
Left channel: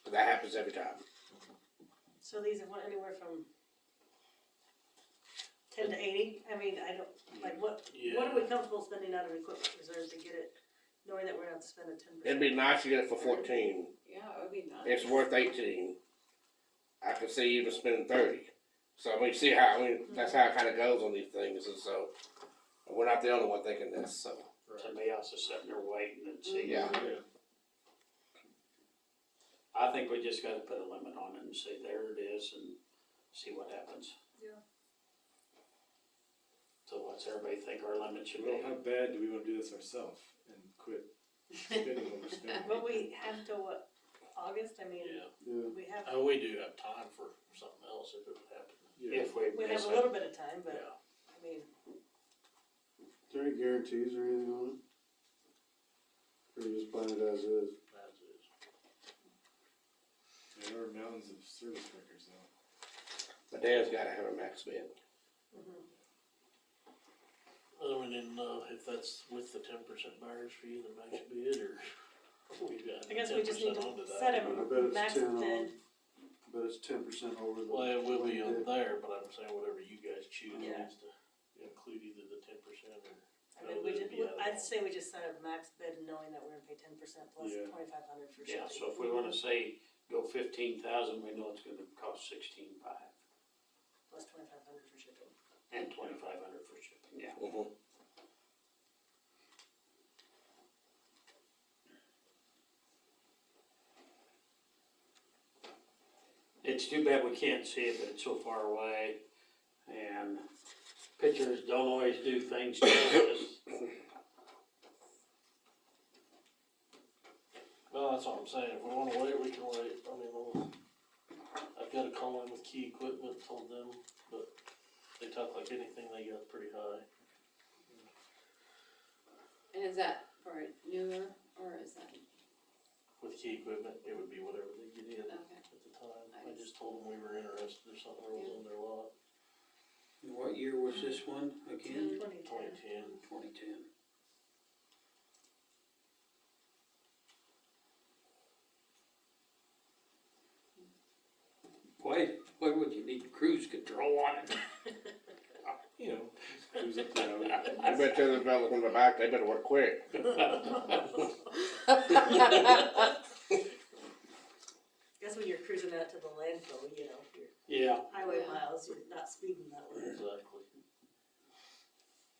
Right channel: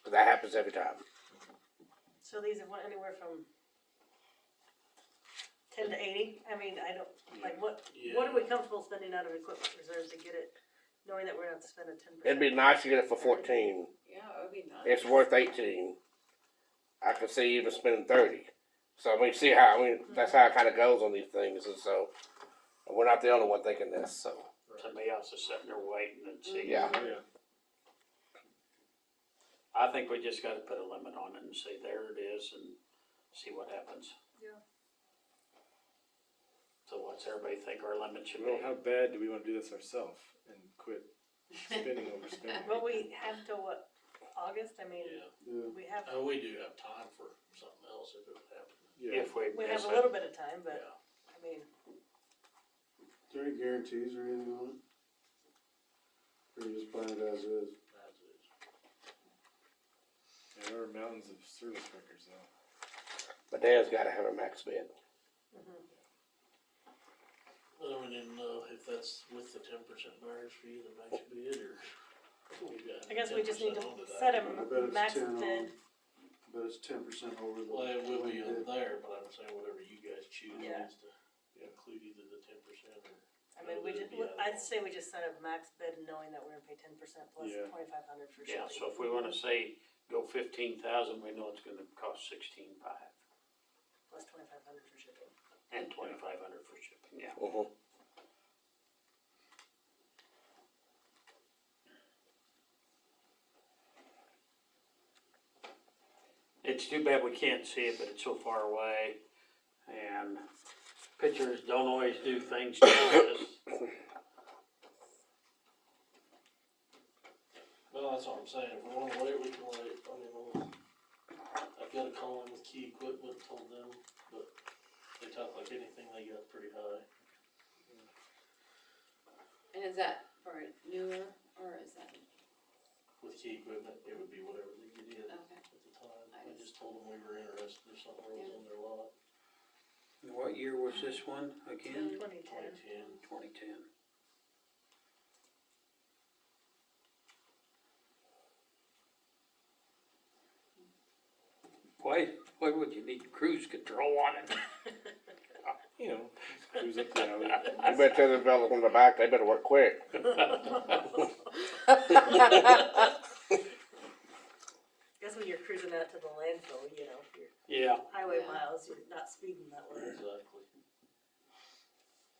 'Cause that happens every time. So these are anywhere from 10 to 80? I mean, I don't, like, what are we comfortable spending out of equipment reserves to get it, knowing that we're gonna have to spend a 10%? It'd be nice to get it for 14. Yeah, it would be nice. It's worth 18. I could see even spending 30. So we see how, that's how it kinda goes on these things, and so, we're not the only one thinking this, so. Somebody else is sitting there waiting and see. Yeah. I think we just gotta put a limit on it and say, there it is, and see what happens. Yeah. So what's everybody think our limit should be? Well, how bad do we wanna do this ourselves and quit spending overspending? Well, we have till what, August? I mean, Yeah, we have, and we do have time for something else if it would happen. Yeah. If we we miss have a it. little bit of time, but, Yeah. I mean, Is there any guarantees or anything on it? Or you just plan it as is? As is. There are mountains of service records though. But Dan's gotta have a max bid. Well, we didn't know if that's with the 10% buyer's fee, the max bid, or we got I guess we just need 10% to onto that. set a I bet it's max 10 on. bid. But it's 10% over the. Well, it will be on bid. there, but I'm saying whatever you guys choose Yeah. needs to include either the 10% or. I mean, we it'll just, be out of I'd all. say we just set a max bid knowing that we're gonna pay 10% plus Yeah. 2,500 for Yeah, shipping. so if we wanna say, go 15,000, we know it's gonna cost 16,500 Plus 2,500 for shipping. and 2,500 for shipping, yeah. It's too bad we can't see it, but it's so far away, and pictures don't always do things justice. Well, that's what I'm saying, if we wanna wait, we can wait, I mean, I've got a call in with Key Equipment, told them, but they talk like anything, they got pretty high. And is that for newer, or is that, With Key Equipment, it would be whatever they get in. okay. told them we were interested if something was on their lot. What year was this one again? 2010. 2010. Why would you need cruise control on it? You know, cruise up the alley. I bet the developers in the back, they better work quick. Guess when you're cruising out to the landfill, you know, your Yeah. highway Yeah. miles, you're not speeding that way. Exactly.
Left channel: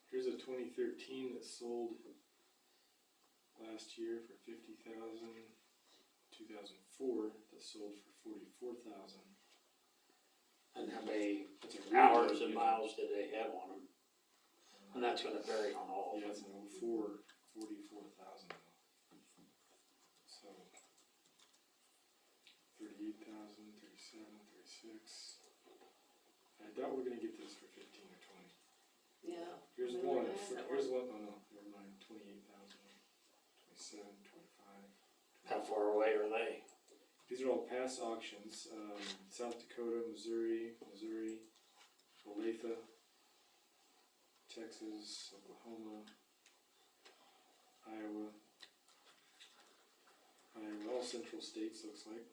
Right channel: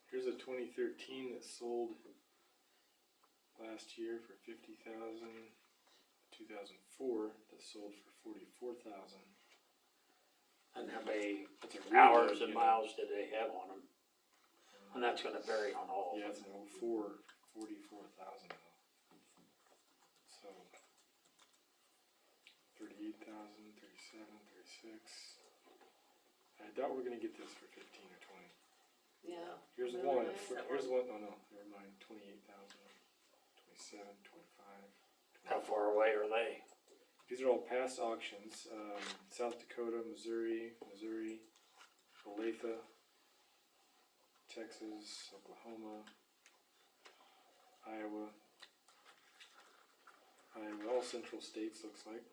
Here's a 2013 that sold last year for 50,000. 2004 that sold for 44,000. And how many That's a hours reload, and you know. miles did they have on them? And that's gonna vary on all Yeah, of it's them. an 04, 44,000 though. So 38,000, 37, 36. I doubt we're gonna get this for 15 or 20. Yeah. Here's Really one. nice. Here's one. Oh no, never mind. 28,000, 27, 25. How far away are they? These are all past auctions. South Dakota, Missouri, Olathe, Texas, Oklahoma, Iowa, all central states looks like.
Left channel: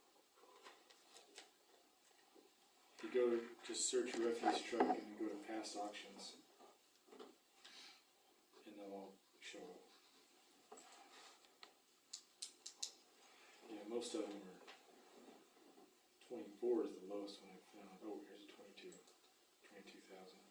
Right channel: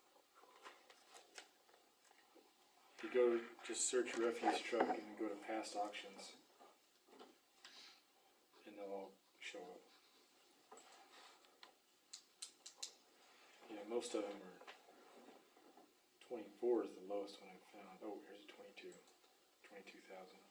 If you go, just search refuse truck and then go to past auctions. And they'll all show up. Yeah, most of them are 24 is the lowest one I found. Oh, here's a 22. 22,000.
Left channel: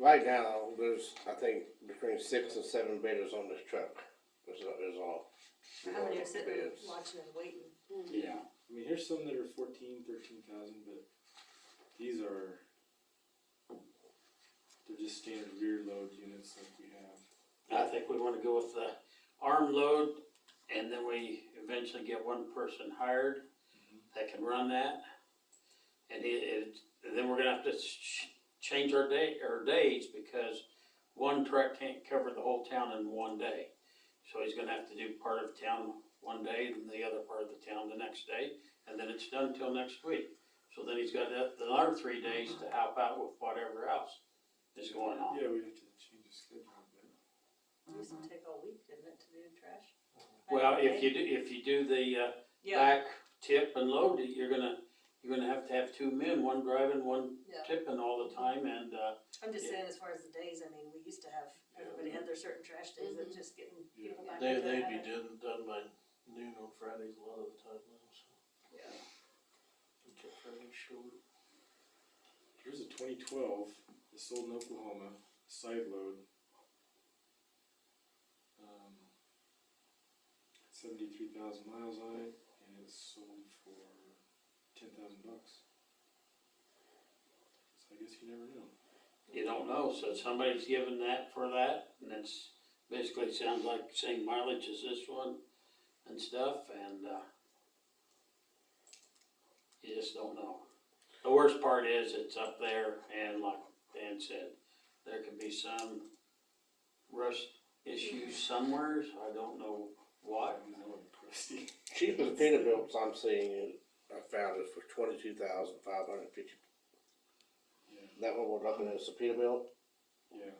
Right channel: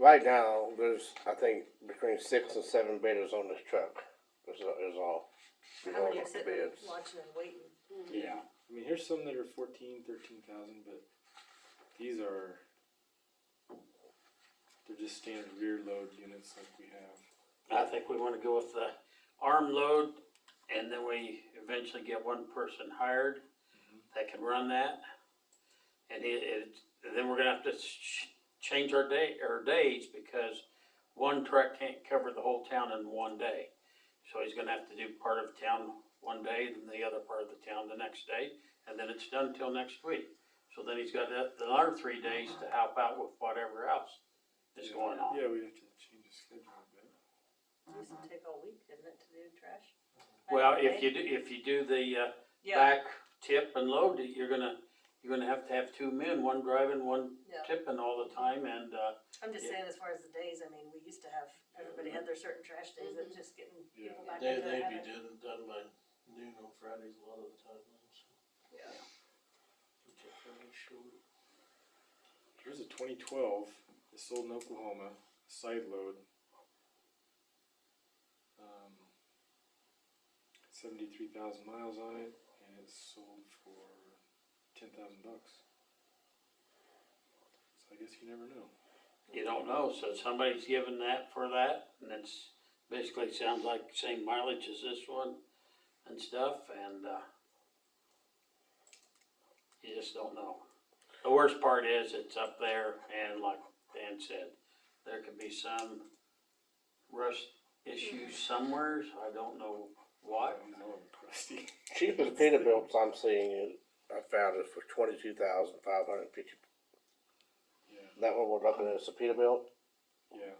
Right now, there's, I think, between 6 and 7 bidders on this truck, is all. How many are Bids. sitting there watching and waiting? Yeah. I mean, here's some that are 14, 13,000, but these are, they're just standard rear load units like we have. I think we wanna go with the arm load, and then we eventually get one person hired that can run that. And then we're gonna have to change our days, because one truck can't cover the whole town in one day. So he's gonna have to do part of town one day, and the other part of the town the next day, and then it's done till next week. So then he's got another 3 days to help out with whatever else is going on. Yeah, we have to change the schedule a bit. It used to take all week, didn't it, to do trash? Well, Back in if the day? you do the, Yeah, back tip and load, you're gonna have to have 2 men, one driving, one yeah. tipping all the time, and, I'm just yeah. saying as far as the days, I mean, we used to have, everybody had their certain trash days, that just getting Yeah. people back They'd into the be habit. done by noon on Fridays a lot of the time now, so. Yeah. We kept Fridays short. Here's a 2012 that sold in Oklahoma, side load. 73,000 miles on it, and it's sold for $10,000. So I guess you never know. you don't know, so somebody's given that for that, and it's basically sounds like the same mileage as this one and stuff, and, you just don't know. The worst part is it's up there, and like Dan said, there could be some rust issues somewhere, so I don't know what. I know I'm crusty. Cheapest Peterbilt's I'm seeing, I found it for 22,550. Yeah, That one we're looking at is a Peterbilt. yeah.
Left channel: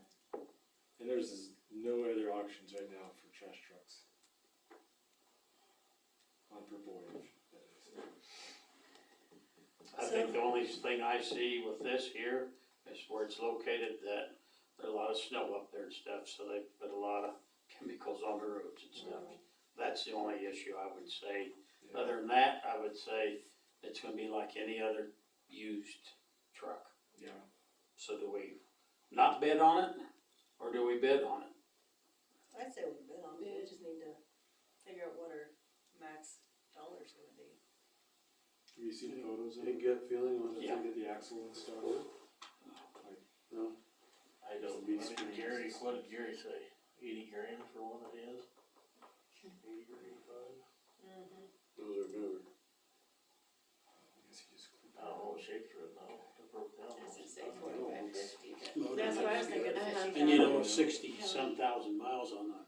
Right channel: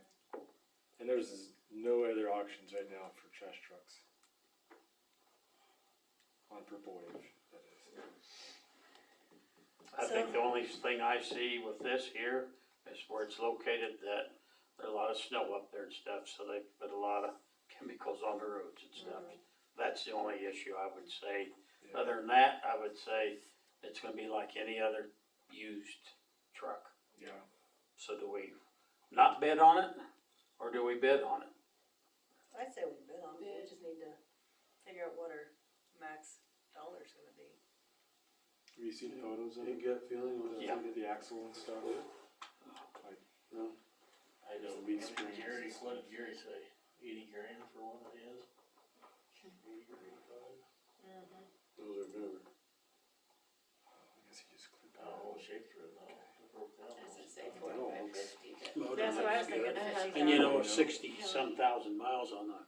And there's no other auctions right now for trash trucks. On Purple Wave, that is. I think the only thing I see with this here is where it's located, that there's a lot of snow up there and stuff, so they put a lot of chemicals on the roads and stuff. That's the only issue I would say. Yeah. Other than that, I would say it's gonna be like any other used truck. Yeah. So do we not bid on it, or do we bid on it? I'd say we bid on it, we Bid. just need to figure out what our max dollar's gonna be. Have you seen photos of Any it? gut feeling with Yeah. The axle and stuff? Like, No? I don't, Leaf I think springs. Gary, what did Gary say? 80 grand for one of his? 80 or 85? Those are newer. I guess he just clicked I don't know what shape for it now, it broke down. I was gonna say 45, 50, but. Well, And you know, Yeah. 60-some thousand miles on a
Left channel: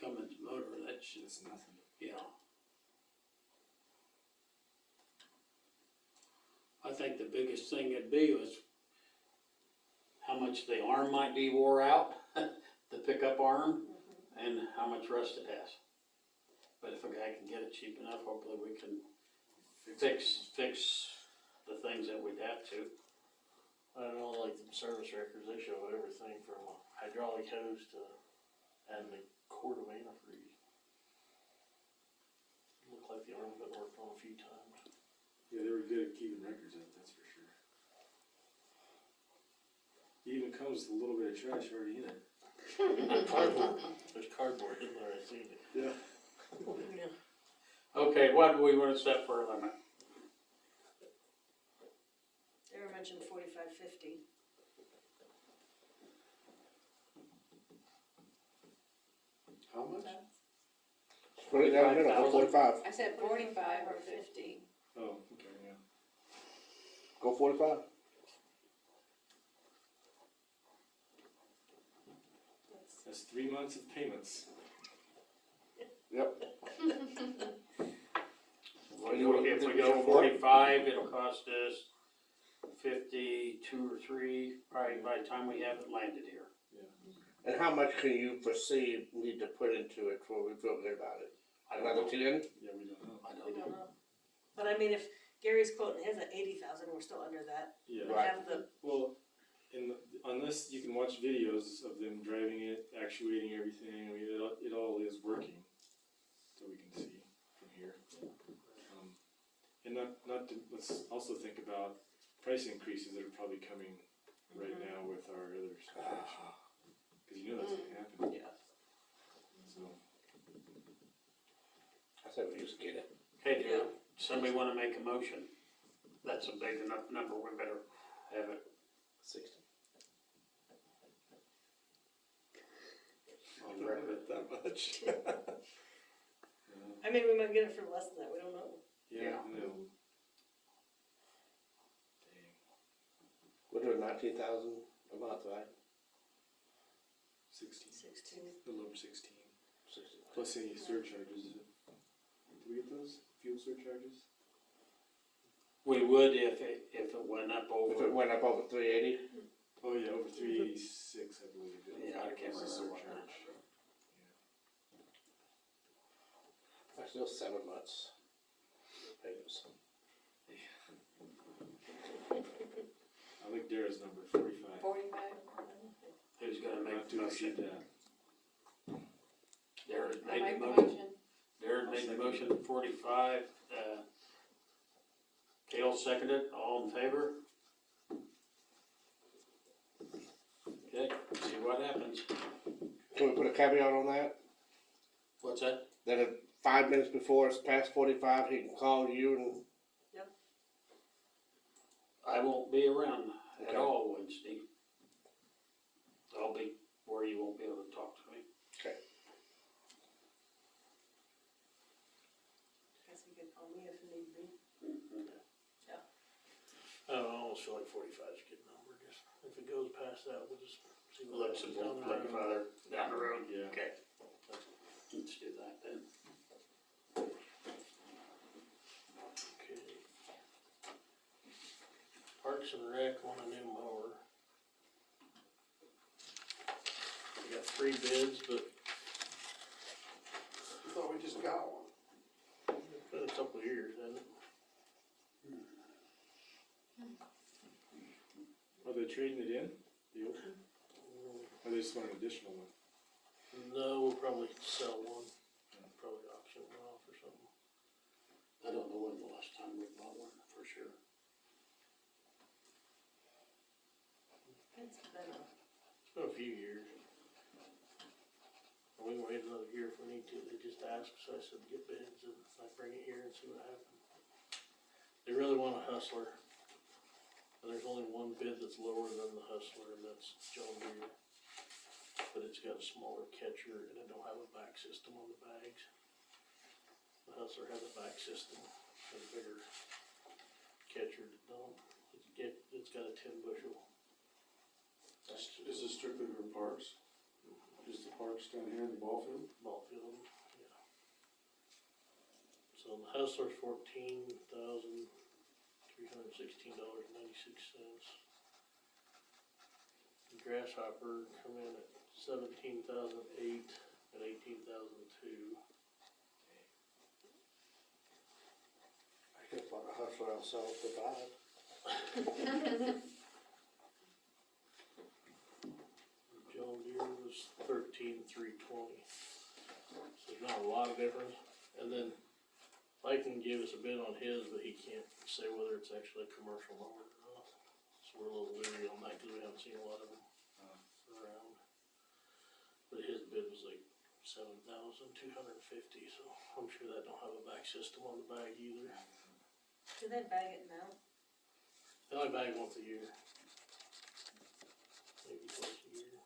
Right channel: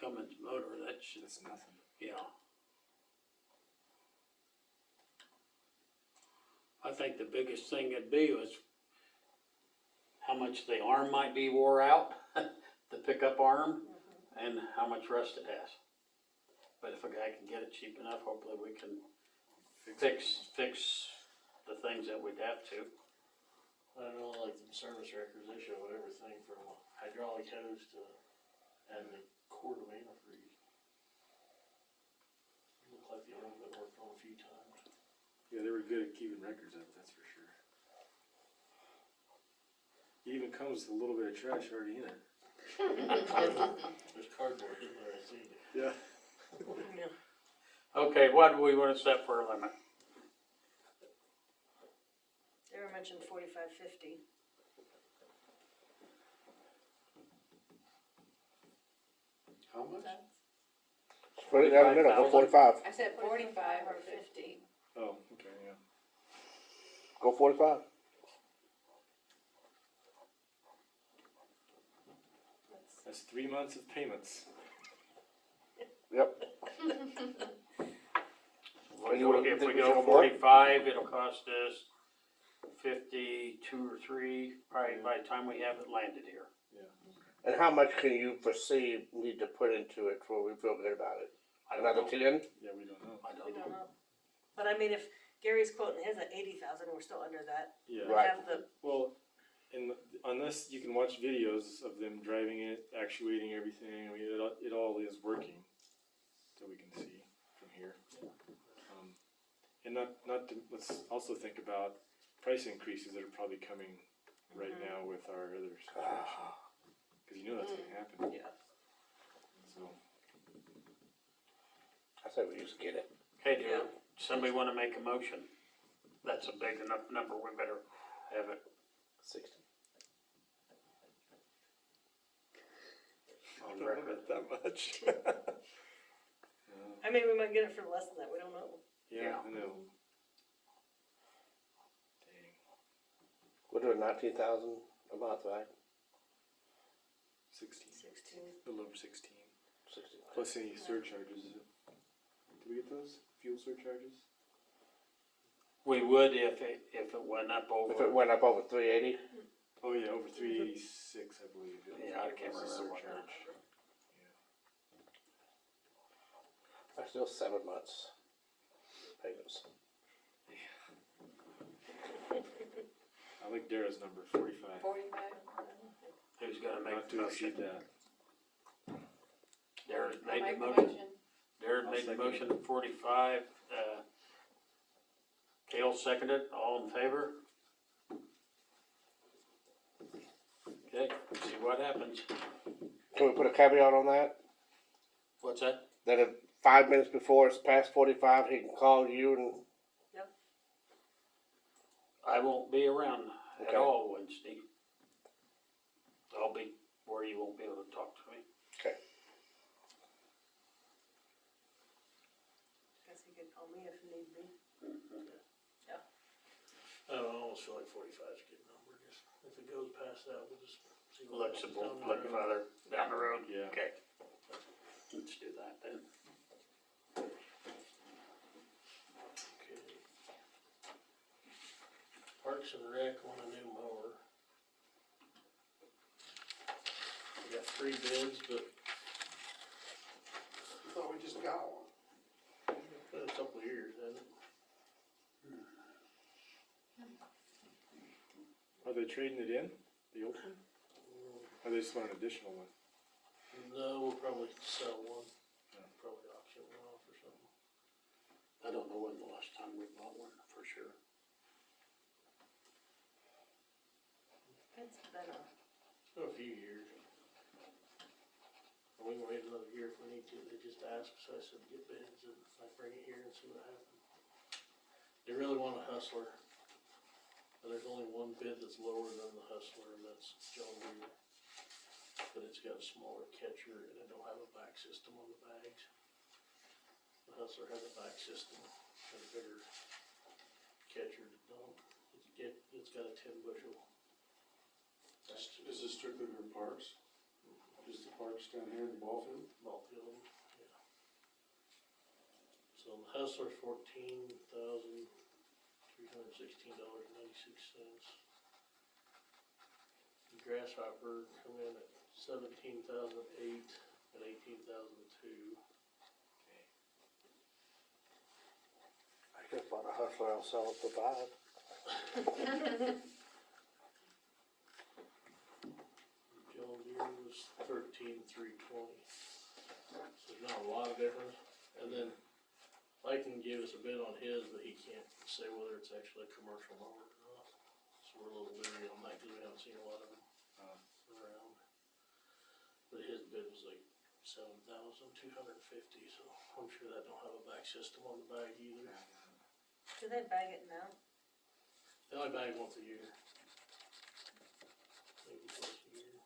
Cummins motor, that's, It's nothing. yeah. I think the biggest thing would be was how much the arm might be wore out, the pickup arm, and how much rust it has. But if a guy can get it cheap enough, hopefully we can fix the things that we'd have to. I don't know, like the service records, they show everything from hydraulic hose to adding a quart of antifreeze. Looked like the arm's been worked on a few times. Yeah, they were good at keeping records, that's for sure. It even comes with a little bit of trash already in it. There's cardboard in there, I seen it. Yeah. Okay, what do we wanna set for a limit? They were mentioned 45-50. How much? Put it down the middle, go 45. I said 45 or 50. Oh, okay, yeah. Go 45. That's 3 months of payments. Yep. If we go 45, it'll cost us 52 or 3, probably by the time we have it landed here. And how much can you foresee need to put into it before we feel good about it? I don't Another know. 10? Yeah, we don't know. I We don't don't know. know. But I mean, if Gary's quoting his at 80,000 and we're still under that, Yeah. we Right. have the, Well, on this, you can watch videos of them driving it, actuating everything. I mean, it all is working, that we can see from here. And let's also think about price increases that are probably coming right now with our other situation. Because you know that's gonna happen. yeah. So, I said we just get it. Okay, do somebody wanna make a motion? That's a big enough number, we better have it 60. on record. not that much. I mean, we might get it for less than that, we don't know. Yeah, I know. Dang. We're doing 19,000 a month, right? 16. 16. A little over 16. 60. Plus any surcharges. Did we get those? Fuel surcharges? We would if it went up If it over, went up over 380, Oh yeah, over 386, I believe. Yeah, I can't Was the remember what that- surcharge. that's still 7 months payments. I like Dara's number, 45. 45? who's gonna make Not the to exceed motion? that. Darren I'll made make the the motion. motion. Darren made the motion at 45, Kale seconded, all in favor? Okay, see what happens. Can we put a caveat on that? What's that? That if 5 minutes before it's past 45, he can call you and, I won't be around at Okay. all Wednesday. I'll be where you won't be able to talk to me. okay. Guess he could call me if need be. I almost feel like 45 is a good number, just, if it goes past that, we'll just see what Look happens some, down the look road. further down the road. Yeah. Okay. Let's do that then. Okay. Parks and Rec want a new mower. We got 3 bids, but I thought we just got one. it's been a couple of years, hasn't it? Are they trading it in? The old one? Or they just want an additional one? No, we'll probably sell one, probably auction one off or something. I don't know when the last time we bought one, for sure. It's been a, It's been a few years. And we can wait another year if we need to, they just asked, so I said get bids and I bring it here and see what happens. They really want a Hustler. And there's only one bid that's lower than the Hustler, and that's John Deere. But it's got a smaller catcher and it don't have a back system on the bags. The Hustler has a back system, and a bigger catcher that don't. It's got a 10 bushel Is this strictly for parks? Just the parks down here in the ball field? Ball field, yeah. So the Hustler's $14,316.96. The Grasshopper come in at $17,008 and $18,002. I could have bought a Hustler and sell it for $5. John Deere was $13,320. So there's not a lot of difference. And then Mike can give us a bid on his, but he can't say whether it's actually a commercial mower or not. So we're a little leery on that because we haven't seen a lot of them around. But his bid was like $7,250, so I'm sure that don't have a back system on the bag either. Do they bag it now? They only bag once a year. Maybe twice a year.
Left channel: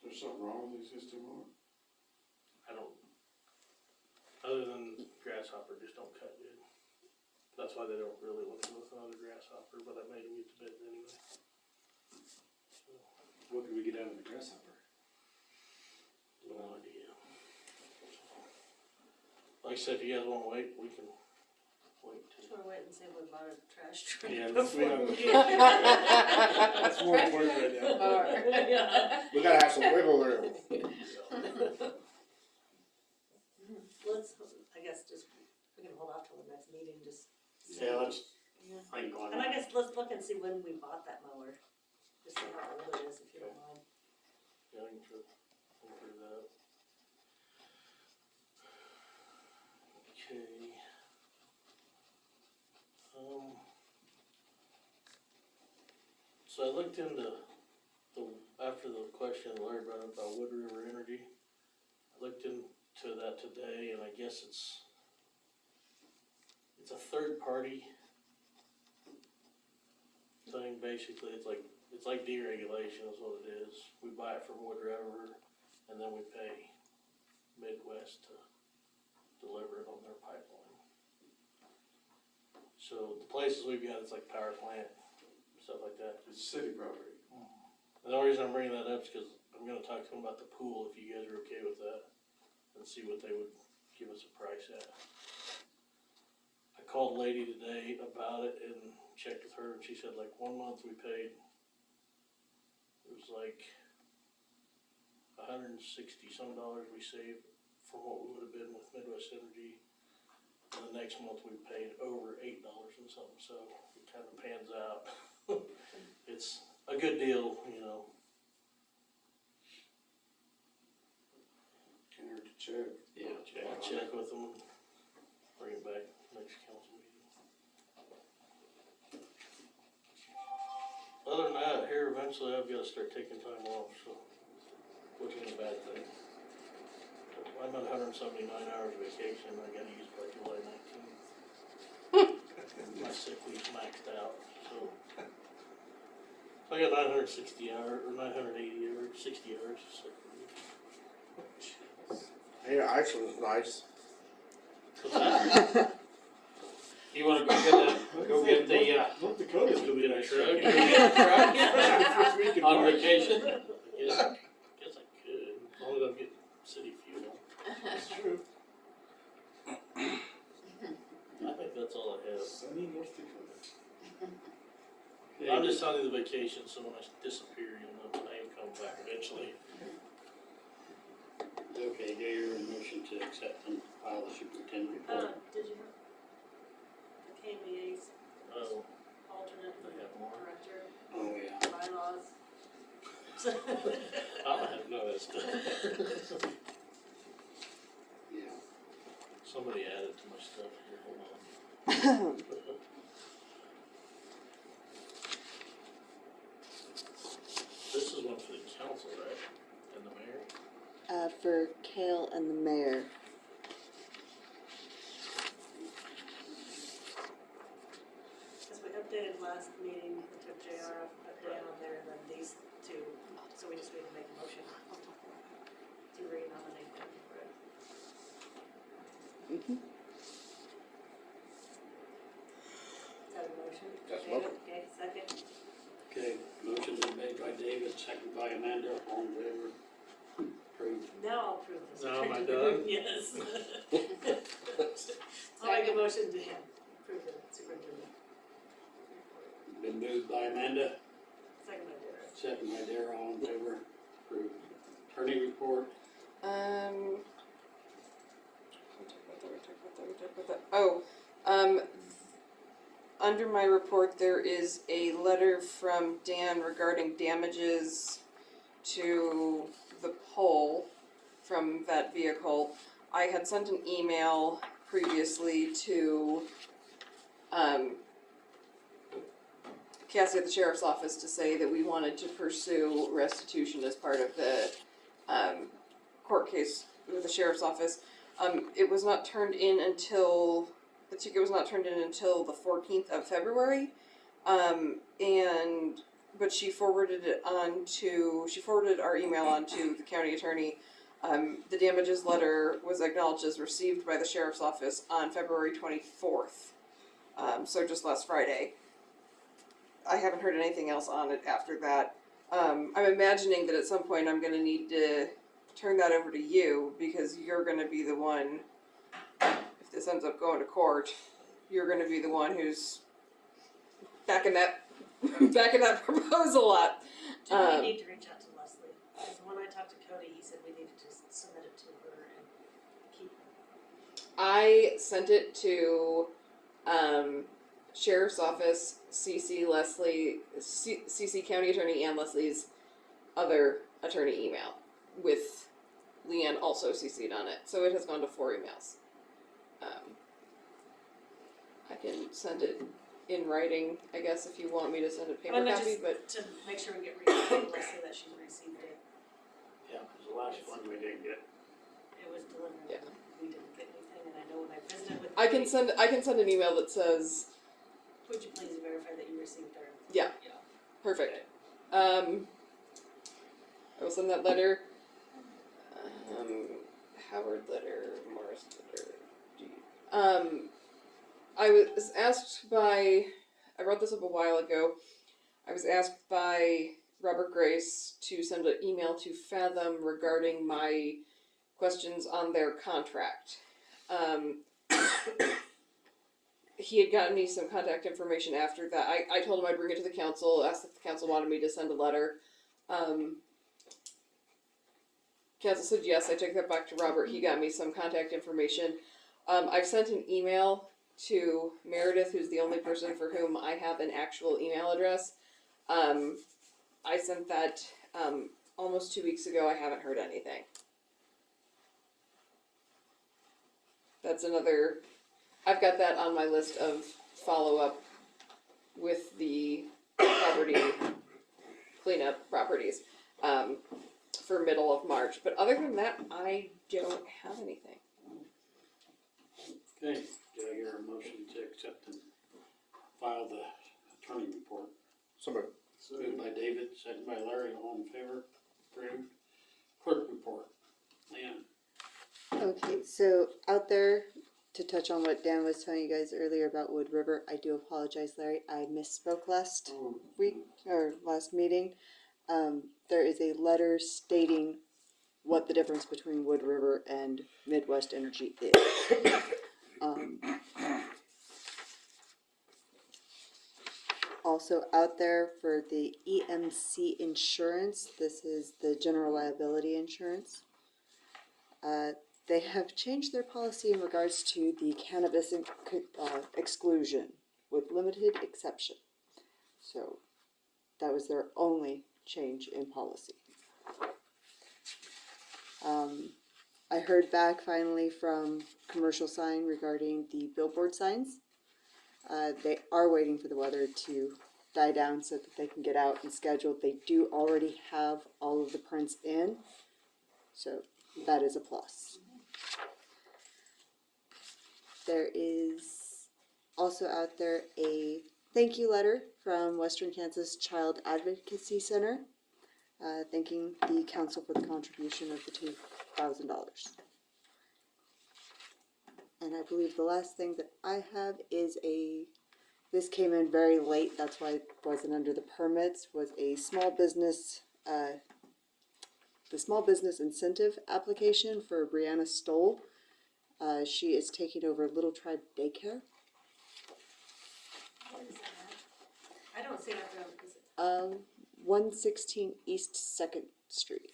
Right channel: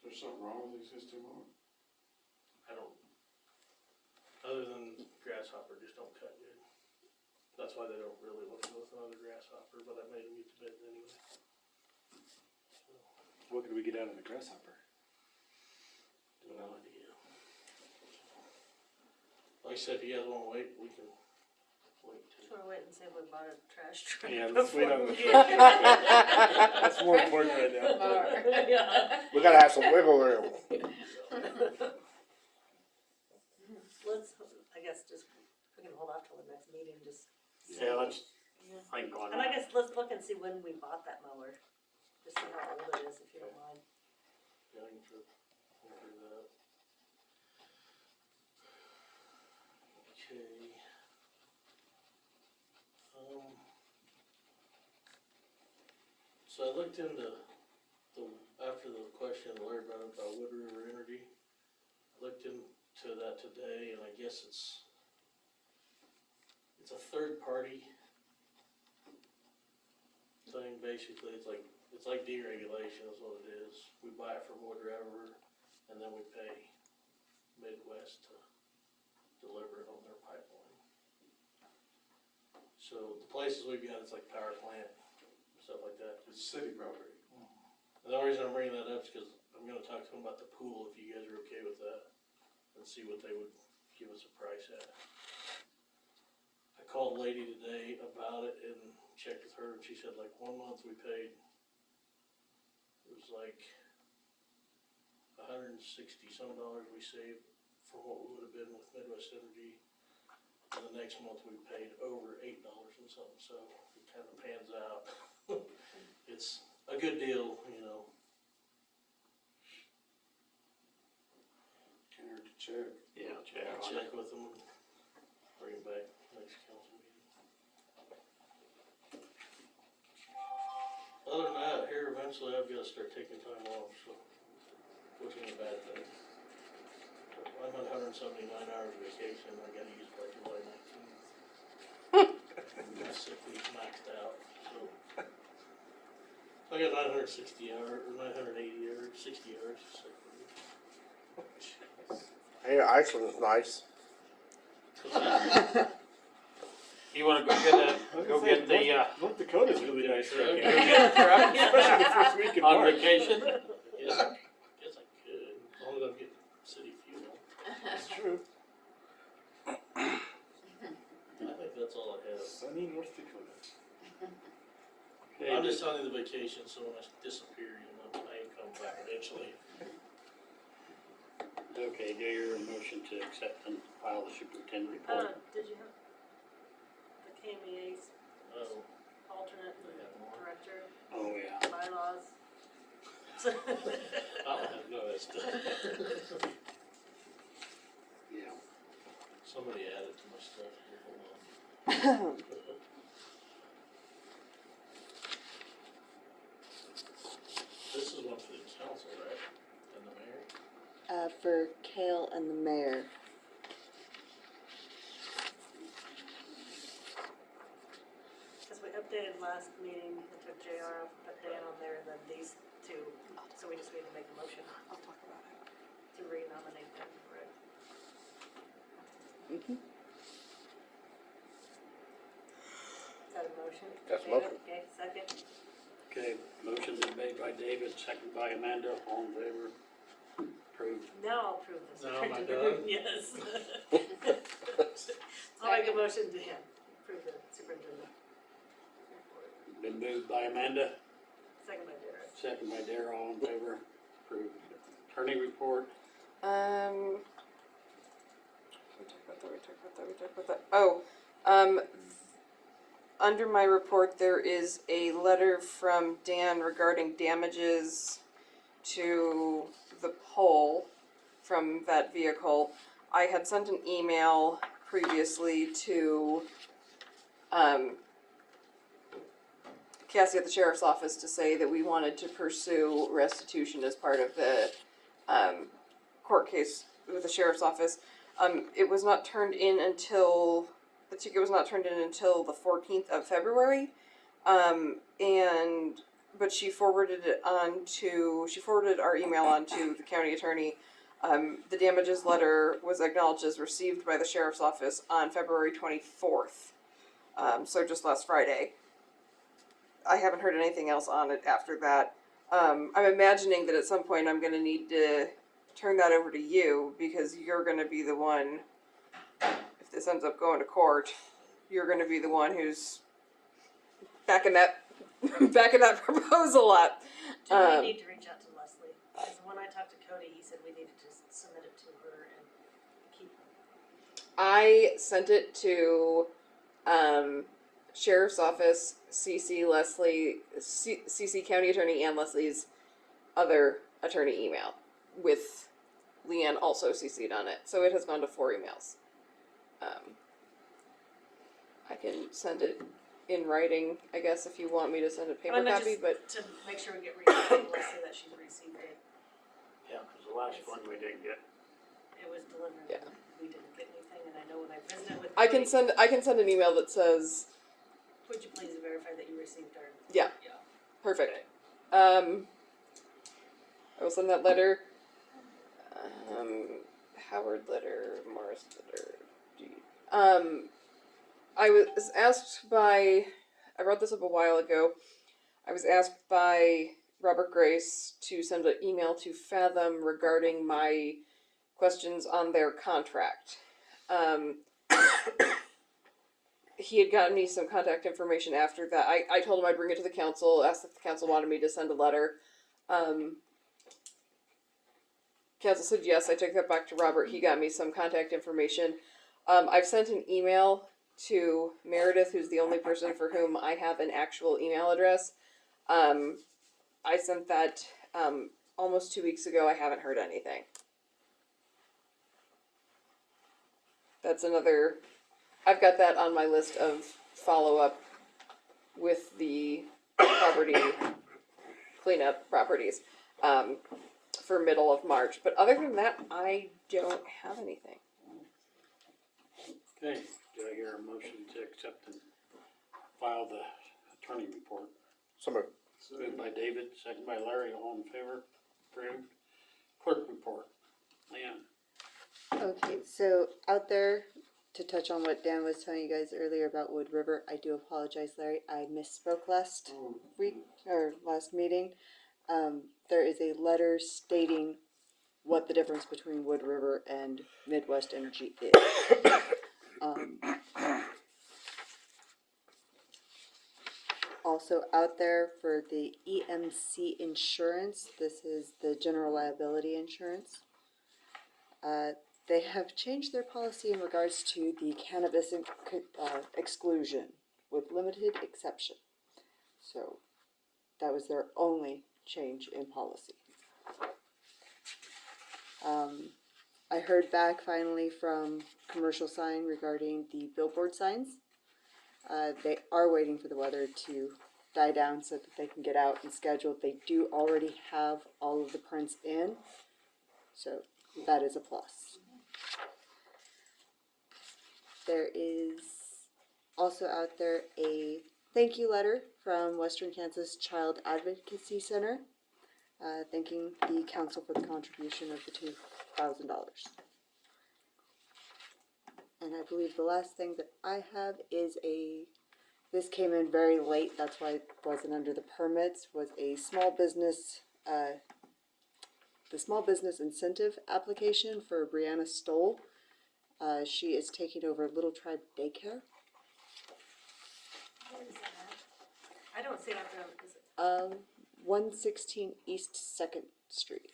There's something wrong with the existing mower? I don't, other than Grasshopper just don't cut good. That's why they don't really want to go with another Grasshopper, but I made them get the bid anyway. So, What could we get out of the Grasshopper? no idea. Like I said, if you guys wanna wait, we can wait till. Should we wait and see if we bought a trash truck? Yeah, let's wait on the. before we- That's more important right now. Yeah. We gotta have some wiggle room. Let's, I guess, just, we can hold off till the next meeting, just. Yeah, let's think on And I it. guess let's look and see when we bought that mower, just see how old it is, if you don't mind. Yeah, I can try that. Okay. So I looked into after the question Larry brought up about Wood River Energy, I looked into that today, and I guess it's a third party thing, basically. It's like deregulation is what it is. We buy it from Wood River, and then we pay Midwest to deliver it on their pipeline. So the places we've got, it's like power plant, stuff like that. It's city property. And the only reason I'm bringing that up is because I'm gonna talk to them about the pool, if you guys are okay with that, and see what they would give us a price at. I called a lady today about it and checked with her, and she said like 1 month we paid, it was like $160 some we saved from what we would have been with Midwest Energy. And the next month we paid over $8 and something, so it kind of pans out. It's a good deal, you know. Can't hurt to check. Yeah, check I'll on check it. with them and bring it back next council meeting. Other than that, here eventually I've got to start taking time off, so which ain't a bad thing. I'm at 179 hours vacation. I got to use it by July 19th. My sick leave's maxed out, so I got 960 hours or 980 hours, 60 hours of sick leave. Hey, Iceland's nice. You wanna go get that, go get the, North Dakota's Go really get a nice. truck. go get the truck? First week in On March. vacation? Yeah, guess I could, as long as I'm getting city fuel. That's true. I think that's all I have. Sunny North Dakota. I'm just telling you the vacation, so when I disappear, you'll know my name comes back eventually. Okay, do your motion to accept and file the superintendent report. Did you have the KMEA's Oh, alternate they have more. director, Oh, yeah. bylaws? I don't have none of that stuff. Yeah. Somebody added to my stuff here, hold on. This is one for the council, right? And the mayor? For Kale and the mayor. Cause we updated last meeting, we took JR off, put Dan on there, and then these two, so we just need to make a motion to renominate them, right? Mhm. Is that a motion? That's a David? motion. Okay, second, Okay, second by Amanda, all in favor. Approved. Now I'll approve this. Now am I done? Yes. I'll make a motion to approve the superintendent. Been moved by Amanda, Second by Dara. second by Dara, all in favor. Approved. Attorney report. Under my report, there is a letter from Dan regarding damages to the pole from that vehicle. I had sent an email previously to, Cassie at the sheriff's office to say that we wanted to pursue restitution as part of the, court case with the sheriff's office. It was not turned in until, the ticket was not turned in until the 14th of February. But she forwarded it on to, she forwarded our email on to the county attorney. The damages letter was acknowledged as received by the sheriff's office on February 24th. So just last Friday. I haven't heard anything else on it after that. I'm imagining that at some point I'm gonna need to turn that over to you because you're gonna be the one, if this ends up going to court, you're gonna be the one who's backing that proposal up. Do we need to reach out to Leslie? Because when I talked to Cody, he said we needed to submit it to her and keep. I sent it to sheriff's office, CC Leslie, CC county attorney and Leslie's other attorney email with Leanne also CC'd on it. So it has gone to 4 emails. I can send it in writing, I guess, if you want me to send a paper copy, but To make sure we get received, Leslie, that she's received it. Yeah, because the last one we didn't get. It was delivered. Yeah. We didn't get anything, and I know when I visited with. I can send an email that says, Would you please verify that you received our? yeah, Yeah. perfect. I will send that letter. Howard letter, Morris letter. I was asked by, I wrote this up a while ago. I was asked by Robert Grace to send an email to Fathom regarding my questions on their contract. He had gotten me some contact information after that. I told him I'd bring it to the council, asked if the council wanted me to send a letter. Council said yes, I took that back to Robert. He got me some contact information. I've sent an email to Meredith, who's the only person for whom I have an actual email address. I sent that almost 2 weeks ago. I haven't heard anything. That's another, I've got that on my list of follow-up with the property cleanup properties for middle of March. But other than that, I don't have anything. Okay, do I hear a motion to accept and file the attorney report? So moved. Moved by David, second by Larry, all in favor, approved. Clerk report, Leanne. Okay, so out there, to touch on what Dan was telling you guys earlier about Wood River, I do apologize, Larry. I misspoke last week, or last meeting. There is a letter stating what the difference between Wood River and Midwest Energy is. Also out there for the EMC insurance, this is the general liability insurance. They have changed their policy in regards to the cannabis exclusion with limited exception. So that was their only change in policy. I heard back finally from Commercial Sign regarding the billboard signs. They are waiting for the weather to die down so that they can get out and schedule. They do already have all of the prints in, so that is a plus. There is also out there a thank you letter from Western Kansas Child Advocacy Center, thanking the council for the contribution of the $2,000. And I believe the last thing that I have is this came in very late, that's why it wasn't under the permits, was a small business the small business incentive application for Brianna Stoll. She is taking over Little Tribe Daycare. Where is that at? I don't see it up there, is it? 116 East 2nd Street.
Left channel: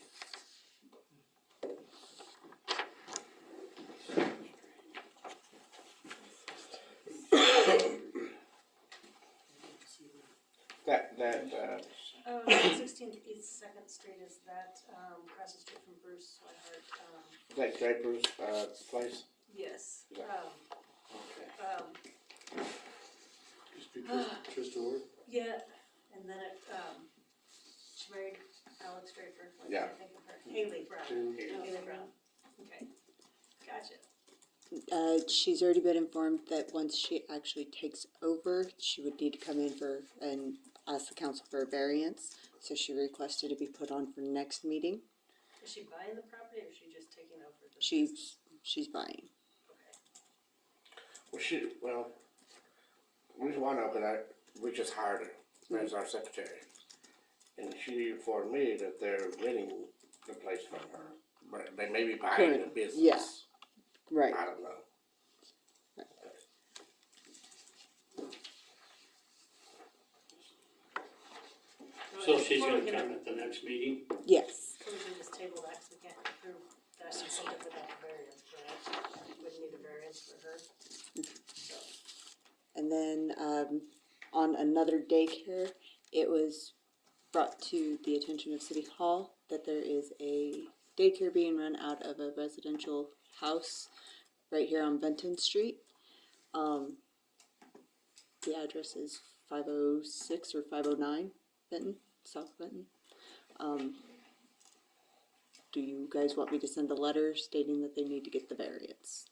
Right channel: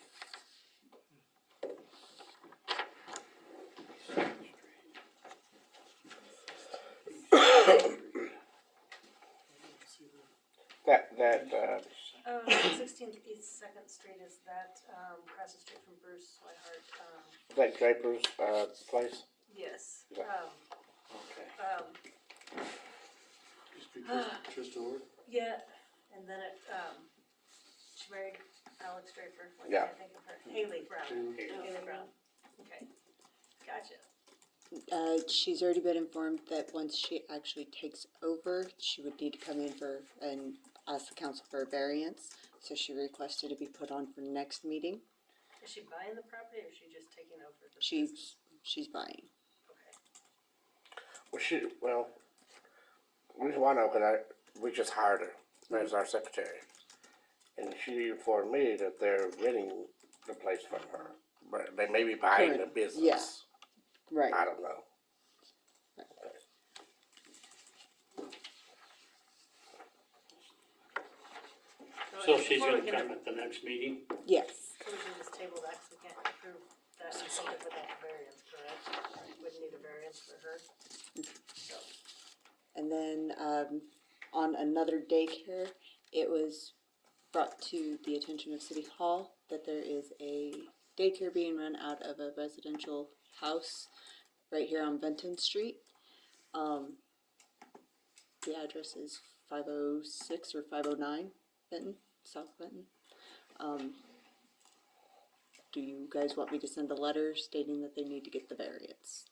That, 16th East 2nd Street, is that, across the street from Bruce Swihart, that Draper's, place? yes. Yeah. Just be Trista Ward. Yeah, and then it, she married Alex Draper, what Yeah. can't I think of her? Haley Brown. Haley. Haley Brown, okay, gotcha. She's already been informed that once she actually takes over, she would need to come in for and ask the council for a variance. So she requested to be put on for next meeting. Is she buying the property or is she just taking over the? She's buying. Okay. Well, reason why I know, we just hired her as our secretary. And she informed me that they're renting the place from her, but they may be buying the business. Yeah. Right. I don't know. So she's gonna come at the next meeting? Yes. So we can just table that, 'cause we can't approve that incentive without the variance, correct? Wouldn't need a variance for her. So, And then on another daycare, it was brought to the attention of City Hall that there is a daycare being run out of a residential house right here on Benton Street. The address is 506 or 509 Benton, South Benton. Do you guys want me to send a letter stating that they need to get the variance?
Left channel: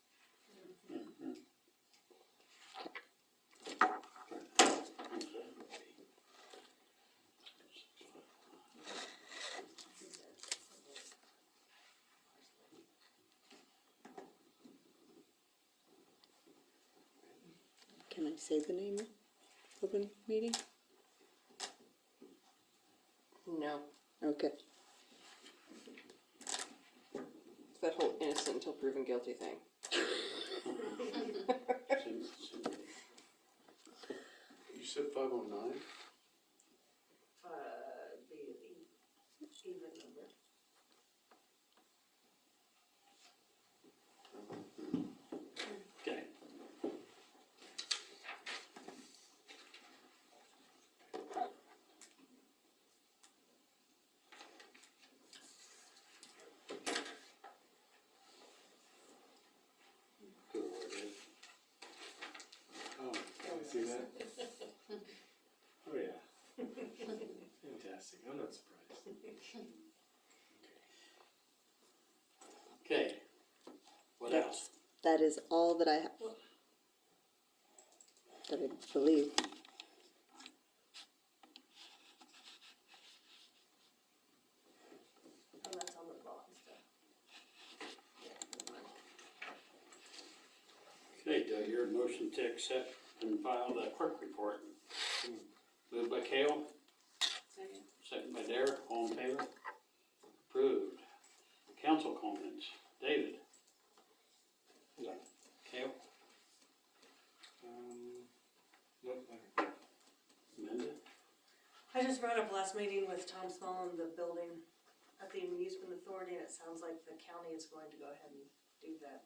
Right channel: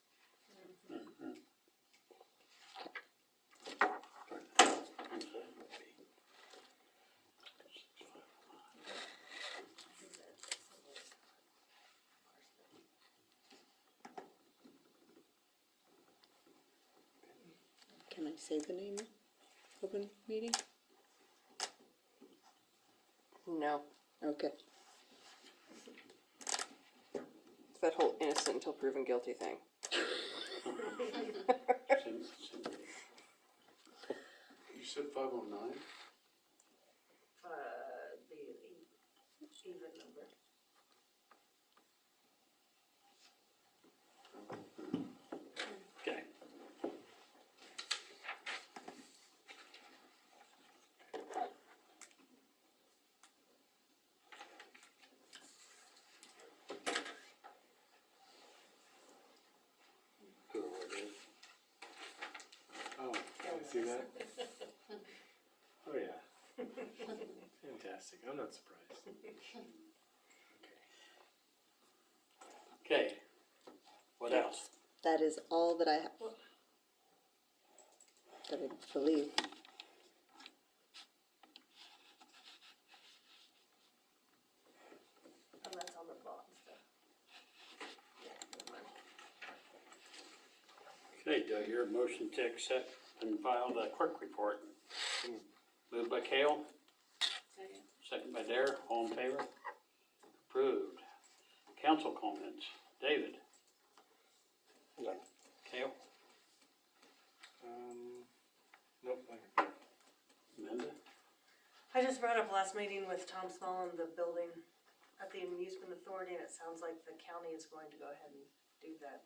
Can I say the name of open meeting? No. Okay. It's that whole innocent until proven guilty thing. You said 509? be an even number. Okay. Oh, can I see that? Oh, yeah. Fantastic, I'm not surprised. Okay. What else? That is all that I have. That I believe. And that's on the bond stuff. Yeah, never mind. Okay, do I hear a motion to accept and file the clerk report? Moved by Kale, Second. second by Dare, all in favor? Approved. Council comments, David? None. Kale? Nope, Amanda? I just brought up last meeting with Tom Small and the building at the amusement authority, and it sounds like the county is going to go ahead and do that,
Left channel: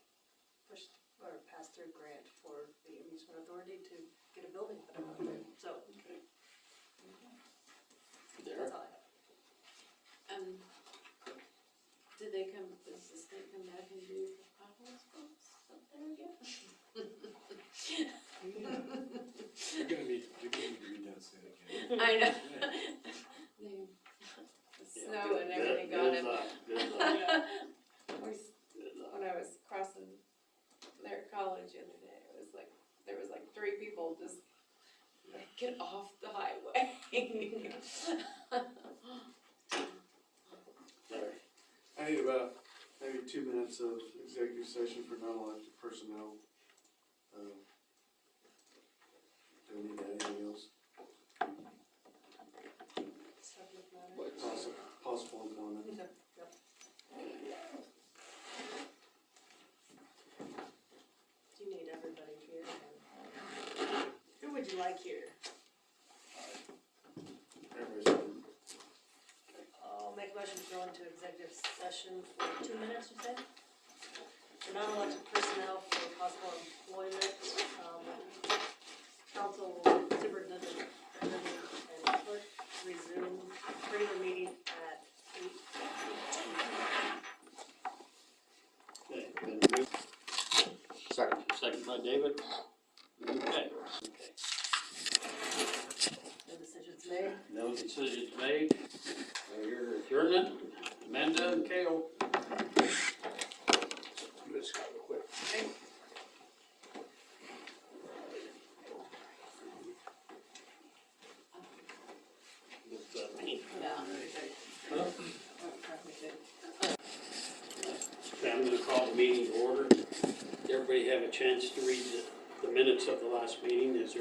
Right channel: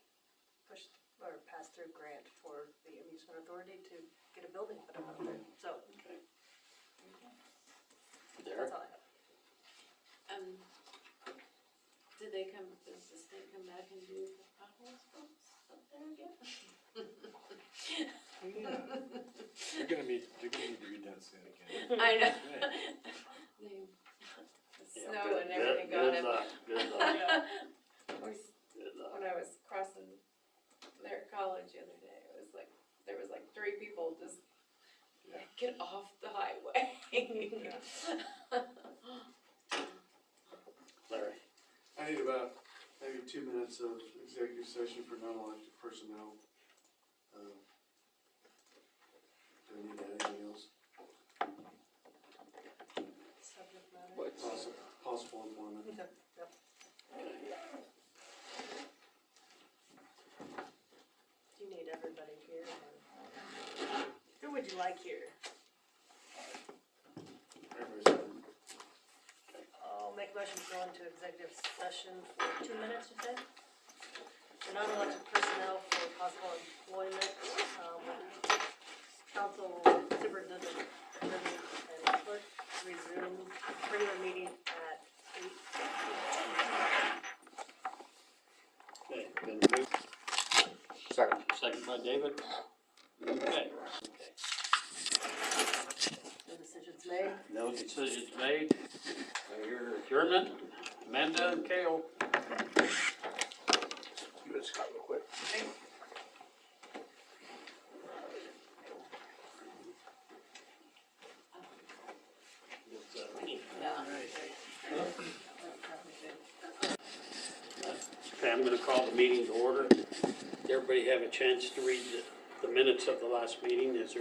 push or pass through grant for the amusement authority to get a building put up there, so Okay. Dare? that's all I have. Did they come, does the state come back and do the potholes folks up there again? You're gonna need to read that soon again. I know. Yeah, The snow good- and everything good got him. luck, good luck, good luck. When I was crossing there at college the other day, it was like, there was like 3 people just like, get off the highway. Larry? I need about maybe 2 minutes of executive session for non-elected personnel. Do I need to add anything else? Subject matter. What, session for 2 minutes, you said? For non-elected personnel for possible employment, council superintendent and clerk resume regular meeting at 8. Okay, been moved, Second. second by David. Okay, No decisions made. no decisions made. Your adjournment, Amanda and Kale. Let's go real quick. Okay, I'm gonna call the meeting to order. Did everybody have a chance to read the minutes of the last meeting? Is there